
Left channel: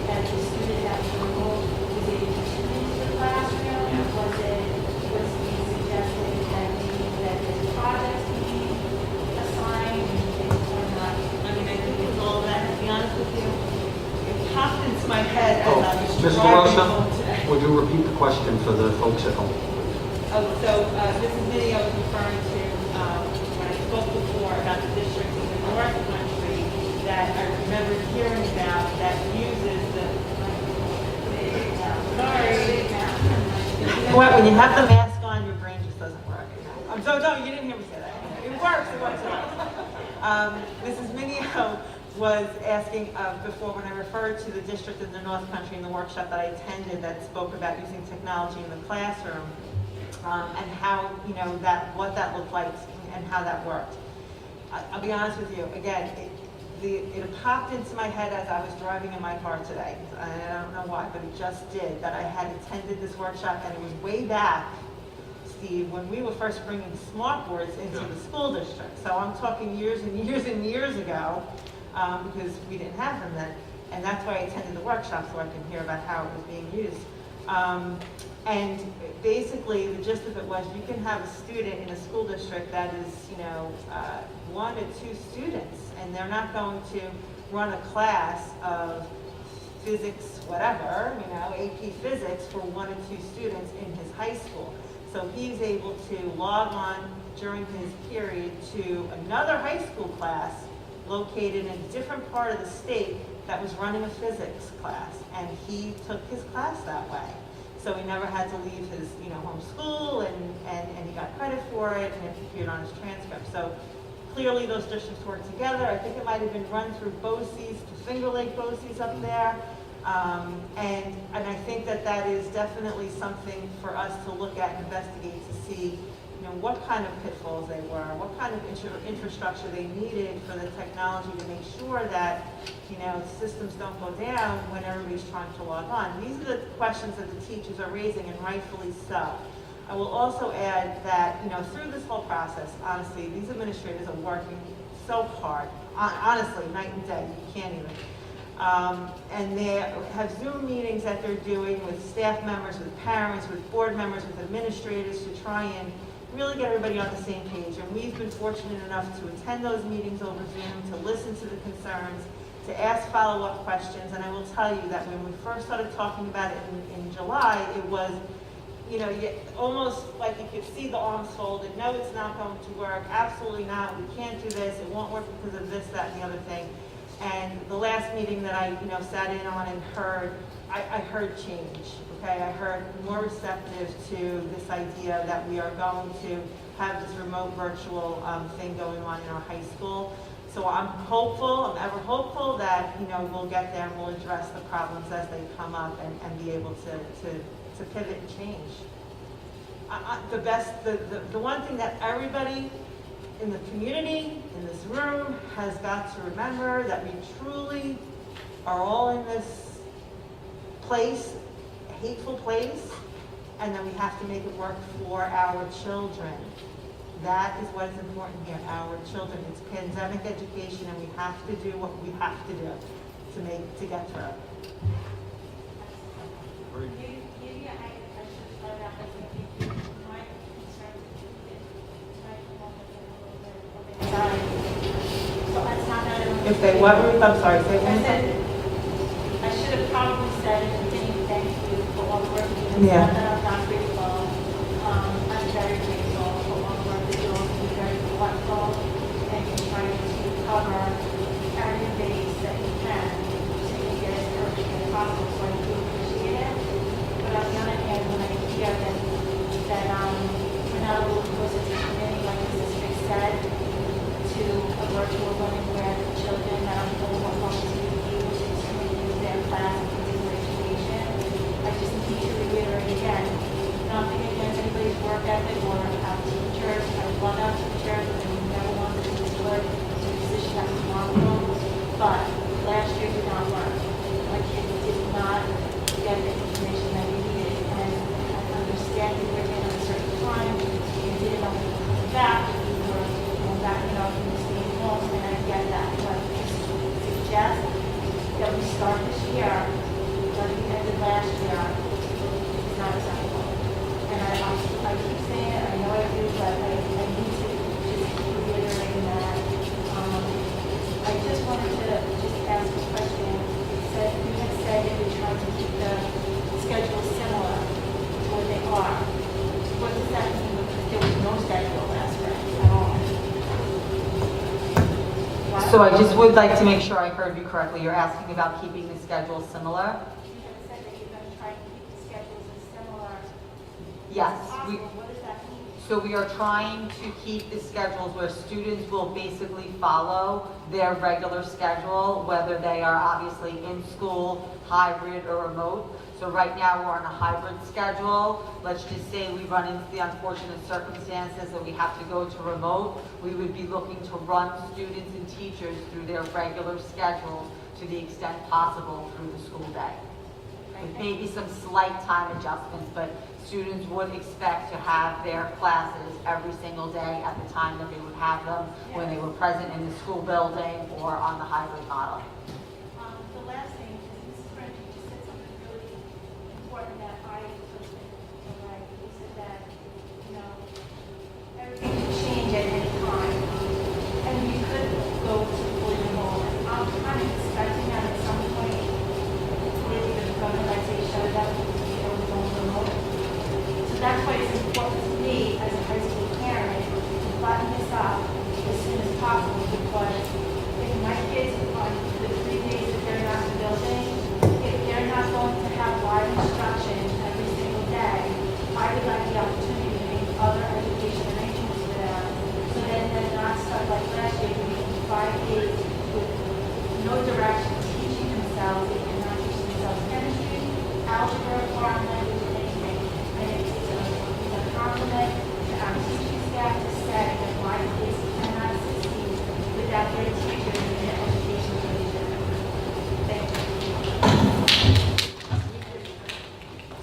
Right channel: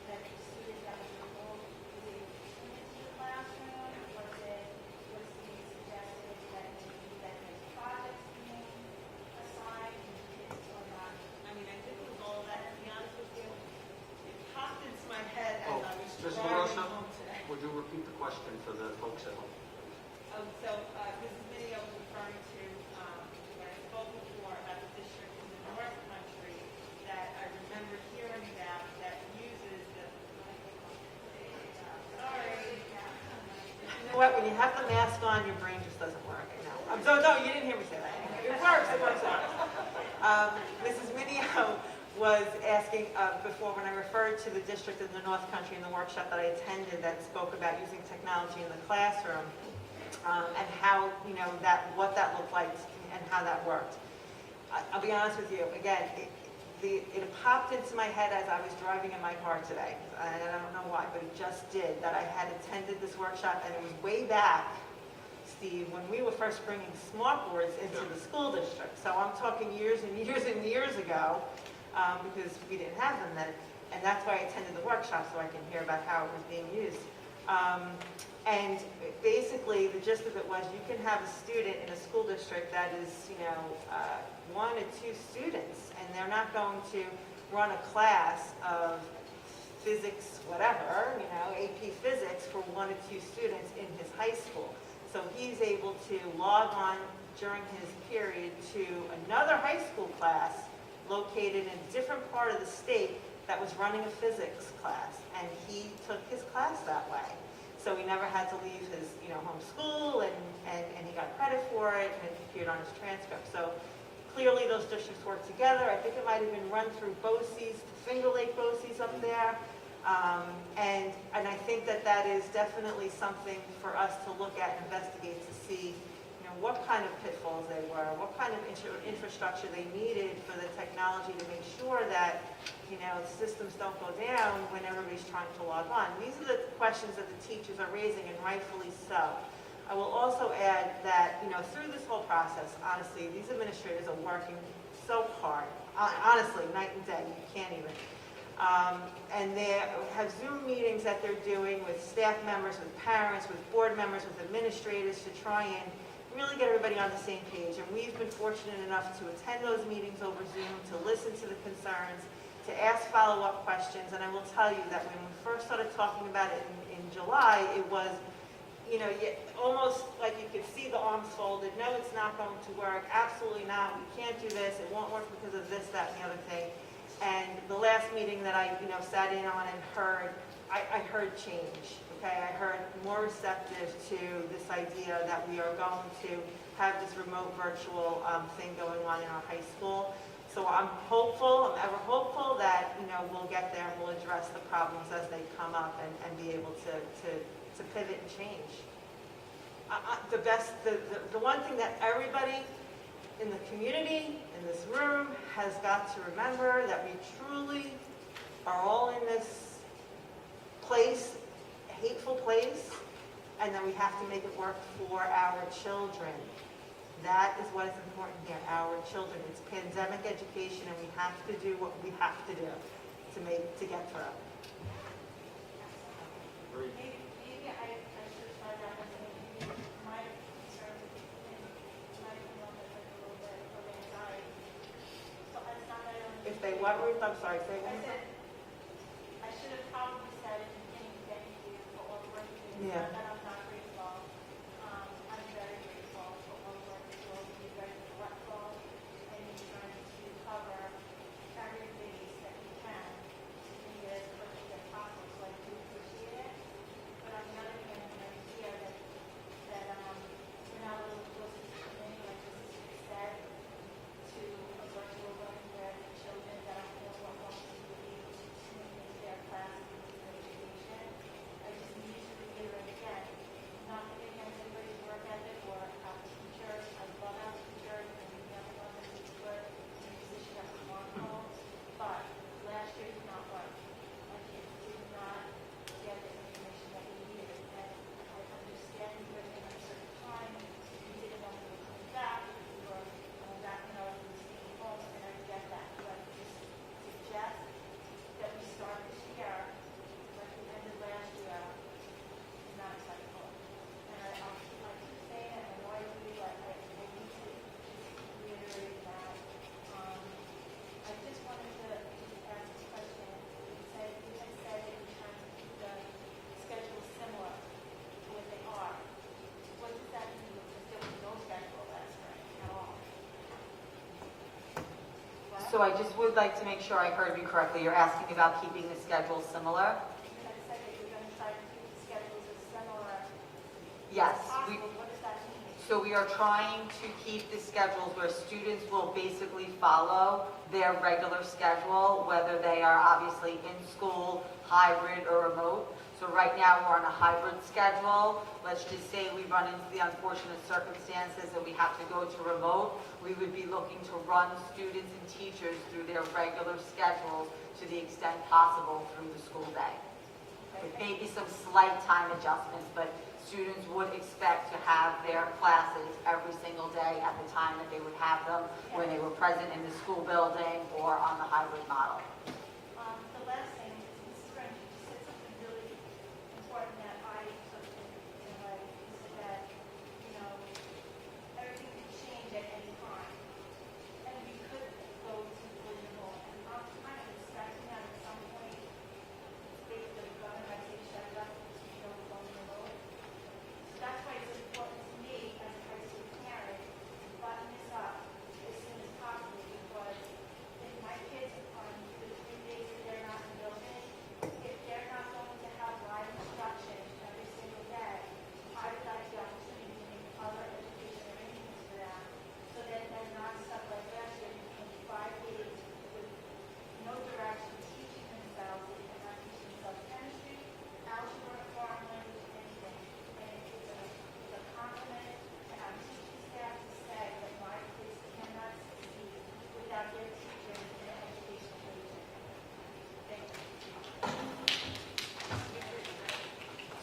that the student that was remote, was it into the classroom? Was being suggested that maybe that there's projects being assigned or not? I think it was all that, to be honest with you. It popped into my head as I was Mrs. driving LaRosa, home today. would you repeat the question for the folks at home? Mrs. Minnie, I was referring to, when I spoke before about the district in the North Country that I remember hearing about that uses the, when you have the mask on, your brain just doesn't work. No, you didn't hear me say that. It works. Mrs. Minio was asking before, when I referred to the district in the North Country in the workshop that I attended that spoke about using technology in the classroom, and how, what that looked like and how that worked. I'll be honest with you, again, it popped into my head as I was driving in my car today, and I don't know why, but it just did, that I had attended this workshop, and it was way back, Steve, when we were first bringing smart boards into the school district. So I'm talking years and years and years ago, because we didn't have them then, and that's why I attended the workshop, so I can hear about how it was being used. And basically, the gist of it was you can have a student in a school district that is, 1 or 2 students, and they're not going to run a class of physics, whatever, AP physics for 1 or 2 students in his high school. So he's able to log on during his period to another high school class located in a different part of the state that was running a physics class, and he took his class that way. So he never had to leave his, home school, and he got credit for it, and it appeared on his transcript. So clearly those districts work together. I think it might have been run through BOCES, Finger Lake BOCES up there. And I think that is definitely something for us to look at and investigate to see, what kind of pitfalls they were, what kind of infrastructure they needed for the technology to make sure that, systems don't go down when everybody's trying to log on. These are the questions that the teachers are raising, and rightfully so. I will also add that, through this whole process, honestly, these administrators are working so hard, honestly, night and day, you can't even. And they have Zoom meetings that they're doing with staff members, with parents, with board members, with administrators to try and really get everybody on the same page. And we've been fortunate enough to attend those meetings over Zoom, to listen to the concerns, to ask follow-up questions. And I will tell you that when we first started talking about it in July, it was, almost like you could see the arms folded. No, it's not going to work. Absolutely not. We can't do this. It won't work because of this, that, and the other thing. And the last meeting that I, sat in on and heard, I heard change, okay? I heard more receptive to this idea that we are going to have this remote virtual thing going on in our high school. So I'm ever hopeful that, we'll get there and we'll address the problems as they come up and be able to pivot and change. The one thing that everybody in the community, in this room, has got to remember, that we truly are all in this place, a hateful place, and that we have to make it work for our children. That is what is important here, our children. It's pandemic education, and we have to do what we have to do to get through it. Maybe I should start out by saying my concern so that's not that. If they what, Ruth? I'm sorry, say it I one said, time. I should have probably said in the beginning, thank you for all the work you do. Yeah. Not that I'm not grateful. I'm very grateful for all the work that you're doing. You're very thoughtful, and you're trying to cover every base that you can to make it as perfect as possible. So I do appreciate it. But on the other hand, when I hear that we're not able to close it to committee, like Mrs. Fick said, to a virtual learning where the children that are home are going to be able to continue their class and continue their education. I just need to reiterate again, nothing against anybody's work ethic or our teachers. I love our teachers, and we never want them to put in a position that was harmful. But last year did not work. My kids did not get the information that we needed, and I understand we were in a certain time. We didn't know that. We were backing up and staying home, and I get that. But to suggest that we start this year, like we ended last year, is not acceptable. And I keep saying it, I know I do, but I need to just keep reiterating that. I just wanted to just ask a question. You had said that you're trying to keep the schedule similar to what they are. What does that mean? Because there was no schedule last spring at all. What? So I just would like to make sure I heard you correctly. You're asking about keeping the schedule similar? You had said that you're going to try to keep the schedules as similar as Yes. possible. What does that mean? So we are trying to keep the schedules where students will basically follow their regular schedule, whether they are obviously in school, hybrid, or remote. So right now, we're on a hybrid schedule. Let's just say we run into the unfortunate circumstances that we have to go to remote. We would be looking to run students and teachers through their regular schedules to the extent possible through the school day. With maybe some slight time adjustments, but students would expect to have their classes every single day at the time that they would have them when they were present in the school building or on the hybrid model. The last thing is, Mrs. French, you just said something really important that I took away. You said that, everything can change at any time. And we could go to fully remote. I'm kind of expecting that at some point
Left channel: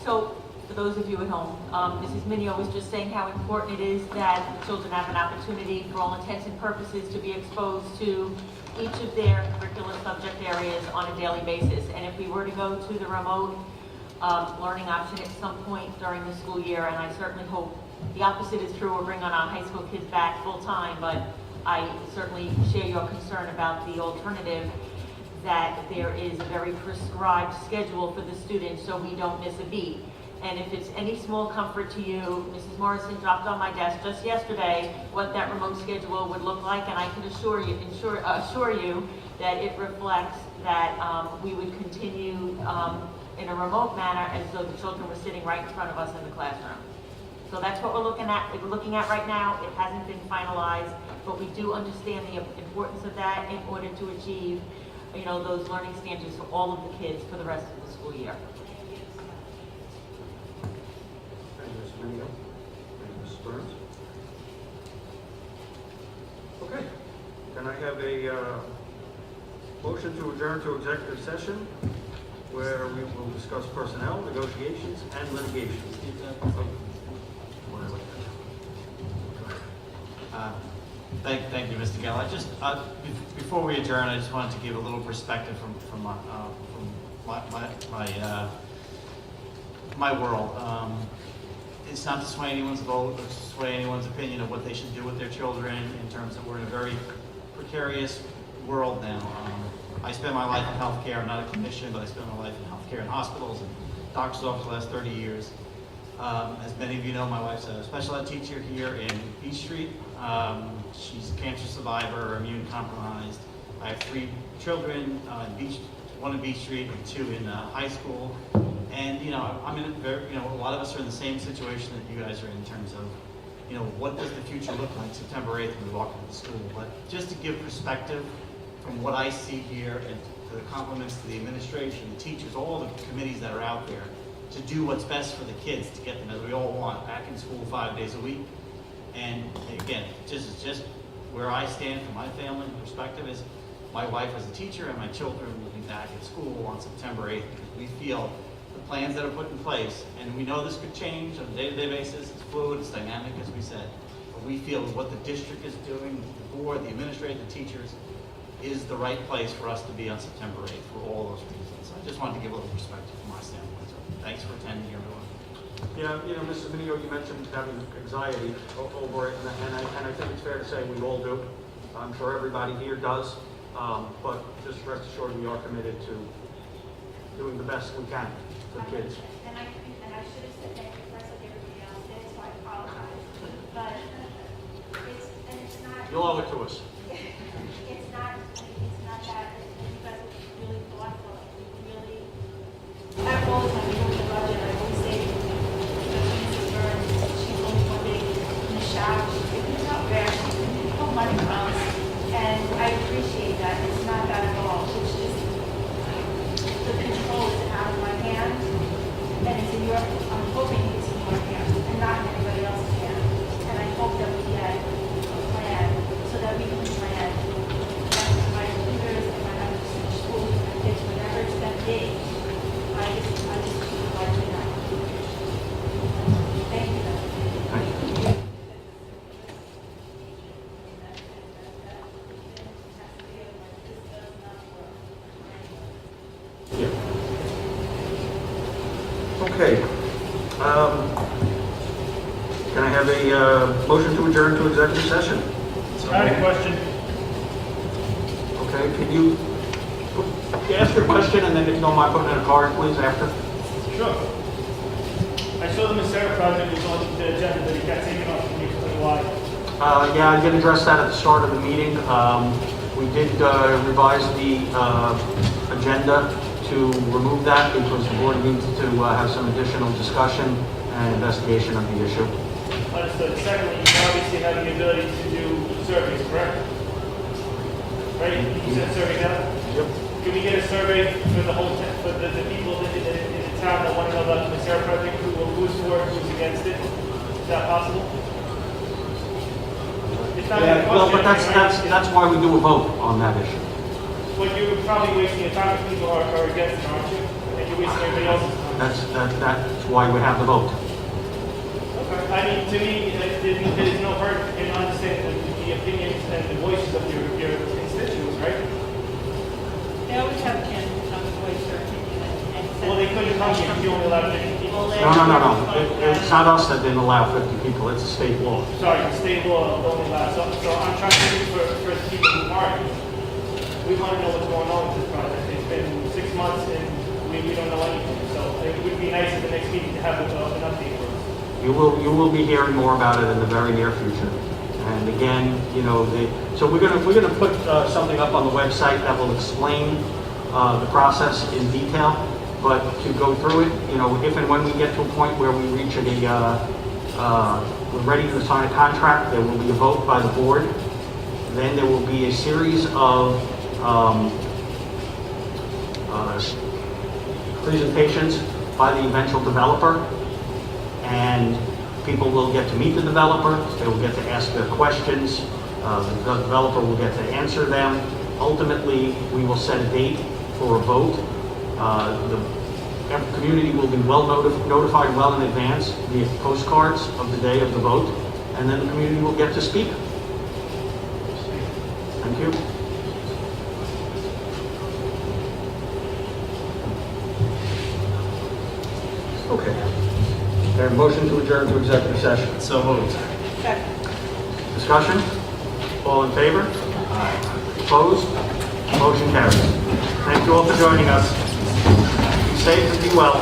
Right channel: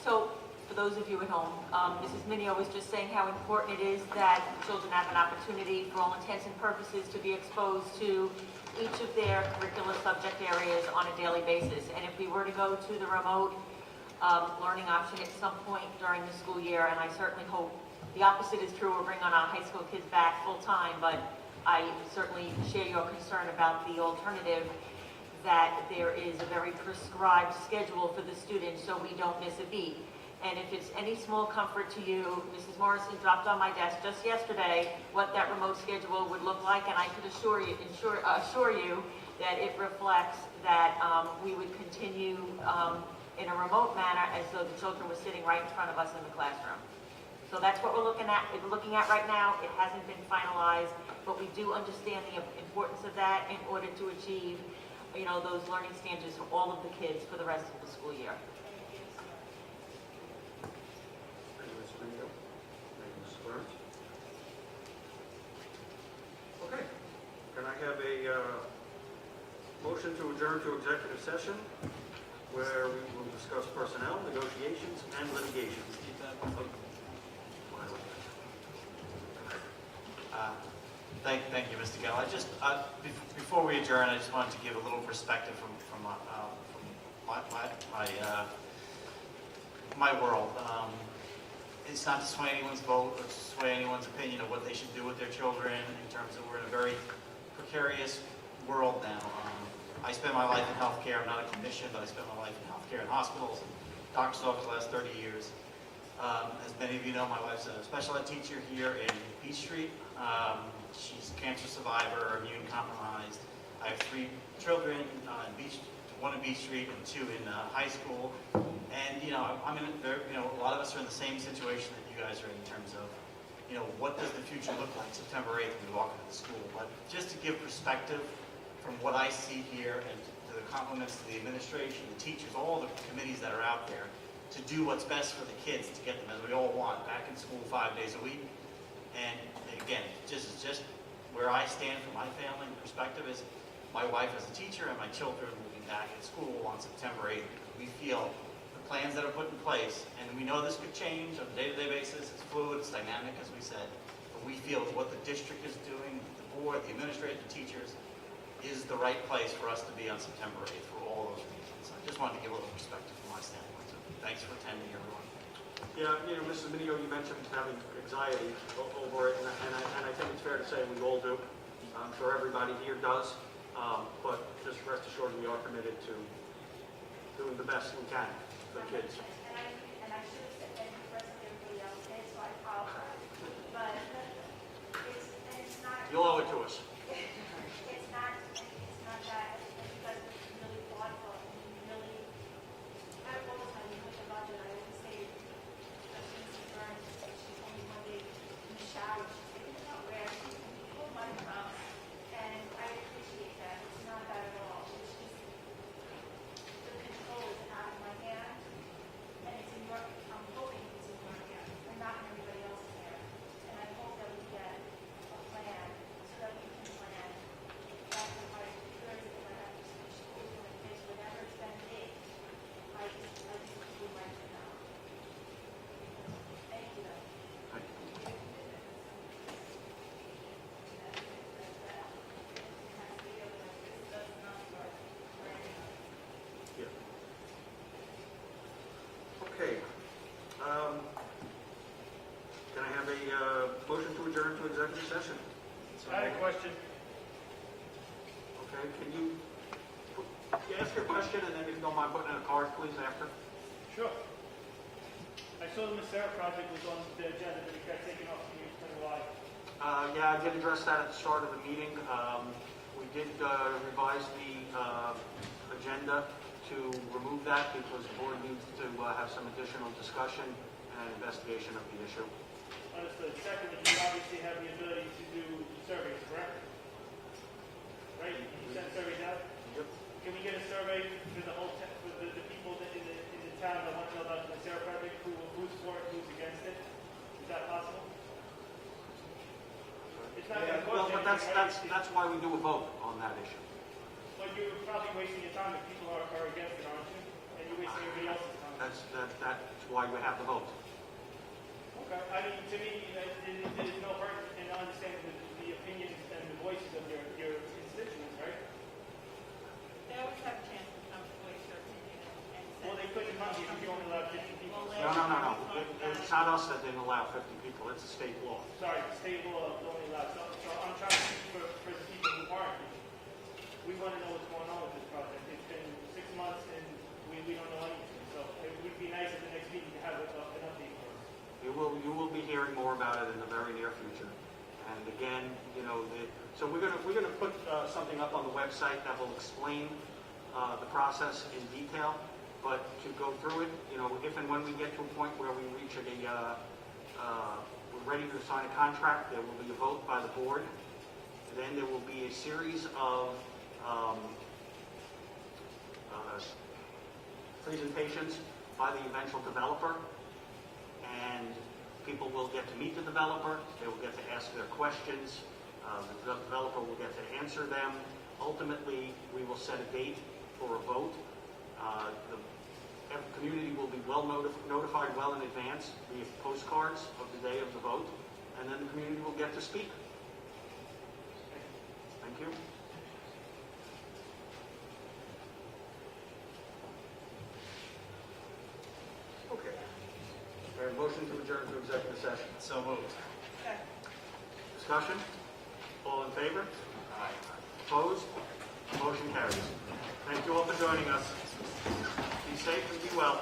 So, for those of you at home, Mrs. Minio was just saying how important it is that the children have an opportunity, for all intents and purposes, to be exposed to each of their curricular subject areas on a daily basis. And if we were to go to the remote learning option at some point during the school year, and I certainly hope the opposite is true, we're bringing our high school kids back full-time, but I certainly share your concern about the alternative, that there is a very prescribed schedule for the students so we don't miss a beat. And if it's any small comfort to you, Mrs. Morrison dropped on my desk just yesterday what that remote schedule would look like, and I can assure you that it reflects that we would continue in a remote manner as though the children were sitting right in front of us in the classroom. So that's what we're looking at right now. It hasn't been finalized, but we do understand the importance of that in order to achieve, those learning standards for all of the kids for the rest of the school year. Thank you, Ms. Minio. Thank you, Mrs. Burns. Okay, can I have a motion to adjourn to executive session where we will discuss personnel, negotiations, and litigation? Thank you, Mr. Geller. Before we adjourn, I just wanted to give a little perspective from my world. It's not to sway anyone's vote or to sway anyone's opinion of what they should do with their children, in terms of we're in a very precarious world now. I spend my life in healthcare. I'm not a clinician, but I spend my life in healthcare in hospitals and doctor's office the last 30 years. As many of you know, my wife's a special ed teacher here in Beach Street. She's a cancer survivor, immune compromised. I have 3 children, one in Beach Street and 2 in high school. And, I'm in a lot of us are in the same situation that you guys are in terms of, what does the future look like September 8th when we walk into the school. But just to give perspective from what I see here, and to the compliments to the administration, the teachers, all the committees that are out there, to do what's best for the kids, to get them, as we all want, back in school 5 days a week. And again, just where I stand from my family perspective is my wife is a teacher and my children will be back at school on September 8th, because we feel the plans that are put in place, and we know this could change on a day-to-day basis, it's fluid, it's dynamic, as we said, but we feel what the district is doing, the board, the administrators, the teachers, is the right place for us to be on September 8th for all those reasons. I just wanted to give a little perspective from my standpoint. So thanks for attending, everyone. Yeah, Mrs. Minio, you mentioned having anxiety over it, and I think it's fair to say we all do. I'm sure everybody here does, but just rest assured we are committed to doing the best we can for the kids. And I should have said thank you first, like everybody else did, so I apologize. But it's not. You'll owe it to us. It's not that, you guys are really thoughtful, really. I've always, when we look at the budget, I always say, Mrs. Burns, she's always one day in the shower, she's figuring out where she can pull money from. And I appreciate that, it's not that at all, it's just, the control is out of my hands, and it's in your, I'm hoping it's in your hands, and not in anybody else's hands. And I hope that we get a plan, so that we can plan my tutors, if I have to switch schools, my kids, whatever it's gonna be. I just would like to know. Thank you, though. Okay. Can I have a motion to adjourn to executive session? I have a question. Okay, can you ask your question and then if you don't mind putting in a card, please, after? Sure. I saw the Masera project was on the agenda, but it got taken off from me for a while. Yeah, I did address that at the start of the meeting. We did revise the agenda to remove that because the board needs to have some additional discussion and investigation of the issue. Understood. Secondly, you obviously have the ability to do surveys, correct? Right? You sent surveys out? Yep. Can we get a survey for the whole, for the people in the town that want to know about the Masera project, who's for it, who's against it? Is that possible? It's not a Well, but question, that's why we do a vote on that issue. But you're probably wasting your time if people are against it, aren't you? And you're wasting everybody else's time. That's why we have the vote. Okay. I mean, to me, there's no hurt in understanding the opinions and the voices of your constituents, right? They always have a chance to come and voice their opinion and send. Well, they couldn't come here if you only allowed 50 people. No. It's not us that didn't allow 50 people, it's a state law. Sorry, the state law only allows, so I'm trying to speak for the people who are here. We want to know what's going on with this project. It's been 6 months and we don't know anything, so it would be nice at the next meeting to have an update for us. You will be hearing more about it in the very near future. And again, so we're gonna put something up on the website that will explain the process in detail. But to go through it, if and when we get to a point where we reach we're ready to sign a contract, there will be a vote by the board. Then there will be a series of presentations by the eventual developer, and people will get to meet the developer, they will get to ask their questions, the developer will get to answer them. Ultimately, we will set a date for a vote. The community will be notified well in advance via postcards of the day of the vote, and then the community will get to speak. Thank you. Okay. There a motion to adjourn to executive session. So moved. Second. Discussion? All in favor? Opposed? Motion carries. Thank you all for joining us. Be safe and be well.